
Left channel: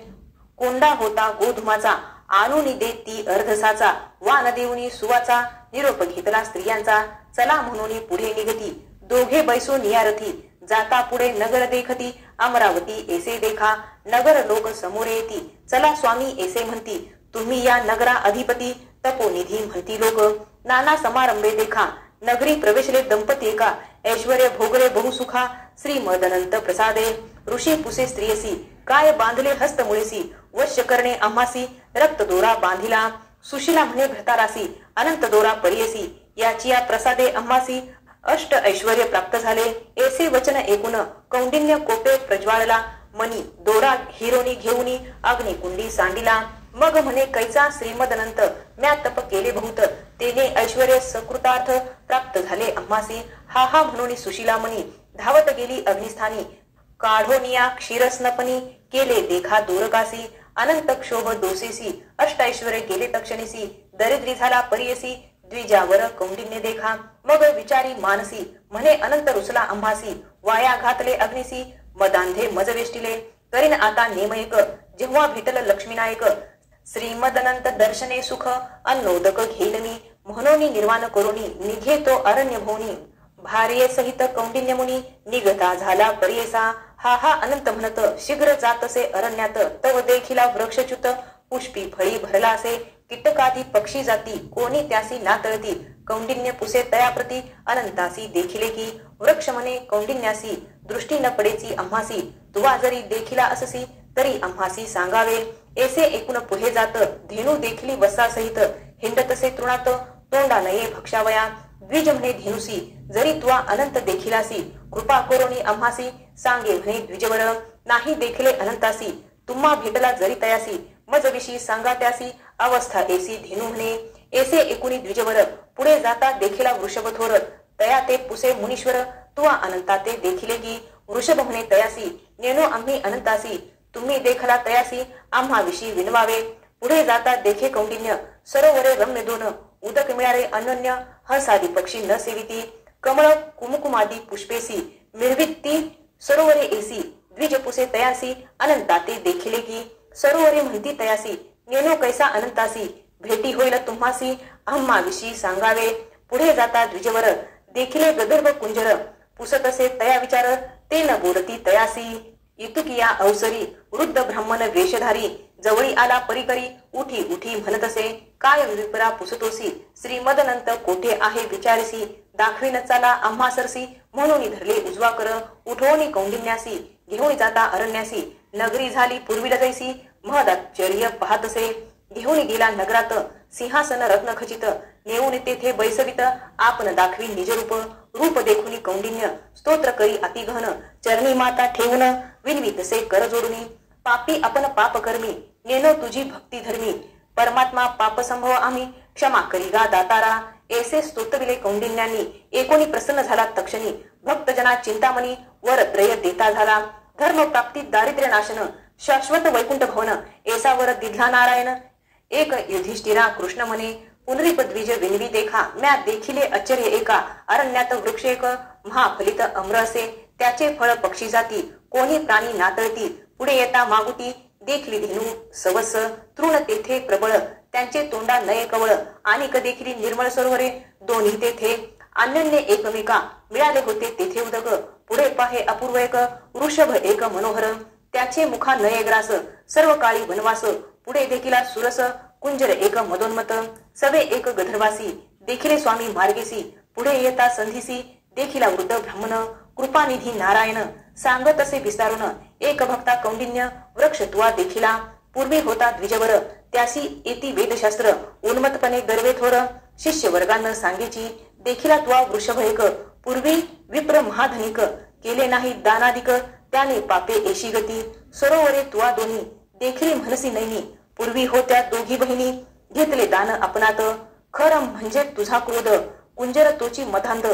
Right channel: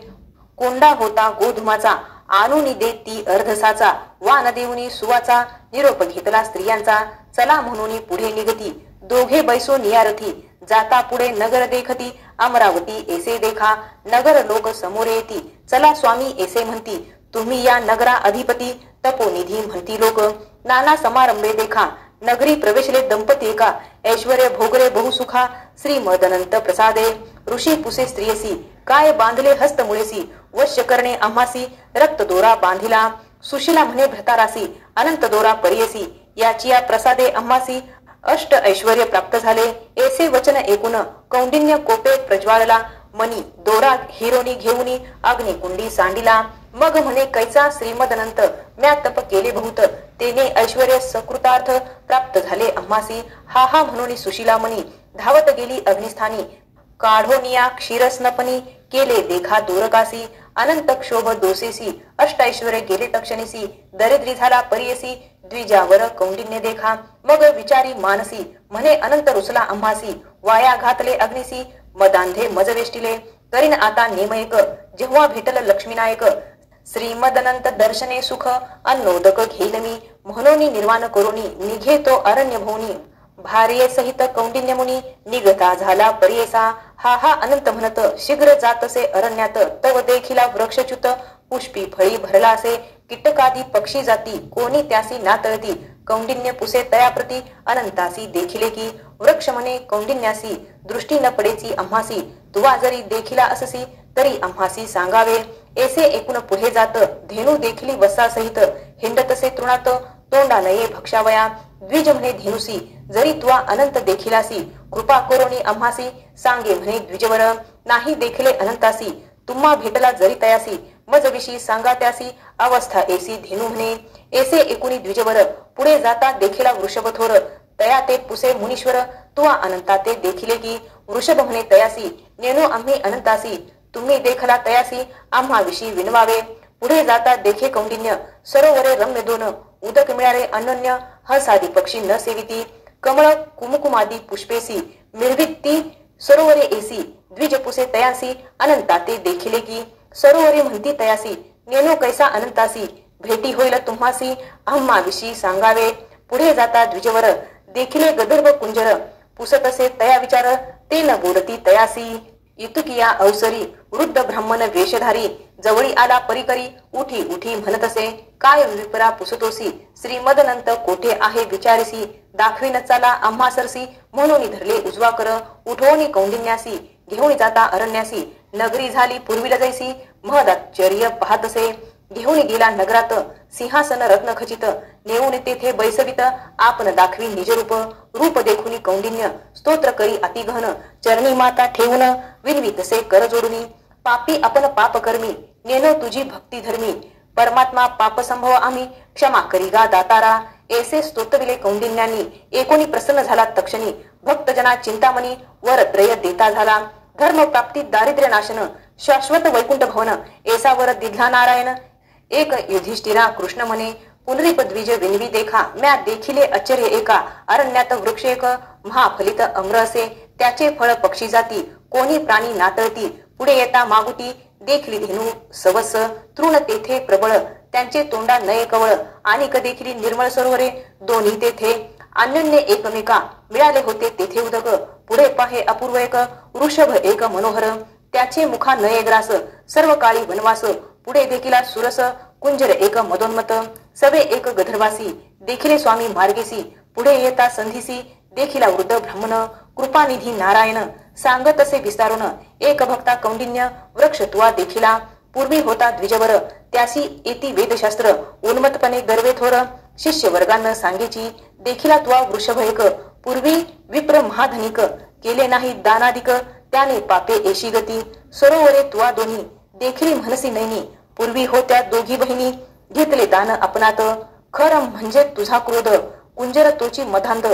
कोंडा होता गोधुमाचा, आणून देत ती अर्धसाचा, वान देऊनी सुवाचा, निरोप घेतला स्त्रियांचा, चला म्हणून पुढे निघती, दोघे बैसो नियारथी, जाता पुढे नगर देखती, अमरावती ऐसे देखा, नगर लोक समोर येती, चला स्वामी ऐसे म्हणती, तुम्ही या नगरा अधिपती, तपोनिधी म्हणती लोक, नाना समारंभे देखा, नगरी प्रवेशले दंपती एका, ऐश्वर्य भोगले बहुसुखा, श्री मदनंत प्रसादे, ऋषी पुसे स्त्रियसी, काय बांधले हस्त मुळेसी, वश्य करणे आम्हासी, रक्त दोरा बांधिला, सुशिला म्हणे भ्रतारासी, अनंत दोरा परियसी, याची या प्रसादे आम्हासी, अष्ट ऐश्वर्य प्राप्त झाले, ऐसे वचन ऐकून कौंडिन्य कोपे प्रज्वालला, मनी दोरा हिरोनी घेऊनी अग्निकुंडी सांडिला, मग म्हणे कैचा श्रीमदनंत, म्या तप केले बहुत, तेने ऐश्वर्य सकृतार्थ प्राप्त झाले आम्हासी, हा हा म्हणून सुशिला मनी धावत गेली अग्निस्थानी, काढोनिया क्षीरस्नपनी, केले देखा दूरकासी, अनंत क्षोभ दोषेसी, अष्टैश्वर्य गेले तक्षणीसी, दरिद्री झाला परियसी, द्विजावर कौंडिन्य देखा, मग विचारी मानसी, म्हणे अनंत रुसला आम्हासी, वाया घातले अग्निसी, मदांधे मज वेष्टिले, करीन आता नेमयक, जेव्हा भेटल लक्ष्मीनायक, श्रीमदनंत दर्शने सुख, अन्नोदक घेईल मी, म्हणून निर्वाण करुणी, निघे तो अरण्य भोवनी, भार्ये सहित कौंडिन्य मुनी, निगता झाला परियसा, हा हा अनंत म्हणत, शीघ्र जातसे अरण्यात, तव देखिला वृक्षच्युत, पुष्पी फळी भरला असे, कीटकादी पक्षी जाती, कोणी त्यासी नातळती, कौंडिन्य पुसे तयाप्रती, अनंतासी देखिले की, वृक्ष म्हणे कौंडिन्यासी, दृष्टी न पडेची आम्हासी, तुवा जरी देखिला अससी, तरी आम्हासी सांगावे, ऐसे एकूण पुढे जात, धेनू देखिली वसा सहित, हिंडतसे तृणात, तोंडा नये भक्षावया, द्विज म्हणे धेनुसी, जरी तुवा अनंत देखिलासी, कृपा करुणी आम्हासी, सांगे म्हणे द्विजवर, नाही देखिले अनंतासी, तुम्हा भेटला जरी तयासी, मज विषयी सांगा त्यासी, अवस्था ऐसी धेनू म्हणे, ऐसे एकुणी द्विजवर, पुढे जाता देखिला वृषभ थोर, तया ते पुसे मुनीश्वर, तुवा अनंता ते देखिले की, वृषभ म्हणे तयासी, नेनो आम्ही अनंतासी, तुम्ही देखला तयासी, आम्हा विषयी विनवावे, पुढे जाता देखे कौंडिन्य, सरोवरे रम्य दोन, उदक मिळाले अनन्य, हसादी पक्षी न सेविती, कमळ कुमकुमादी पुष्पेसी, मिरविती सरोवरे एसी, द्विज पुसे तयासी, अनंता ते देखिले की, सरोवरे म्हणती तयासी, नेनो कैसा अनंतासी, भेटी होईल तुम्हासी, आम्हा विषयी सांगावे, पुढे जाता द्विजवर, देखिले गंधर्व कुंजर, पुसतसे तया विचार, ते न बोलती तयासी, इतुकिया अवसरी, वृद्ध ब्राह्मण वेशधारी, जवळी आला परिकरी, उठी उठी म्हणतसे, काय विपरा पुसतोसी, श्रीमदनंत कोठे आहे विचारसी, दाखवीन चाला आम्हा सरसी, म्हणून धरले उजवा कर, उठवणी कौंडिन्यासी, घेऊन जाता अरण्यासी, नगरी झाली पूर्वीला जैसी, महदाश्चर्य पाहतसे, घेऊन गेला नगरात, सिंहासन रत्न खचित, नेऊन तेथे बैसवित, आपण दाखवी निजरूप, रूप देखुनी कौंडिन्य, स्तोत्र करी अतिघन, चरणी माता ठेवून, विनवितसे कर जोडुनी, पापी आपण पाप कर्मी, नेनो तुझी भक्ती धर्मी, परमात्मा पाप संभव आम्ही, क्षमा करी गा दातारा, ऐसे स्तोत्रविले कौंडिन्यांनी, एकोणी प्रसन्न झाला तक्षणी, भक्तजना चिंतामणी, वर त्रय देता झाला, धर्म प्राप्ती दारिद्र्य नाशन, शाश्वत वैकुंठ भवन, ऐसावर दिधला नारायण, एक युधिष्ठिरा कृष्ण म्हणे, पुनरीप द्विज विनवी देखा, म्या देखिले आश्चर्य एका, अरण्यात वृक्ष एक, महाफलित अम्र असे, त्याचे फळ पक्षी जाती, कोणी प्राणी नातळती, पुढे येता मागुटी, देखली धेनू सवस, तृण तेथे प्रबळ, त्यांचे तोंडा नये कवळ, आणि देखिली निर्मळ सरोवरे, दोन्ही तेथे अन्योन्य एकमेका, मिळाले होते तेथे उदक, पुढे पाहे अपूर्व एक, वृषभ एक मनोहर, त्याचे मुखा नये ग्रास, सर्व काळी वनवास, पुढे देखिला सुरस, कुंजर एक मदोन्मत, सवे एक गधर्वासी, देखिले स्वामी मार्गेसी, पुढे येता संधीसी, देखिला वृद्ध ब्राह्मण, कृपानिधी नारायण, सांगत असे विस्तारून, एक भक्ता कौंडिन्य, वृक्ष तुवा देखिला, पूर्वी होता द्विजवर, त्यासी येती वेदशास्त्र, उन्मतपणे गर्वे थोर, शिष्य वर्गांना सांगेची, देखिला तुवा वृषभ एक, पूर्वी विप्र महाधनिक, केले नाही दानाधिक, त्याने पापे एशी गती, सरोवरे तुवा दोन्ही, देखिली म्हणसी नैनी, पूर्वी होत्या दोघी बहिणी, घेतले दान आपणात, खर म्हणजे तुझा क्रोध, कुंजर तोची मधांध,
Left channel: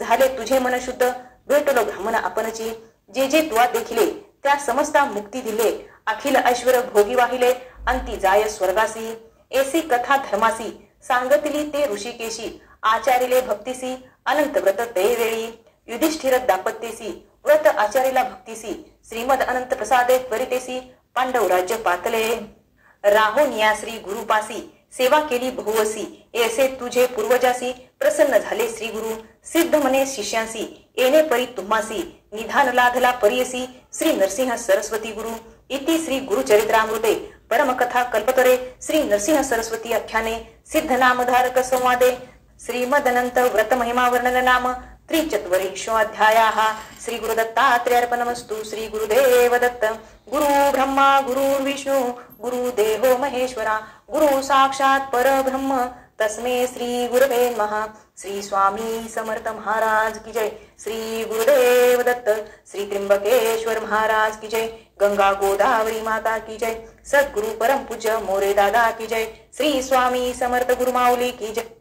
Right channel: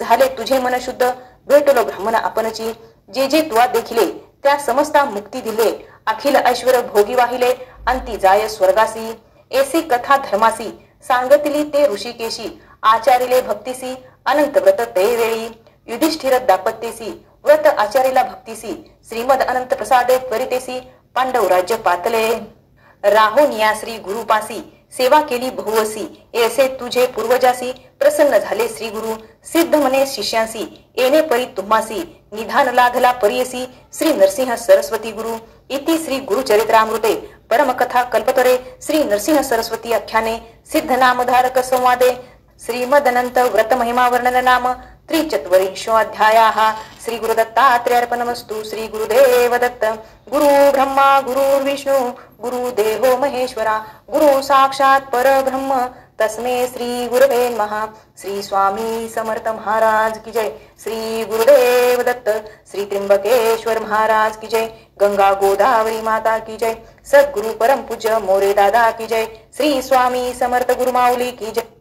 झाले तुझे मन शुद्ध, भेटलो ब्राह्मण आपणची, जे जे तुवा देखिले, त्या समस्ता मुक्ती दिले, अखिल ऐश्वर भोगी वाहिले, अंती जाय स्वर्गासी, ऐसी कथा धर्मासी, सांगतली ते ऋषिकेशी, आचारिले भक्तीसी, अनंत व्रत ते वेळी, युधिष्ठिर दाम्पत्यसी व्रत आचार्याला भक्तीसी श्रीमद अनंत प्रसादे त्वरितेसी पांडव राज्य पातले राहोन या श्री गुरुपासी सेवा केली बहुवसी ऐसे तुझे पूर्वजासी प्रसन्न झाले श्री गुरु सिद्ध मने शिष्यांसी येणे परी तुम्हासी निधान लाधला परियसी श्री नरसिंह सरस्वती गुरु इति श्री गुरुचरित्रामृते परमकथा कल्पतरे श्री नरसिंह सरस्वती आख्याने सिद्ध नामधारक संवादे श्रीमदनंत व्रत महिमा वर्णन नाम त्रिचत्वरिंशोऽध्यायाः श्री गुरुदत्तात्रेयार्पणमस्तु श्री गुरुदेव दत्त गुरु ब्रह्मा गुरु विष्णु गुरुदेवो महेश्वरा गुरु साक्षात परब्रह्म तस्मै श्री गुरवे नमः श्री स्वामी समर्थ महाराज की जय श्री गुरुदेव दत्त श्री त्र्यंबकेश्वर महाराज की जय गंगा गोदावरी माता की जय सद्गुरु परम पूज्य मोरे दादा की जय श्री स्वामी समर्थ गुरुमाऊली की जय।